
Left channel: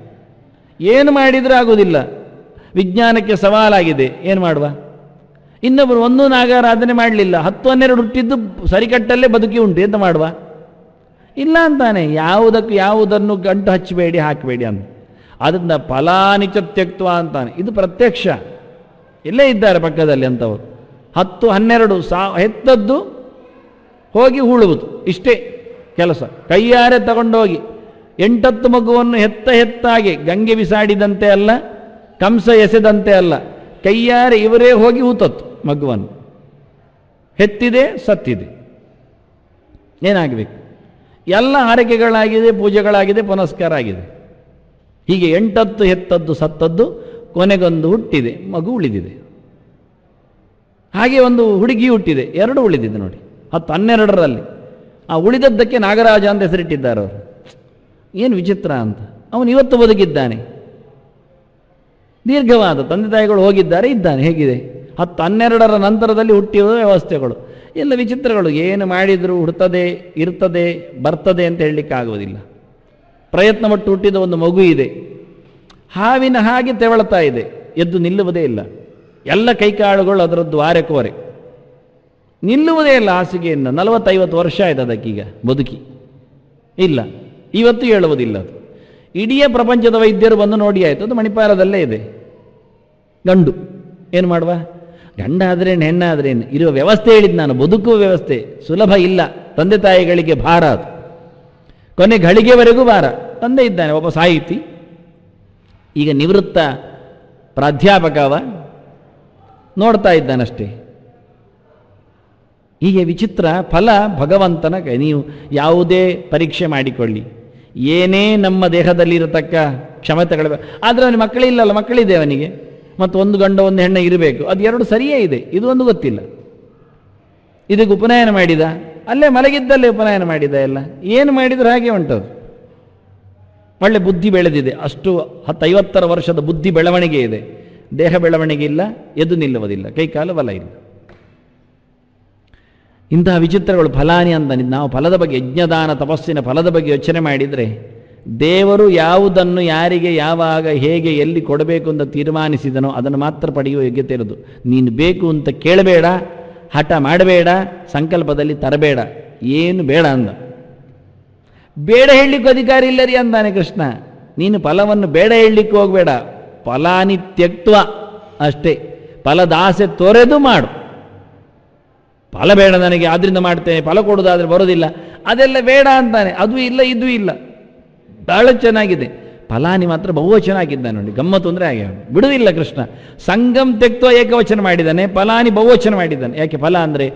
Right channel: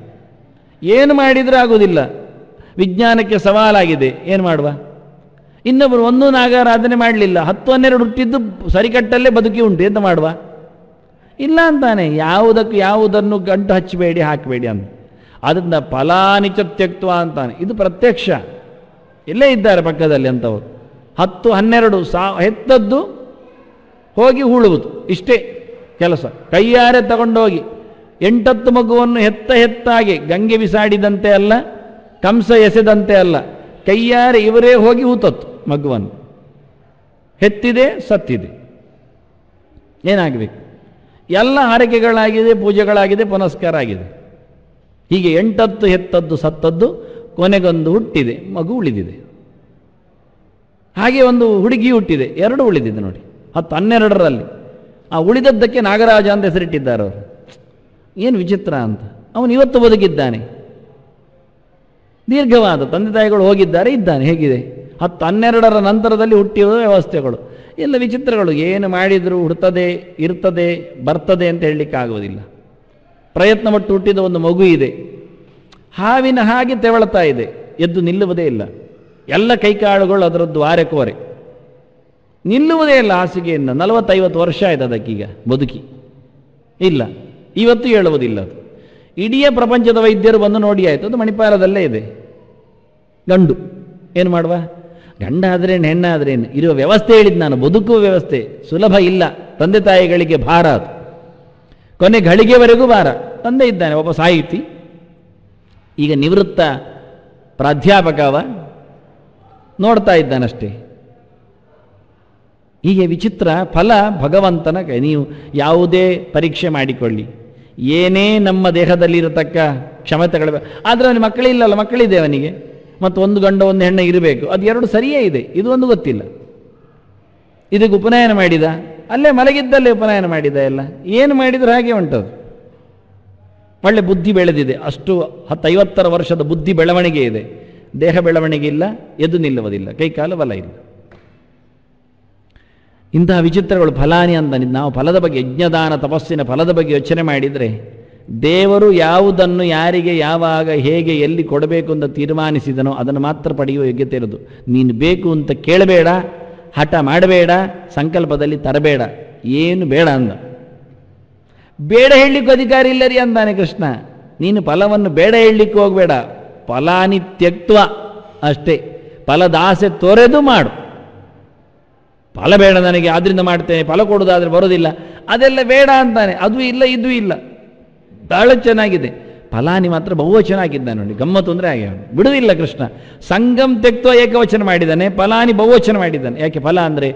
ಏನು ಮಾಡಿದ್ರೂ ಆಗುವುದಿಲ್ಲ, ವಿಜ್ಞಾನಕ್ಕೆ ಸವಾಲಾಗಿದೆ, ಏನು ಮಾಡುವ? ಇನ್ನೊಬ್ರು ಒಂದು ನಾಗಾರಾಧನೆ ಮಾಡಲಿಲ್ಲ, 10-12 ಹುಟ್ಟಿದ್ದು ಸರಿಕಟ್ಟಲ್ಲೇ ಬದುಕಿ ಉಂಟು, ಎಂತ ಮಾಡುವ? ಇಲ್ಲ ಅಂತಾನೆ. ಯಾವುದನ್ನು ಗಂಟು ಹಚ್ಚಬೇಡಿ, ಹಾಕಬೇಡಿ ಅಂತ. ಅದನ್ನ ಫಲಾನಿಚ ತ್ಯಕ್ತ್ವ ಅಂತ, ಇದು ಪ್ರತ್ಯಕ್ಷ. ಇಲ್ಲೇ ಇದ್ದಾರೆ ಪಕ್ಕದಲ್ಲಿ ಅಂತವರು. 10-12 ಹೆತ್ತದ್ದು ಹೋಗಿ ಹೂಳುವುದು, ಇಷ್ಟೇ ಕೆಲಸ. ಕೈಯಾರೆ ತಗೊಂಡೋಗಿ 8-10 ಮಗುವನ್ನು ಹೆತ್ತಾಗಿ ಗಂಗೆ ಬಿಸಾಡಿದಂತೆ ಅಲ್ಲ, ಕಂಸ ಎಸೆದಂತೆ ಅಲ್ಲ, ಕೈಯಾರೆ ಇವರೇ ಹೋಗಿ ಹೂತತ್ತು ಮಗುವನ್ನು. ಹೆತ್ತಿದೆ, ಸತ್ತಿದೆ, ಏನಾಗಬೇಕು? ಎಲ್ಲ ಆರೈಕೆಗಳಾಗಿದೆ, ಪೂಜೆಗಳಾಗಿದೆ, ಪುನಸ್ಕಾರ ಆಗಿದೆ. ಹೀಗೆ 8 ಹೆತ್ತದ್ದು ಸತ್ತದ್ದು, ಕೊನೆಗೊಂದು ಹುಟ್ಟಿದೆ, ಮಗು ಉಳಿದಿದೆ. ಹಾಗೆ ಒಂದು ಹುಡುಗಿ ಹುಟ್ಟಿದೆ, 2 ಉಳಿದಿದೆ ನೋಡಿ 10-12ರಲ್ಲಿ. ಆ ಉಳಿದದ್ದಕ್ಕೆ ನಾಗರಾಜ ಅಂತ ಹೆಸರಿಟ್ಟಿದ್ದಾರೆ ಅವರು. ಏನು ವಿಚಿತ್ರ ಅಂತ. ಅವನು ಇವತ್ತು ಬದುಕಿದ್ದಾನೆ, ದೀರ್ಘವಾದ ತಂದೆ ತಾಯಿಗಳು ಹೋಗಿದ್ದಾರೆ, ಇದ್ದಾನೆ. ಹೇಗಿದೆ? 10-12ರ ನಂತರದಲ್ಲಿ ಹುಟ್ಟಿರುವ ವ್ಯವಸ್ಥೆಗಳು ಎಲ್ಲ ವಿಚಿತ್ರಗಳು. ಏನು ಮಾಡಿದ್ರು ಹುಡ್ತದೆ, ಇರ್ತದೆ, ಬರ್ತದೆ ಅಂತ ಹೇಳಲಿಕ್ಕೆ ಆಗುವುದಿಲ್ಲ. ಪ್ರಯತ್ನ ಪಟ್ಟು ಹುಟ್ಟಿದ ಒಂದು ಮಗು ಇದೆ, ಹಾವಿನ ಹಾಗೆ ತೆವಳ್ತಾ ಇದೆ, ಎದ್ದು ನಿಲ್ಲುವುದೇ ಇಲ್ಲ. ಎಲ್ಲ ಕೈಕಾಳುಗಳು ಅದರದ್ದು ಆರೆಕೋರೆ, ನಿಲ್ಲುವುದೇ ಇಲ್ಲ ಹಾಸಿಗೆಯಿಂದ. 40-50 ವರ್ಷ ಆಯ್ತು ಅದಕ್ಕೀಗ ಬದುಕಿ ಇಲ್ಲ, ಇವತ್ತು ಹೇಳುವುದಿಲ್ಲ. ಇಡೀ ಪ್ರಪಂಚದ ವೈದ್ಯರು ಬಂದು ನೋಡಿ ಆಯ್ತು, ಅದು ಮಣಿಪಾಲದಲ್ಲೇ ಇದೆ. ಗಂಡು ಏನು ಮಾಡುವ? ಗಂಡಾದ್ರೇನು ಹೆಣ್ಣಾದ್ರೇನು ಇರೋ ವ್ಯವಸ್ಥೆ ಹೇಳಿದ್ ನಾನು. ಬದುಕುವ ವ್ಯವಸ್ಥೆ ಸುಲಭ ಇಲ್ಲ, ತಂದೆ ತಾಯಿಗಳಿಗೆ ಭಾರ, ಅದು ಕೊನೆ ಗಳಿಗೆವರೆಗೂ ಭಾರ. ತಂದೆ ಇದ್ದಾನೆ ಒಬ್ಬ ಸಾಹಿತಿ, ಈಗ ನಿವೃತ್ತ ಪ್ರಾಧ್ಯಾಪಕವ, ನೋಡ್ತಾ ಇದ್ದಾನಷ್ಟೇ. ಹೀಗೆ ವಿಚಿತ್ರ. ಫಲ ಭಗವಂತನ ಕೈ. ನೀವು ಯಾವುದೇ ಪರೀಕ್ಷೆ ಮಾಡಿಕೊಳ್ಳಿ, ಏನೇ ನಮ್ಮ ದೇಹದಲ್ಲಿ ಇರತಕ್ಕ ಕ್ಷಮತೆಗಳು, ಆದ್ರೆ ಮಕ್ಕಳಿಲ್ಲಲ್ಲ, ಮಕ್ಕಳಿದೆ ಅವನಿಗೆ, ಮತ್ತು ಒಂದು ಗಂಡ ಒಂದು ಹೆಣ್ಣೆ ಇರಬೇಕು, ಅದು 2 ಸರಿಯೇ ಇದೆ, ಇದು ಒಂದು ಗೊತ್ತಿಲ್ಲ. ಇದಕ್ಕೆ ಉಪನಯನ ಮಾಡಿದ, ಅಲ್ಲೇ ಮಲಗಿದ್ದಲ್ಲೇ ಉಪನಯನ ಮಾಡಿದ, ಎಲ್ಲ ಏನು ಮಾಡಿದ್ರು ಹಾಗೆ ಉಂಟು. ಒಳ್ಳೆ ಬುದ್ಧಿ ಬೆಳೆದಿದೆ, ಅಷ್ಟು 50 ವರ್ಷದ ಬುದ್ಧಿ ಬೆಳವಣಿಗೆ ಇದೆ. ದೇಹ ಬೆಳವಣಿಗೆ ಇಲ್ಲ, ಎದು ನಿಲ್ಲುವುದಿಲ್ಲ, ಕೈಕಾಲು ಬಲ ಇಲ್ಲ. ಇಂತಹ ವಿಚಿತ್ರಗಳು ಫಲಾನಿ ಅಂತ. ನಾವು ಫಲದ ಬಗ್ಗೆ, ಯಜ್ಞದಾನ ತಪಸ್ಸಿನ ಫಲದ ಬಗ್ಗೆ ಯೋಚನೆ ಮಾಡಿದರೆ, ದೇವರು ಯಾವುದನ್ನು ಯಾರಿಗೆ ಯಾವಾಗ ಹೇಗೆ ಎಲ್ಲಿ ಕೊಡಬೇಕು ಅಂತ ತೀರ್ಮಾನಿಸಿದನೋ ಅದನ್ನು ಮಾತ್ರ ಪಡೆಯುವ ಯೋಗ್ಯತೆ ಇರುವುದು. ನೀನು ಬೇಕು ಅಂತ ಕೇಳಬೇಡ, ಹಠ ಮಾಡಬೇಡ, ಸಂಕಲ್ಪದಲ್ಲಿ ತರಬೇಡ, ಏನು ಬೇಡ ಅಂದ. ಬೇಡ ಹೇಳಲಿಕ್ಕೆ ಅಧಿಕಾರ ಇಲ್ಲರಿ ಅಂತಾನೆ ಕೃಷ್ಣ. ನೀನು ಫಲವನ್ನು ಬೇಡ ಹೇಳಲಿಕ್ಕೆ ಹೋಗಬೇಡ, ಫಲಾನಿ ತ್ಯಕ್ತ್ವ ಅಷ್ಟೇ. ಫಲದ ಆಸೆ ತೊರೆದು ಮಾಡು. ಫಲ ಬೇಡ ನನಗೆ, ಆದ್ರಿಂದ ಮಾಡ್ತೇನೆ, ಫಲ ಕೊಡುವುದಾದ್ರೆ ಬರೋದಿಲ್ಲ, ಅದೆಲ್ಲ ಬೇಡ ಅಂತಾನೆ. ಅದು ಇಲ್ಲ, ಇದು ಇಲ್ಲ, ಬಹಳ ಚೆನ್ನಾಗಿದೆ. ಫಲಾನಿ ಮಾತ್ರ ಬಹುವಚನ ಆಗಿದ್ದಾನೆ ನೋಡಿ, ಗಮ್ಮತ್ತು ಅಂದ್ರೆ ಹಾಗೆ ಬಿಡುವುದಿಲ್ಲ ಕೃಷ್ಣ. ಸಂಗಮ್ ತೆಕ್ತೋ ಏಕವಚನ ಮಾಡಿದ್ದಾನೆ, ಫಲಾನಿ ಬಹುವಚನ ಮಾಡಿದ್ದಾನೆ. ಯಾಕೆ? ಫಲ ಅಂದ್ರೆ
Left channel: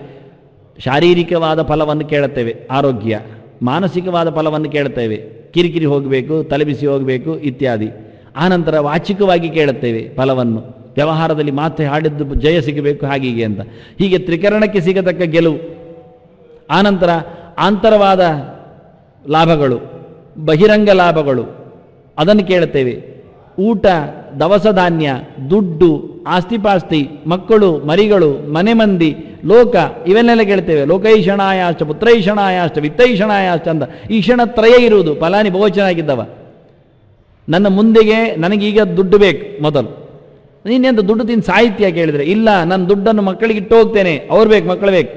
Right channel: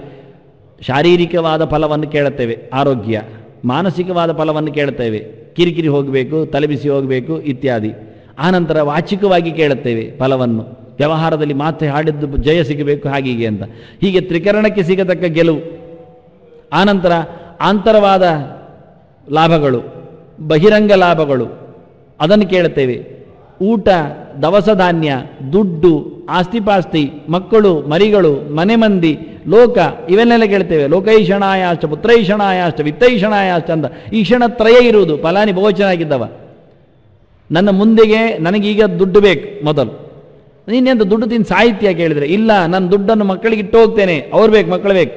ಶಾರೀರಿಕವಾದ ಫಲವನ್ನು ಕೇಳುತ್ತೇವೆ, ಆರೋಗ್ಯ. ಮಾನಸಿಕವಾದ ಫಲವನ್ನು ಕೇಳುತ್ತೇವೆ, ಕಿರಿಕಿರಿ ಹೋಗಬೇಕು, ತಲೆಬಿಸಿ ಹೋಗಬೇಕು ಇತ್ಯಾದಿ. ಆನಂತರ ವಾಚಿಕವಾಗಿ ಕೇಳುತ್ತೇವೆ ಫಲವನ್ನು, ವ್ಯವಹಾರದಲ್ಲಿ ಮಾತೆ ಹಾಡಿದ್ದು ಜಯ ಸಿಗಬೇಕು ಹಾಗೀಗೆ ಅಂತ. ಹೀಗೆ ತ್ರಿಕರಣಕ್ಕೆ ಸಿಗತಕ್ಕ ಗೆಲುವು. ಆನಂತರ ಆಂತರವಾದ ಲಾಭಗಳು, ಬಹಿರಂಗ ಲಾಭಗಳು, ಅದನ್ನು ಕೇಳುತ್ತೇವೆ. ಊಟ, ದವಸ ಧಾನ್ಯ, ದುಡ್ಡು, ಆಸ್ತಿಪಾಸ್ತಿ, ಮಕ್ಕಳು, ಮರಿಗಳು, ಮನೆ ಮಂದಿ, ಲೋಕ, ಇವನ್ನೆಲ್ಲ ಕೇಳ್ತೇವೆ. ಲೋಕೈಷಣಾಯಾಶ್ಚ ಪುತ್ರೈಷಣಾಯಾಶ್ಚ ವಿತ್ತೈಷಣಾಯಾಶ್ಚ ಅಂತ ಈಷಣತ್ರಯ ಇರುವುದು. ಫಲಾನಿ ಬಹುವಚನಾಗಿದ್ದವ. ನನ್ನ ಮುಂದೆಗೆ ನನಗೀಗ ದುಡ್ಡು ಬೇಕು ಮೊದಲು. ನೀನೆಂದು ದುಡ್ಡು ತಿಂದು ಸಾಹಿತ್ಯ ಕೇಳಿದ್ರೆ, ಇಲ್ಲ ನಾನು ದುಡ್ಡನ್ನು ಮಕ್ಕಳಿಗೆ ಇಟ್ಟು ಹೋಗ್ತೇನೆ, ಅವ್ರು ಬೇಕು, ಮಕ್ಕಳು ಬೇಕು.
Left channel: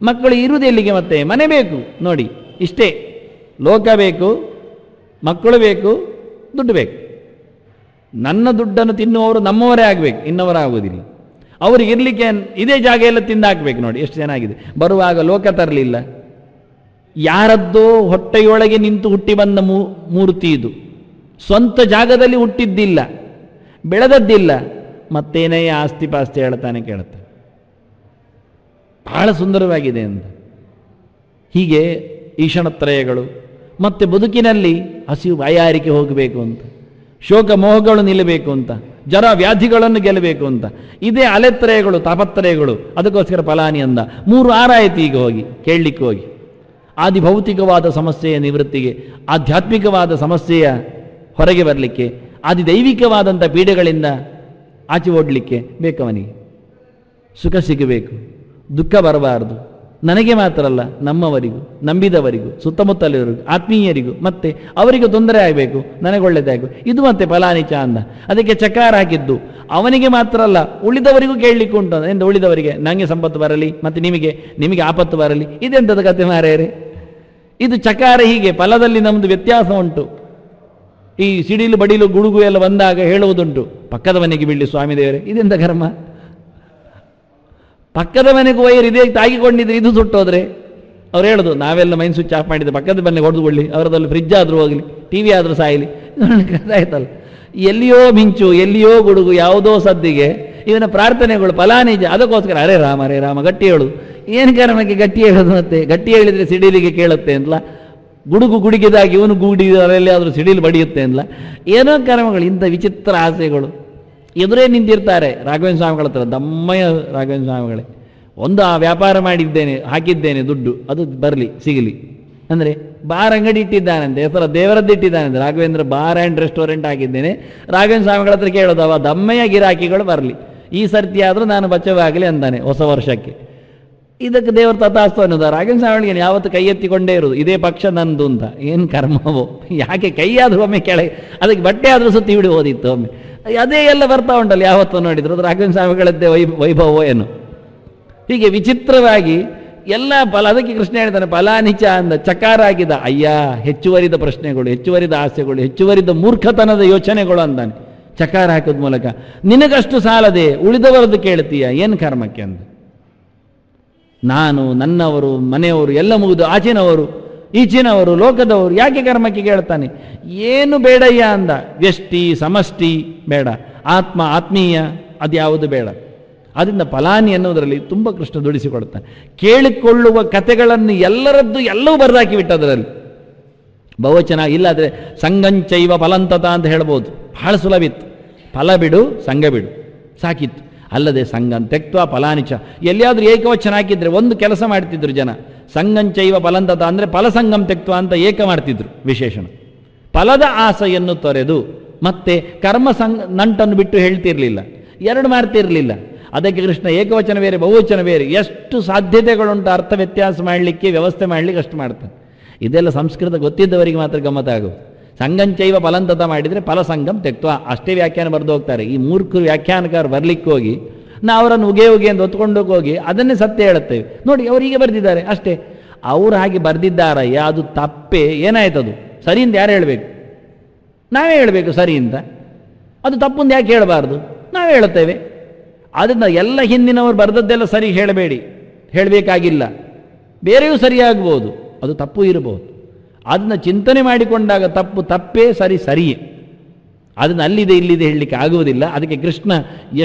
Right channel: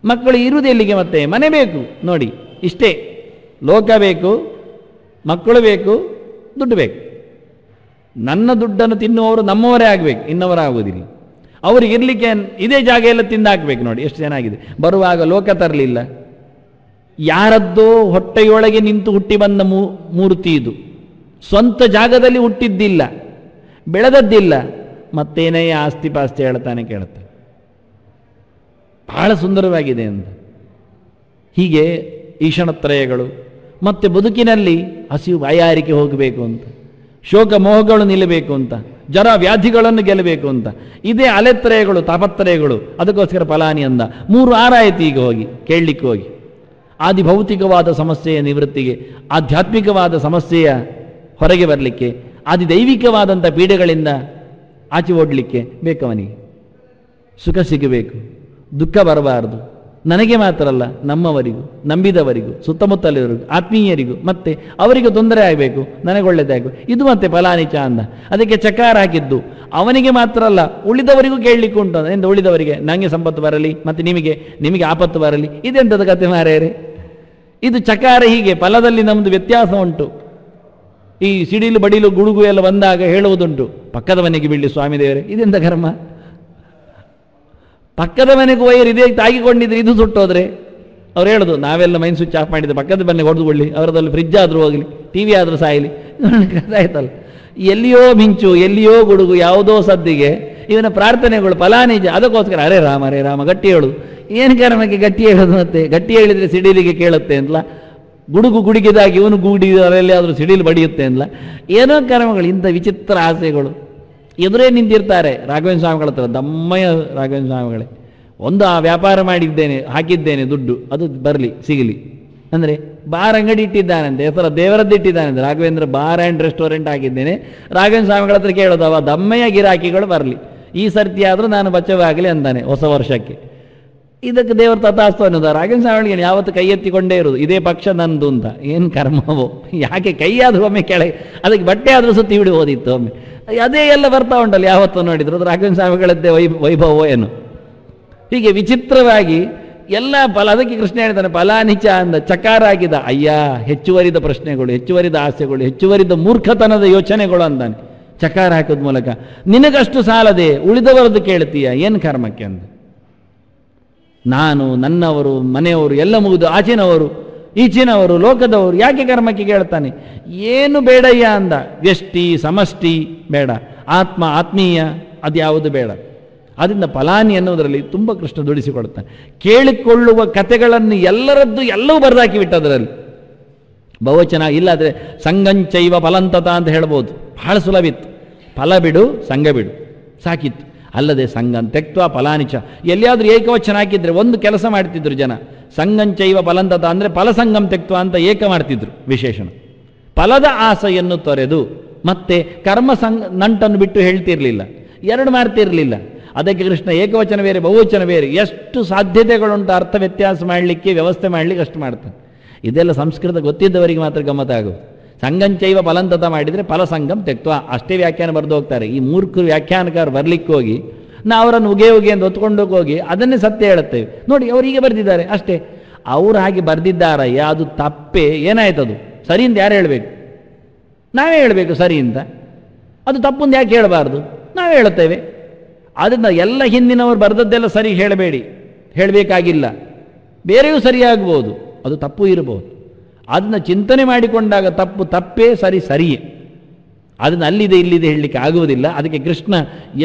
ಮಕ್ಕಳು ಇರುವುದು ಎಲ್ಲಿಗೆ ಮತ್ತೆ? ಮನೆ ಬೇಕು ನೋಡಿ, ಇಷ್ಟೇ. ಲೋಕ ಬೇಕು, ಮಕ್ಕಳು ಬೇಕು, ದುಡ್ಡು ಬೇಕು. ನನ್ನ ದುಡ್ಡನ್ನು ತಿನ್ನುವವರು ನಮ್ಮವರೇ ಆಗ್ಬೇಕು, ಇನ್ನವರಾಗುವುದಿಲ್ಲ. ಅವ್ರಿಗೆ ಇರ್ಲಿಕ್ಕೆ ಇದೇ ಜಾಗ ಎಲ್ಲ ತಿಂದಾಕ್ಬೇಕು ನೋಡಿ, ಎಷ್ಟು ಚೆನ್ನಾಗಿದೆ. ಬರುವಾಗ ಲೋಕ ತರಲಿಲ್ಲ, ಯಾರದ್ದೋ ಹೊಟ್ಟೆಯೊಳಗೆ ನಿಂತು ಹುಟ್ಟಿ ಬಂದ ಮೂರ್ತಿ ಇದು. ಸ್ವಂತ ಜಾಗದಲ್ಲಿ ಹುಟ್ಟಿದ್ದಿಲ್ಲ, ಬೆಳೆದದ್ದಿಲ್ಲ, ಮತ್ತೇನೇ ಆಸ್ತಿ ಪಾಸ್ತಿ ಹೇಳ್ತಾನೆ ಕೇಳುತ್ತೆ. ಬಹಳ ಸುಂದರವಾಗಿದೆ ಅಂತ. ಹೀಗೆ ಈಶಣತ್ರಯಗಳು. ಮತ್ತೆ ಬದುಕಿನಲ್ಲಿ ಹಸಿವು ಬಾಯಾರಿಕೆ ಹೋಗಬೇಕು ಅಂತ, ಶೋಕ ಮೋಹಗಳು ನಿಲ್ಲಬೇಕು ಅಂತ, ಜರ ವ್ಯಾಧಿಗಳನ್ನು ಗೆಲ್ಲಬೇಕು ಅಂತ, ಇದೇ ಅಲೆತ್ರಯಗಳು, ತಾಪತ್ರಯಗಳು. ಅದಕ್ಕೋಸ್ಕರ ಫಲಾನಿ ಅಂದ. 3 ಆರಾಯಿತು ಈಗ ಹೋಗಿ ಕೇಳಲಿಕ್ಕೆ ಹೋಗಿ. ಆದಿ ಭೌತಿಕವಾದ ಸಮಸ್ಯೆಯ ನಿವೃತ್ತಿಗೆ, ಆಧ್ಯಾತ್ಮಿಕವಾದ ಸಮಸ್ಯೆಯ ಹೊರಗೆ ಬರಲಿಕ್ಕೆ, ಆದಿ ದೈವಿಕವಾದಂಥ ಪೀಡೆಗಳಿಂದ ಆಚೆ ಓಡಲಿಕ್ಕೆ ಬೇಕವನಿಗೆ. ಸುಖ ಸಿಗಬೇಕು, ದುಃಖ ಬರಬಾರದು. ನನಗೆ ಮಾತ್ರ ಅಲ್ಲ, ನಮ್ಮವರಿಗೂ, ನಂಬಿದವರಿಗೂ, ಸುತ್ತಮುತ್ತಲಿರೋರಿಗೂ, ಆತ್ಮೀಯರಿಗೂ, ಮತ್ತೆ ಅವರಿಗೂ ತೊಂದರೆ ಆಗಬೇಕು, ನನಗೆ ಒಳ್ಳೆಯದಾಗಬೇಕು. ಇದು ಮತ್ತೆ ಫಲಾನಿಚ ಅಂದ. ಅದಕ್ಕೆ ಚಕಾರ ಆಗಿದ್ದು ಅವನಿಗೆ ಮಾತ್ರ ಅಲ್ಲ, ಉಳಿದವರಿಗೂ ಕೇಳಲಿಕ್ಕೆ ಉಂಟು. ಅದರಿಂದ ಉಳಿದವರಿಗೆ ನನಗೆ ಸಂಪತ್ತು ಬರಲಿ, ಮತ್ತೆ ನಿಮಗೆ ಆಪತ್ತು ಬರಲಿ. ಇದೆಂಥದ ಕತೆ ಮಾರ್ಯಾರೆ? ಇದು ಚಕಾರ. ಹೀಗೆ ಫಲದಲ್ಲಿ ನಮ್ದು ವ್ಯತ್ಯಾಸ ಉಂಟು. ಈ ಸಿಡಿಲು ಬಡಿಲು ಗುಡುಗು ಎಲ್ಲ ಬಂದಾಗ ಹೇಳುವುದುಂಟು, ಪಕ್ಕದ ಮನೆಗೆ ಬೀಳಿ ಸ್ವಾಮಿ ದೇವರು, ಇದೆಂತ ಕರ್ಮ. ಪಕ್ಕದ ಮನೆಗೆ ಹೋಯರು ಇದೇ ತಾಗಿಕೊಂಡಿದ್ರೆ ಇದು ಸುಟ್ಟೋದ್ರೆ ಅವ್ರು ಹೇಳುದು, ನಾವೆಲ್ಲ ಮೈನ್ ಸ್ವಿಚ್ ಆಫ್ ಮಾಡಿದ್ರೆ ಪಕ್ಕದ ಮನೆಗೆ ಹೊಡೆದುಕೊಳ್ಳಿ, ಅವರದಲ್ಲಿ ಫ್ರಿಜ್ ಆದ್ರೂ ಹೋಗ್ಲಿ, ಟಿವಿ ಆದ್ರೂ ಸಾಯಿಲಿ. ಆಯ್ತಲ್ಲ, ಎಲ್ಲಿಯೋ ಮಿಂಚು, ಎಲ್ಲಿಯೋ ಗುಡುಗು, ಯಾವುದೋ ಸದ್ದಿಗೆ ಇವನ ಪ್ರಾರ್ಥನೆಗಳು ಫಲಾನಿಜ. ಅದಕ್ಕೋಸ್ಕರ ಹರೇ ರಾಮ ಗಟ್ಟಿ ಹೇಳುದು. ಏನು ಕರ್ಮಕ್ಕೆ ಗಟ್ಟಿ ಹೇಳೋದು? ಮತ್ತೆ ಗಟ್ಟಿ ಹೇಳಿದ್ರೆ ಸಿಡಿಲಿಗೆ ಕೇಳುತ್ತೆ ಅಲ್ಲ, ಗುಡುಗು ಗುಡುಗಿದಾಗಿ ಇವನು ಗುಡಿದಲ್ಲಿ ಅದು ಸಿಡಿಲು ಬಡಿಯುತ್ತೆ ಅಲ್ಲ. ಏನೋ ಕರ್ಮಗಳು, ಇಂಥ ವಿಚಿತ್ರ ಆಸೆಗಳು ಎದುರೇ ನಿಂತಿರ್ತಾರೆ. ರಾಘವೇಂದ್ರ ಸ್ವಾಮಿಗಳ ಹತ್ರ ದಮ್ಮಯ್ಯ ರಾಘವೇಂದ್ರ ಸ್ವಾಮಿಗಳೇ, ಒಂದು ಆ ವ್ಯಾಪಾರ ಮಾಡಿದ್ದೇನೆ, ಹಾಕಿದ್ದೇನೆ ದುಡ್ಡು, ಅದು ಬರಲಿ ಸಿಗಲಿ ಅಂದ್ರೆ ಬಾರ್ ಅಂಗಡಿ ಇಟ್ಟಿದ್ದಾನಂತೆ, ಅಥವಾ ದೇವರದ್ದು ಇಟ್ಟಿದ್ದಾನಂತೆ. ರಾಘವೇಂದ್ರ ಬಾರ್ ಆ್ಯಂಡ್ ರೆಸ್ಟೋರೆಂಟ್ ಹಾಕಿದ್ದೇನೆ, ರಾಘವೇಂದ್ರ ಸ್ವಾಮಿಗಳ ಹತ್ರ ಕೇಳೋದು, ಅವ ದಮ್ಮಯ್ಯ ಗಿರಾಕಿಗಳು ಬರಲಿ, ಈ ಸರ್ತಿ ಆದ್ರೂ ನಾನು ಬಚಾವಾಗಲಿ ಅಂತಾನೆ ಹೊಸ ವರ್ಷಕ್ಕೆ. ಇದಕ್ಕೆ ದೇವರು ತಥಾಸ್ತು ಅನ್ನೋದ. ರಾಘವೇಂದ್ರ ಸ್ವಾಮಿಗೆ ಯಾವತ್ತು ಕೈ ಎತ್ತಿಕೊಂಡೇ ಇರುವುದು, ಇದೇ ಪಕ್ಷ ನಂದು ಅಂತ. ಏನ್ ಕರ್ಮವೋ, ಯಾಕೆ ಕೈಯಾದ್ರೂ ಒಮ್ಮೆ ಕೆಳಗೆ, ಅದಕ್ಕೆ ಬಟ್ಟೆ ಆದ್ರೂ ಸುತ್ತಿ ಹಿಡಿ ಹೋದಿತ್ತು ಒಮ್ಮೆ. ಅದೇ ಎಲ್ಲ ಬರ್ತಾ ಉಂಟಲ್ಲ ಯಾವತ್ತೂ ನೋಡಿದ್ರು, ರಾಘವೇಂದ್ರ ಸ್ವಾಮಿಗಳದ್ದೇ ವೈಭವೋ ಏನು. ಹೀಗೆ ವಿಚಿತ್ರವಾಗಿ ಎಲ್ಲ ಫಲ. ಅದಕ್ಕೆ ಕೃಷ್ಣ ಹೇಳ್ತಾರೆ ಫಲಾನಿಚ ಅಂದ. ಚಕಾರ ಆಗಿದ, ಅಯ್ಯ ಹೆಚ್ಚುವರಿದ ಪ್ರಶ್ನೆಗಳು, ಹೆಚ್ಚುವರಿದ ಆಸೆಗಳು, ಹೆಚ್ಚುವರಿದ ಮೂರ್ಖತನದ ಯೋಚನೆಗಳು ಅಂದಾನೆ ಚಕಾರ ಹಾಕೋದ್ ಮೂಲಕ. ನಿನಗಷ್ಟು ಸಾಲದೆ ಉಳಿದವರದ್ದು ಕೇಳ್ತೀಯ, ಏನ್ ಕರ್ಮಕ್ಕೆ ಅಂದ. ನಾನು, ನನ್ನವರು, ಮನೆಯವರು ಎಲ್ಲ ಮುಗಿದು ಆಚಿನವರು, ಈಚಿನವರು, ಲೋಕದವರು, ಯಾಕೆ ಕರ್ಮಕ್ಕೆ ಕೇಳ್ತಾನೆ? ಏನು ಬೇಡಯ್ಯ ಅಂದ. ವ್ಯಷ್ಟಿ ಸಮಷ್ಟಿ ಬೇಡ, ಆತ್ಮ ಆತ್ಮೀಯ ಅದ್ಯಾವುದು ಬೇಡ. ಅದರಿಂದ ಫಲಾನಿ ಅನ್ನೋದ್ರಲ್ಲಿ ತುಂಬಾ ಕೃಷ್ಣ ದುಡಿಸಿಕೊಳ್ತಾನೆ. ಕೇಳಿಕೊಳ್ಳುವ ಕಥೆಗಳನ್ನು ಎಲ್ಲರದ್ದು ಎಲ್ಲವೂ ಬರ್ದಾಕಿ ಬಿಟ್ಟದ್ರಲ್ಲಿ ಬಹುವಚನ. ಇಲ್ಲಾದ್ರೆ ಸಂಗಂಚೈವ ಫಲಂತದ ಅಂತ ಹೇಳ್ಬೋದು, ಬಹಳ ಸುಲಭಿತ್ತು. ಫಲ ಬಿಡು, ಸಂಘ ಬಿಡು, ಸಾಕಿತ್ತು. ಅಲ್ಲದೆ ಸಂಘಂ ತೆಕ್ತ್ವ ಫಲಾನಿಚ, ಎಲ್ಲಿಯಾದ್ರೂ ಏಕವಚನ ಹಾಕಿದ್ರೆ ಒಂದು ಕೆಲಸ ಮಾಡ್ತಿದ್ರು ಜನ. ಸಂಗಂಚೈವ ಫಲಂತದ ಅಂದ್ರೆ ಫಲಸಂಗಂ ತೆಕ್ತ್ವ ಅಂತ ಏಕ ಮಾಡ್ತಿದ್ರು ವಿಶೇಷಣ. ಫಲದ ಆಸೆಯನ್ನು ತೊರೆದು ಮತ್ತೆ ಕರ್ಮ ನಂಟನ್ನು ಬಿಟ್ಟು ಹೇಳ್ತಿರ್ಲಿಲ್ಲ, ಎರಡು ಮಾಡ್ತಿರ್ಲಿಲ್ಲ. ಅದಕ್ಕೆ ಕೃಷ್ಣ ಏಕವಚನ ಬೇರೆ ಬಹುವಚನ ಬೇರೆ, ಎಷ್ಟು ಸಾಧ್ಯತೆಗಳುಂಟು ಅರ್ಥ ವ್ಯತ್ಯಾಸ ಮಾಡಲಿಕ್ಕೆ, ವ್ಯವಸ್ಥೆ ಮಾಡ್ಲಿಕ್ಕೆ ಅಷ್ಟು ಮಾಡ್ತಾನೆ. ಇದೆಲ್ಲ ಸಂಸ್ಕೃತ ಗೊತ್ತಿದ್ದವರಿಗೆ ಮಾತ್ರ ಗಮತಾಗೋದು. ಸಂಗಂಚೈವ ಫಲಂತದ ಮಾಡಿದ್ರೆ ಫಲಸಂಗಂ ತೆಕ್ತ್ವ, ಅಷ್ಟೇ ವ್ಯಾಖ್ಯಾನ ಬರೆದು ಹೋಗ್ತಾರೆ. ಈ ಮೂರ್ಖರು ವ್ಯಾಖ್ಯಾನಕಾರ ಬರ್ಲಿಕ್ಕೆ ಹೋಗಿ ನಾವು ಅವರನ್ನು ಉಗೆ ಅಂತ ಹೊತ್ಕೊಂಡು ಹೋಗಿ ಅದನ್ನೇ ಸತ್ಯ ಹೇಳುತ್ತೇವೆ. ನೋಡಿ ಅವ್ರು ಹೀಗೆ ಬರ್ದಿದ್ದಾರೆ ಅಷ್ಟೇ. ಅವ್ರು ಹಾಗೆ ಬರ್ದಿದ್ದಾರಯ್ಯ, ಅದು ತಪ್ಪೇ. ಏನಾಯ್ತದು? ಸರಿಯಿಂದ ಯಾರು ಹೇಳ್ಬೇಕು? ನಾವೇ ಹೇಳ್ಬೇಕು ಸರಿಯಿಂದ. ಅದು ತಪ್ಪು ಅಂತ ಯಾಕೆ ಹೇಳಬಾರ್ದು? ನಾವೇ ಹೇಳುತ್ತೇವೆ. ಆದ್ರಿಂದ ಎಲ್ಲ ಹಿಂದಿನವರು ಬರೆದದ್ದೆಲ್ಲ ಸರಿ ಹೇಳಬೇಡಿ, ಹೇಳಬೇಕಾಗಿಲ್ಲ. ಬೇರೆಯೂ ಸರಿಯಾಗ್ಬೋದು, ಅದು ತಪ್ಪು ಇರಬಹುದು. ಅದನ್ನ ಚಿಂತನೆ ಮಾಡಿಕೊಂಡಾಗ ತಪ್ಪು ತಪ್ಪೇ, ಸರಿ ಸರಿಯೇ. ಅದನ್ನ ಅಲ್ಲಿದೆ ಇಲ್ಲಿದೆ ಹೇಳಲಿಕ್ಕೆ ಆಗುವುದಿಲ್ಲ. ಅದಕ್ಕೆ ಕೃಷ್ಣ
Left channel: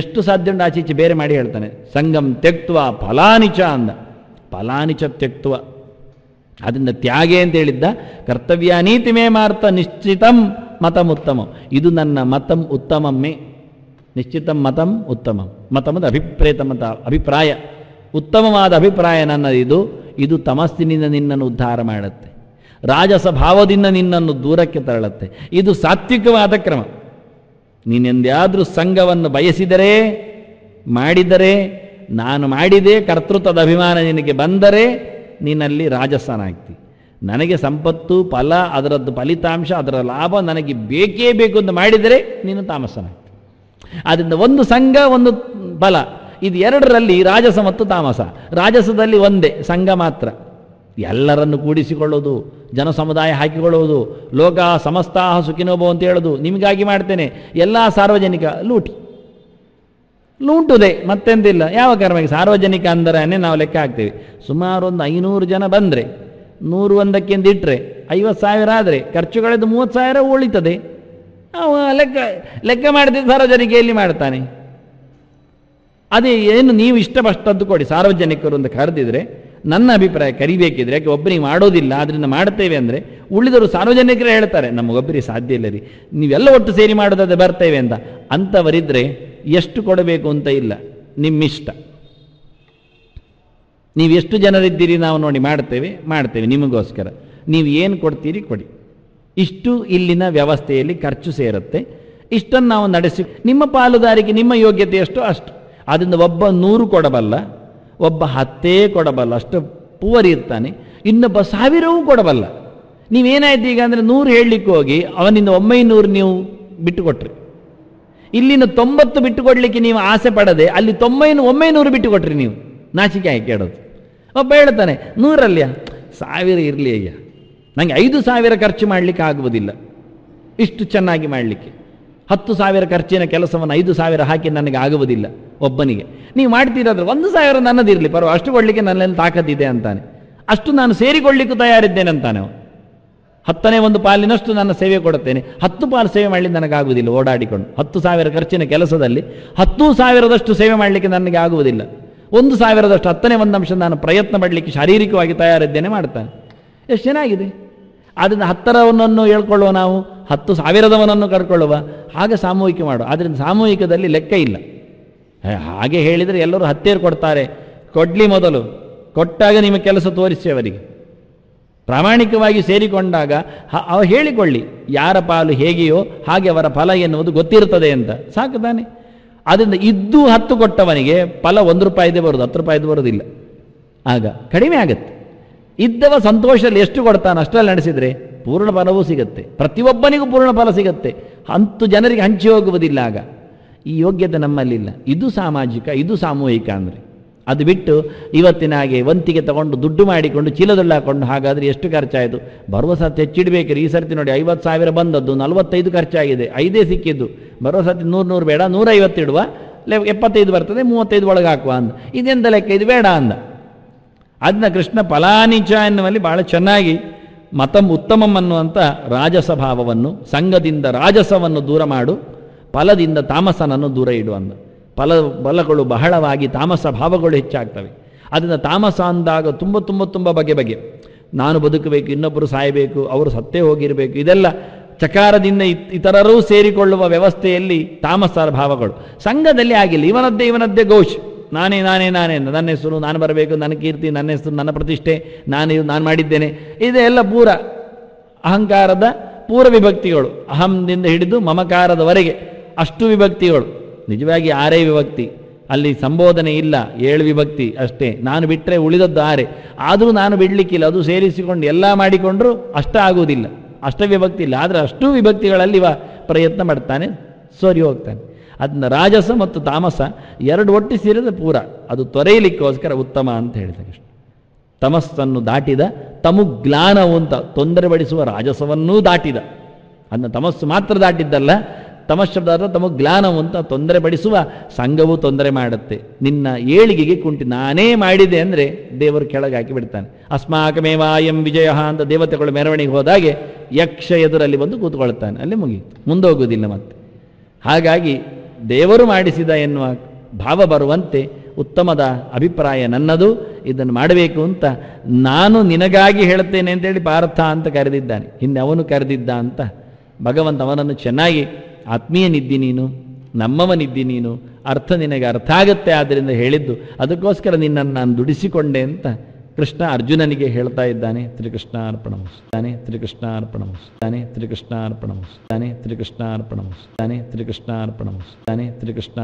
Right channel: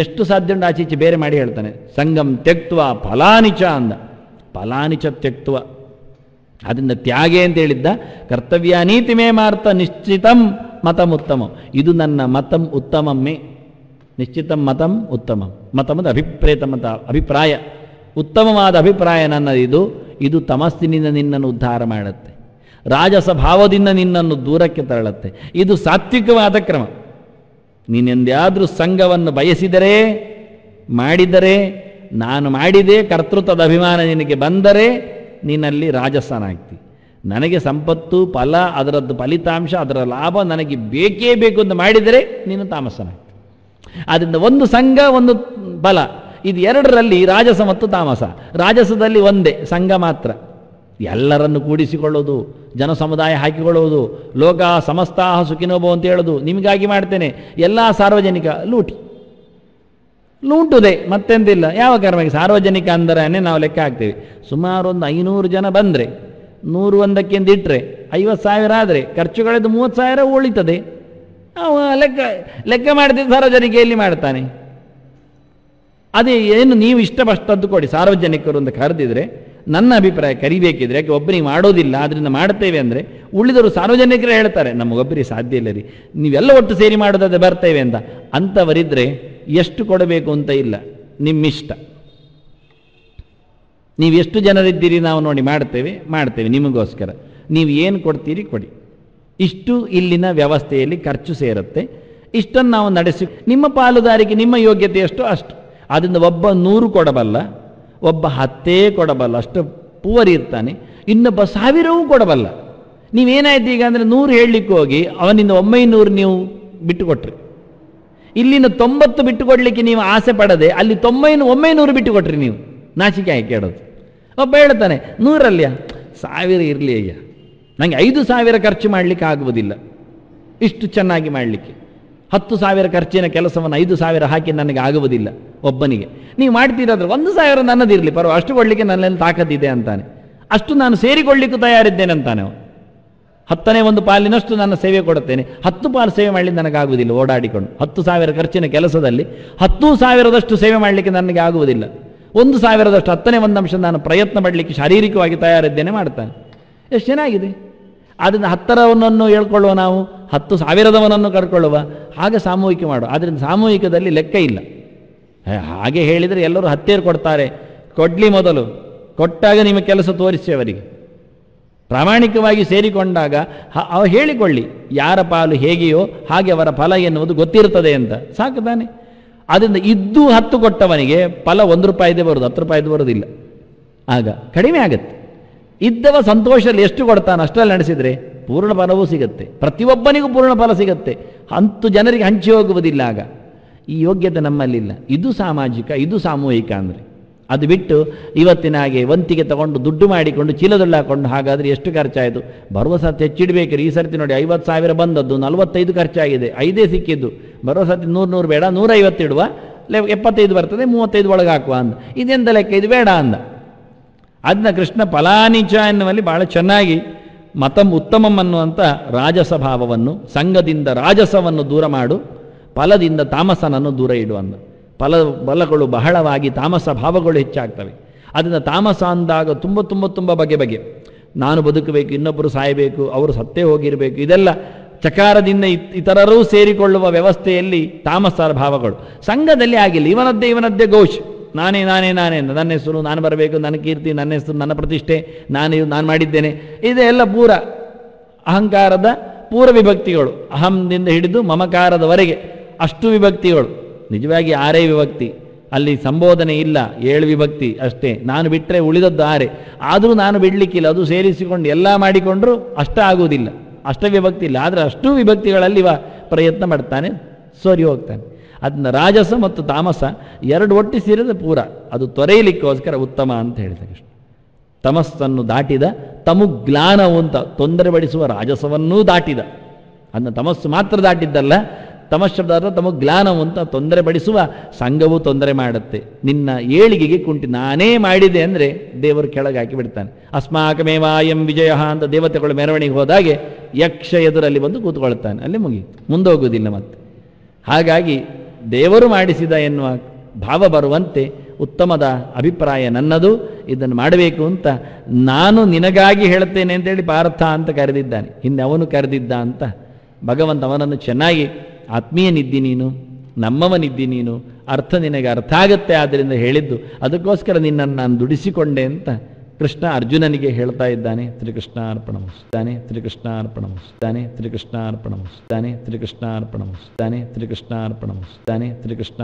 ಎಷ್ಟು ಸಾಧ್ಯ ಉಂಟು ಆಚೀಚೆ ಬೇರೆ ಮಾಡಿ ಹೇಳ್ತಾನೆ. ಸಂಗಂ ತ್ಯಕ್ತ್ವ ಫಲಾನಿಚ ಅಂದ. ಫಲಾನಿಚ ತ್ಯಕ್ತ್ವ, ಅದರಿಂದ ತ್ಯಾಗೆ ಅಂತ ಹೇಳಿದ್ದ. ಕರ್ತವ್ಯ ನೀತಿ ಮೇ ಮಾರ್ಥ ನಿಶ್ಚಿತಂ ಮತಂ ಉತ್ತಮ. ಇದು ನನ್ನ ಮತಂ ಉತ್ತಮಮ್ಮೆ. ನಿಶ್ಚಿತಂ ಮತಂ ಉತ್ತಮ. ಮತಮದ ಅಭಿಪ್ರೇತ ಮತ, ಅಭಿಪ್ರಾಯ, ಉತ್ತಮವಾದ ಅಭಿಪ್ರಾಯ ನನ್ನದು. ಇದು ತಮಸ್ಸಿನಿಂದ ನಿನ್ನನ್ನು ಉದ್ಧಾರ ಮಾಡುತ್ತೆ, ರಾಜಸ ಭಾವದಿಂದ ನಿನ್ನನ್ನು ದೂರಕ್ಕೆ ತರಳುತ್ತೆ. ಇದು ಸಾತ್ವಿಕವಾದ ಕ್ರಮ. ನೀನೆಂದ್ಯಾದ್ರೂ ಸಂಘವನ್ನು ಬಯಸಿದರೆ, ಮಾಡಿದರೆ, ನಾನು ಮಾಡಿದೆ ಕರ್ತೃತ್ವದ ಅಭಿಮಾನ ನಿನಗೆ ಬಂದರೆ ನೀನಲ್ಲಿ ರಾಜಸನಾಗ್ತಿ. ನನಗೆ ಸಂಪತ್ತು, ಫಲ, ಅದರದ್ದು ಫಲಿತಾಂಶ, ಅದರ ಲಾಭ ನನಗೆ ಬೇಕೇ ಬೇಕು ಅಂತ ಮಾಡಿದರೆ ನೀನು ತಾಮಸನಾಗ್ತಿ. ಆದ್ದರಿಂದ ಒಂದು ಸಂಘ, ಒಂದು ಫಲ, ಇದು ಎರಡರಲ್ಲಿ ರಾಜಸ ಮತ್ತು ತಾಮಸ. ರಾಜಸದಲ್ಲಿ ಒಂದೇ ಸಂಘ ಮಾತ್ರ. ಎಲ್ಲರನ್ನು ಕೂಡಿಸಿಕೊಳ್ಳೋದು, ಜನ ಸಮುದಾಯ ಹಾಕಿಕೊಳ್ಳುವುದು, ಲೋಕ ಸಮಸ್ತಾಹ ಸುಖಿನೋಭವ ಅಂತ ಹೇಳೋದು, ನಿಮಗಾಗಿ ಮಾಡ್ತೇನೆ, ಎಲ್ಲ ಸಾರ್ವಜನಿಕ ಲೂಟುದೆ, ಮತ್ತೆಂದಿಲ್ಲ. ಯಾವ ಕಾರಣವಾಗಿ ಸಾರ್ವಜನಿಕ ಅಂದರೆ ನಾವು ಲೆಕ್ಕ ಹಾಕ್ತೇವೆ. ಸುಮಾರು ಒಂದು 500 ಜನ ಬಂದ್ರೆ 101 ಇಟ್ರೆ 50,000 ಆದರೆ ಖರ್ಚುಗಳದ್ದು 30,000 ಉಳಿತದೆ. ಅವ ಲೆಕ್ಕ ಮಾಡ್ತೀನಿ ಸಾರ್ವಜನಿಕೆಯಲ್ಲಿ ಮಾಡ್ತಾನೆ. ಅದೇ ಏನು ನೀವು ಇಷ್ಟಪಟ್ಟದ್ದು ಕೊಡಿ. ಸಾರ್ವಜನಿಕರು ಅಂತ ಕರೆದಿದ್ರೆ ನನ್ನ ಅಭಿಪ್ರಾಯ ಕರಿಬೇಕಿದ್ರೆ, ಯಾಕೆ ಒಬ್ಬರಿಗೆ ಮಾಡೋದಿಲ್ಲ ಅದರಿಂದ ಮಾಡ್ತೇವೆ ಅಂದ್ರೆ ಉಳಿದವರು ಸಾರ್ವಜನಿಕರೇ ಹೇಳ್ತಾರೆ ನಮಗೊಬ್ಬರಿಗೆ ಸಾಧ್ಯ ಇಲ್ಲ, ನೀವೆಲ್ಲ ಒಟ್ಟು ಸೇರಿ ಮಾಡೋದಾದ್ರೆ ಬರ್ತೇವೆ ಅಂತ. ಅಂತವರಿದ್ರೆ ಎಷ್ಟು ಕೊಡಬೇಕು ಅಂತ ಇಲ್ಲ, ನಿಮ್ಮಿಷ್ಟ. ನೀವೆಷ್ಟು ಜನರಿದ್ದೀರಿ ನಾವು ನೋಡಿ ಮಾಡ್ತೇವೆ ನಿಮಗೋಸ್ಕರ. ನೀವು ಏನು ಕೊಡ್ತೀರಿ ಕೊಡಿ. ಇಷ್ಟು ಇಲ್ಲಿನ ವ್ಯವಸ್ಥೆಯಲ್ಲಿ ಖರ್ಚು ಸೇರುತ್ತೆ. ಇಷ್ಟನ್ನು ನಾವು ನಡೆಸಿ ನಿಮ್ಮ ಪಾಲುದಾರಿಕೆ ನಿಮ್ಮ ಯೋಗ್ಯತೆ ಎಷ್ಟು ಅಷ್ಟು. ಅದರಿಂದ ಒಬ್ಬ 100 ಕೊಡಬಲ್ಲ, ಒಬ್ಬ 10 ಕೊಡಬಲ್ಲ, ಅಷ್ಟು ಪೂವರ್ ಇರ್ತಾನೆ. ಇನ್ನೊಬ್ಬ 1000 ಕೊಡಬಲ್ಲ. ನೀವೇನಾಯ್ತು ಈಗ ಅಂದ್ರೆ 100 ಹೇಳಲಿಕ್ಕೆ ಹೋಗಿ ಅವನಿಂದ 900 ನೀವು ಬಿಟ್ಟುಕೊಟ್ರಿ. ಇಲ್ಲಿನ 90 ಬಿಟ್ಟುಕೊಡ್ಲಿಕ್ಕೆ ನೀವು ಆಸೆ ಪಡದೆ ಅಲ್ಲಿ 900 ಬಿಟ್ಟುಕೊಟ್ರಿ. ನೀವು ನಾಚಿಕೆ ಆಗಿ ಕೇಳೋದು. ಒಬ್ಬ ಹೇಳ್ತಾನೆ 100 1000 ಇರ್ಲಿ ಅಯ್ಯ, ನಂಗೆ 5,000 ಖರ್ಚು ಮಾಡ್ಲಿಕ್ಕೆ ಆಗುವುದಿಲ್ಲ ಇಷ್ಟು ಚೆನ್ನಾಗಿ ಮಾಡ್ಲಿಕ್ಕೆ. 10,000 ಖರ್ಚಿನ ಕೆಲಸವನ್ನು 5,000 ಹಾಕಿ ನನಗೆ ಆಗುವುದಿಲ್ಲ ಒಬ್ಬನಿಗೆ. ನೀವು ಮಾಡ್ತೀರಾದ್ರೆ 1,000 ನನ್ನದಿರ್ಲಿ ಬರುವ, ಅಷ್ಟು ಕೊಡ್ಲಿಕ್ಕೆ ನನ್ನಲ್ಲಿ ತಾಕತ್ತಿದೆ ಅಂತಾನೆ. ಅಷ್ಟು ನಾನು ಸೇರಿಕೊಳ್ಳಿಕ್ಕೂ ತಯಾರಿದ್ದೇನೆ ಅಂತಾನೆ ಅವನು. 10ನೇ ಒಂದು ಪಾಲಿನಷ್ಟು ನಾನು ಸೇವೆ ಕೊಡುತ್ತೇನೆ, 10 ಪಾಲು ಸೇವೆ ಮಾಡಲಿಕ್ಕೆ ನನಗಾಗುವುದಿಲ್ಲ ಓಡಾಡಿಕೊಂಡು. 10,000 ಖರ್ಚಿನ ಕೆಲಸದಲ್ಲಿ 10,000ದಷ್ಟು ಸೇವೆ ಮಾಡಲಿಕ್ಕೆ ನನಗೆ ಆಗುವುದಿಲ್ಲ. 1,000ದಷ್ಟು 10ನೇ ಒಂದು ಅಂಶ ನಾನು ಪ್ರಯತ್ನ ಮಾಡಲಿಕ್ಕೆ ಶಾರೀರಿಕವಾಗಿ ತಯಾರಿದ್ದೇನೆ ಮಾಡ್ತಾನೆ. ಎಷ್ಟು ಚೆನ್ನಾಗಿದೆ. ಅದರಿಂದ 10ರವನನ್ನು ಹೇಳ್ಕೊಳ್ಳುವ ನಾವು, 10,000ದವನನ್ನು ಕರ್ಕೊಳ್ಳುವ, ಹಾಗೆ ಸಾಮೂಹಿಕ ಮಾಡುವ. ಅದರಿಂದ ಸಾಮೂಹಿಕದಲ್ಲಿ ಲೆಕ್ಕ ಇಲ್ಲ. ಹಾಗೆ ಹೇಳಿದರೆ ಎಲ್ಲರೂ 10 ಕೊಡ್ತಾರೆ. ಕೊಡ್ಲಿ, ಮೊದಲು ಕೊಟ್ಟಾಗ ನಿಮ್ಮ ಕೆಲಸ ತೋರಿಸಿ ಅವರಿಗೆ. ಪ್ರಾಮಾಣಿಕವಾಗಿ ಸೇರಿಕೊಂಡಾಗ ಅವ ಹೇಳಿಕೊಳ್ಳಿ ಯಾರ ಪಾಲು ಹೇಗೆಯೋ ಹಾಗೆ ಅವರ ಫಲ ಎನ್ನುವುದು ಗೊತ್ತಿರುತ್ತದೆ ಅಂತ ಸಾಕು ತಾನೆ. ಅದರಿಂದ ಇದ್ದು 10 ಕೊಟ್ಟವನಿಗೆ ಫಲ 1 ರೂಪಾಯಿದೇ ಬರುದು, 10 ರೂಪಾಯಿದು ಬರುವುದಿಲ್ಲ. ಆಗ ಕಡಿಮೆ ಆಗತ್ತೆ. ಇದ್ದವ ಸಂತೋಷದಲ್ಲಿ ಎಷ್ಟು ಕೊಡ್ತಾನೆ ಅಷ್ಟರಲ್ಲಿ ನಡೆಸಿದ್ರೆ ಪೂರ್ಣ ಫಲವೂ ಸಿಗುತ್ತೆ, ಪ್ರತಿಯೊಬ್ಬನಿಗೂ ಪೂರ್ಣ ಫಲ ಸಿಗುತ್ತೆ. 10 ಜನರಿಗೆ ಹಂಚಿ ಹೋಗುವುದಿಲ್ಲ. ಆಗ ಈ ಯೋಗ್ಯತೆ ನಮ್ಮಲ್ಲಿಲ್ಲ. ಇದು ಸಾಮಾಜಿಕ, ಇದು ಸಾಮೂಹಿಕ ಅಂದರೆ. ಅದು ಬಿಟ್ಟು ಇವತ್ತಿನ ಹಾಗೆ ವಂತಿಗೆ ತಗೊಂಡು ದುಡ್ಡು ಮಾಡಿಕೊಂಡು ಚೀಲದಲ್ಲಿ ಹಾಕೊಂಡು ಹಾಗಾದ್ರೆ ಎಷ್ಟು ಖರ್ಚಾಯಿತು. ಬರುವ ಸರ್ತಿ ಹೆಚ್ಚಿಡ್ಬೇಕು. ಈ ಸರ್ತಿ ನೋಡಿ 50,000 ಬಂದದ್ದು 45 ಖರ್ಚಾಗಿದೆ, 5 ಸಿಕ್ಕಿದ್ದು. ಬರುವ ಸರ್ತಿ 100 ಬೇಡ 150 ಇಡುವ, 75 ಬರ್ತದೆ 35 ಒಳಗೆ ಹಾಕುವ ಅಂದ. ಇದೆಂತ ಲೆಕ್ಕ, ಇದು ಬೇಡ ಅಂದ. ಅದನ್ನ ಕೃಷ್ಣ ಫಲಾನಿಚ ಎನ್ನುವಲ್ಲಿ ಬಹಳ ಚೆನ್ನಾಗಿ ಮತಂ ಉತ್ತಮಂ ಅನ್ನುವಂಥ ರಾಜಸ ಭಾವವನ್ನು, ಸಂಘದಿಂದ ರಾಜಸವನ್ನು ದೂರ ಮಾಡು, ಫಲದಿಂದ ತಾಮಸನನ್ನು ದೂರ ಇಡು ಅಂದ. ಫಲಗಳು ಬಹಳವಾಗಿ ತಾಮಸ ಭಾವಗಳು ಹೆಚ್ಚಾಗ್ತವೆ. ಅದರಿಂದ ತಾಮಸ ಅಂದಾಗ ತುಂಬ ಬಗೆ ನಾನು ಬದುಕಬೇಕು, ಇನ್ನೊಬ್ಬರು ಸಾಯಬೇಕು, ಅವರು ಸತ್ತೇ ಹೋಗಿರಬೇಕು, ಇದೆಲ್ಲ ಚಕಾರದಿಂದ ಇತರರೂ ಸೇರಿಕೊಳ್ಳುವ ವ್ಯವಸ್ಥೆಯಲ್ಲಿ ತಾಮಸ ಭಾವಗಳು. ಸಂಘದಲ್ಲಿ ಆಗಿಲ್ಲ, ಇವನದ್ದೇ ಘೋಷ್, ನಾನೇ ನನ್ನ ಹೆಸರು, ನಾನು ಬರಬೇಕು, ನನ್ನ ಕೀರ್ತಿ, ನನ್ನ ಹೆಸರು, ನನ್ನ ಪ್ರತಿಷ್ಠೆ, ನಾನು ಮಾಡಿದ್ದೇನೆ. ಇದೆಲ್ಲ ಪೂರ ಅಹಂಕಾರದ ಪೂರ ವಿಭಕ್ತಿಗಳು. ಅಹಂದಿಂದ ಹಿಡಿದು ಮಮಕಾರದವರೆಗೆ ಅಷ್ಟು ವಿಭಕ್ತಿಗಳು. ನಿಜವಾಗಿ 6 ವಿಭಕ್ತಿ, ಅಲ್ಲಿ ಸಂಬೋಧನೆ ಇಲ್ಲ, 7 ವಿಭಕ್ತಿ ಅಷ್ಟೇ. ನಾನು ಬಿಟ್ಟರೆ ಉಳಿದದ್ದು 6. ಆದರೂ ನಾನು ಬಿಡ್ಲಿಕ್ಕಿಲ್ಲ, ಅದು ಸೇರಿಸಿಕೊಂಡು ಎಲ್ಲ ಮಾಡಿಕೊಂಡ್ರು ಅಷ್ಟ ಆಗುವುದಿಲ್ಲ, ಅಷ್ಟ ವಿಭಕ್ತಿ ಇಲ್ಲ. ಆದರೆ ಅಷ್ಟು ವಿಭಕ್ತಿಗಳಲ್ಲಿ ಪ್ರಯತ್ನ ಮಾಡ್ತಾನೆ, ಸರಿ ಹೋಗ್ತಾನೆ. ಅದನ್ನ ರಾಜಸ ಮತ್ತು ತಾಮಸ 2 ಒಟ್ಟು ಸೇರಿದ ಪೂರ, ಅದು ತೊರೆಯಲಿಕ್ಕೋಸ್ಕರ ಉತ್ತಮ ಅಂತ ಹೇಳ್ತಾರೆ. ತಮಸ್ಸನ್ನು ದಾಟಿದ ತಮುಗ್ಲಾನವು ಅಂತ ತೊಂದರೆಪಡಿಸುವ ರಾಜಸವನ್ನೂ ದಾಟಿದ. ಅದನ್ನ ತಮಸ್ಸು ಮಾತ್ರ ದಾಟಿದ್ದಲ್ಲ, ತಮಸ್ಸದಾದ ತಮುಗ್ಲಾನವು ಅಂತ ತೊಂದರೆಪಡಿಸುವ ಸಂಘವು ತೊಂದರೆ ಮಾಡುತ್ತೆ. ನಿನ್ನ ಏಳಿಗೆಗೆ ಕುಂಟಿ ನಾನೇ ಮಾಡಿದೆ ಅಂದ್ರೆ ದೇವರು ಕೆಳಗೆ ಹಾಕಿ ಬಿಡ್ತಾನೆ. ಅಸ್ಮಾಕಮೇವಾಯಂ ವಿಜಯ ಅಂತ ದೇವತೆಗಳು ಮೆರವಣಿಗೆ ಹೋದಾಗೆ ಯಕ್ಷ ಎದುರಲ್ಲಿ ಬಂದು ಕೂತ್ಕೊಳ್ತಾನೆ, ಅಲ್ಲೇ ಮುಗಿ ಮುಂದೆ ಹೋಗುವುದಿಲ್ಲ ಮತ್ತೆ. ಹಾಗಾಗಿ ದೇವರು ಮಾಡಿಸಿದ ಎನ್ನುವ ಭಾವ ಬರುವಂತೆ ಉತ್ತಮದ ಅಭಿಪ್ರಾಯ ನನ್ನದು, ಇದನ್ನು ಮಾಡಬೇಕು ಅಂತ ನಾನು ನಿನಗಾಗಿ ಹೇಳುತ್ತೇನೆ ಅಂತೇಳಿ ಪಾರ್ಥ ಅಂತ ಕರೆದಿದ್ದಾನೆ. ಇನ್ನು ಅವನು ಕರೆದಿದ್ದ ಅಂತ ಭಗವಂತ ಅವನನ್ನು ಚೆನ್ನಾಗಿ ಆತ್ಮೀಯನಿದ್ದಿ ನೀನು, ನಮ್ಮವನಿದ್ದಿ ನೀನು, ಅರ್ಥ ನಿನಗೆ ಅರ್ಥ ಆಗುತ್ತೆ ಆದ್ದರಿಂದ ಹೇಳಿದ್ದು, ಅದಕ್ಕೋಸ್ಕರ ನಿನ್ನನ್ನು ನಾನು ದುಡಿಸಿಕೊಂಡೆ ಅಂತ ಕೃಷ್ಣ ಅರ್ಜುನನಿಗೆ ಹೇಳ್ತಾ ಇದ್ದಾನೆ. ಶ್ರೀಕೃಷ್ಣಾರ್ಪಣಮಸ್ತು, ಶ್ರೀಕೃಷ್ಣಾರ್ಪಣಮಸ್ತು, ಶ್ರೀಕೃಷ್ಣಾರ್ಪಣಮಸ್ತು, ಶ್ರೀಕೃಷ್ಣಾರ್ಪಣಮಸ್ತು, ಶ್ರೀಕೃಷ್ಣ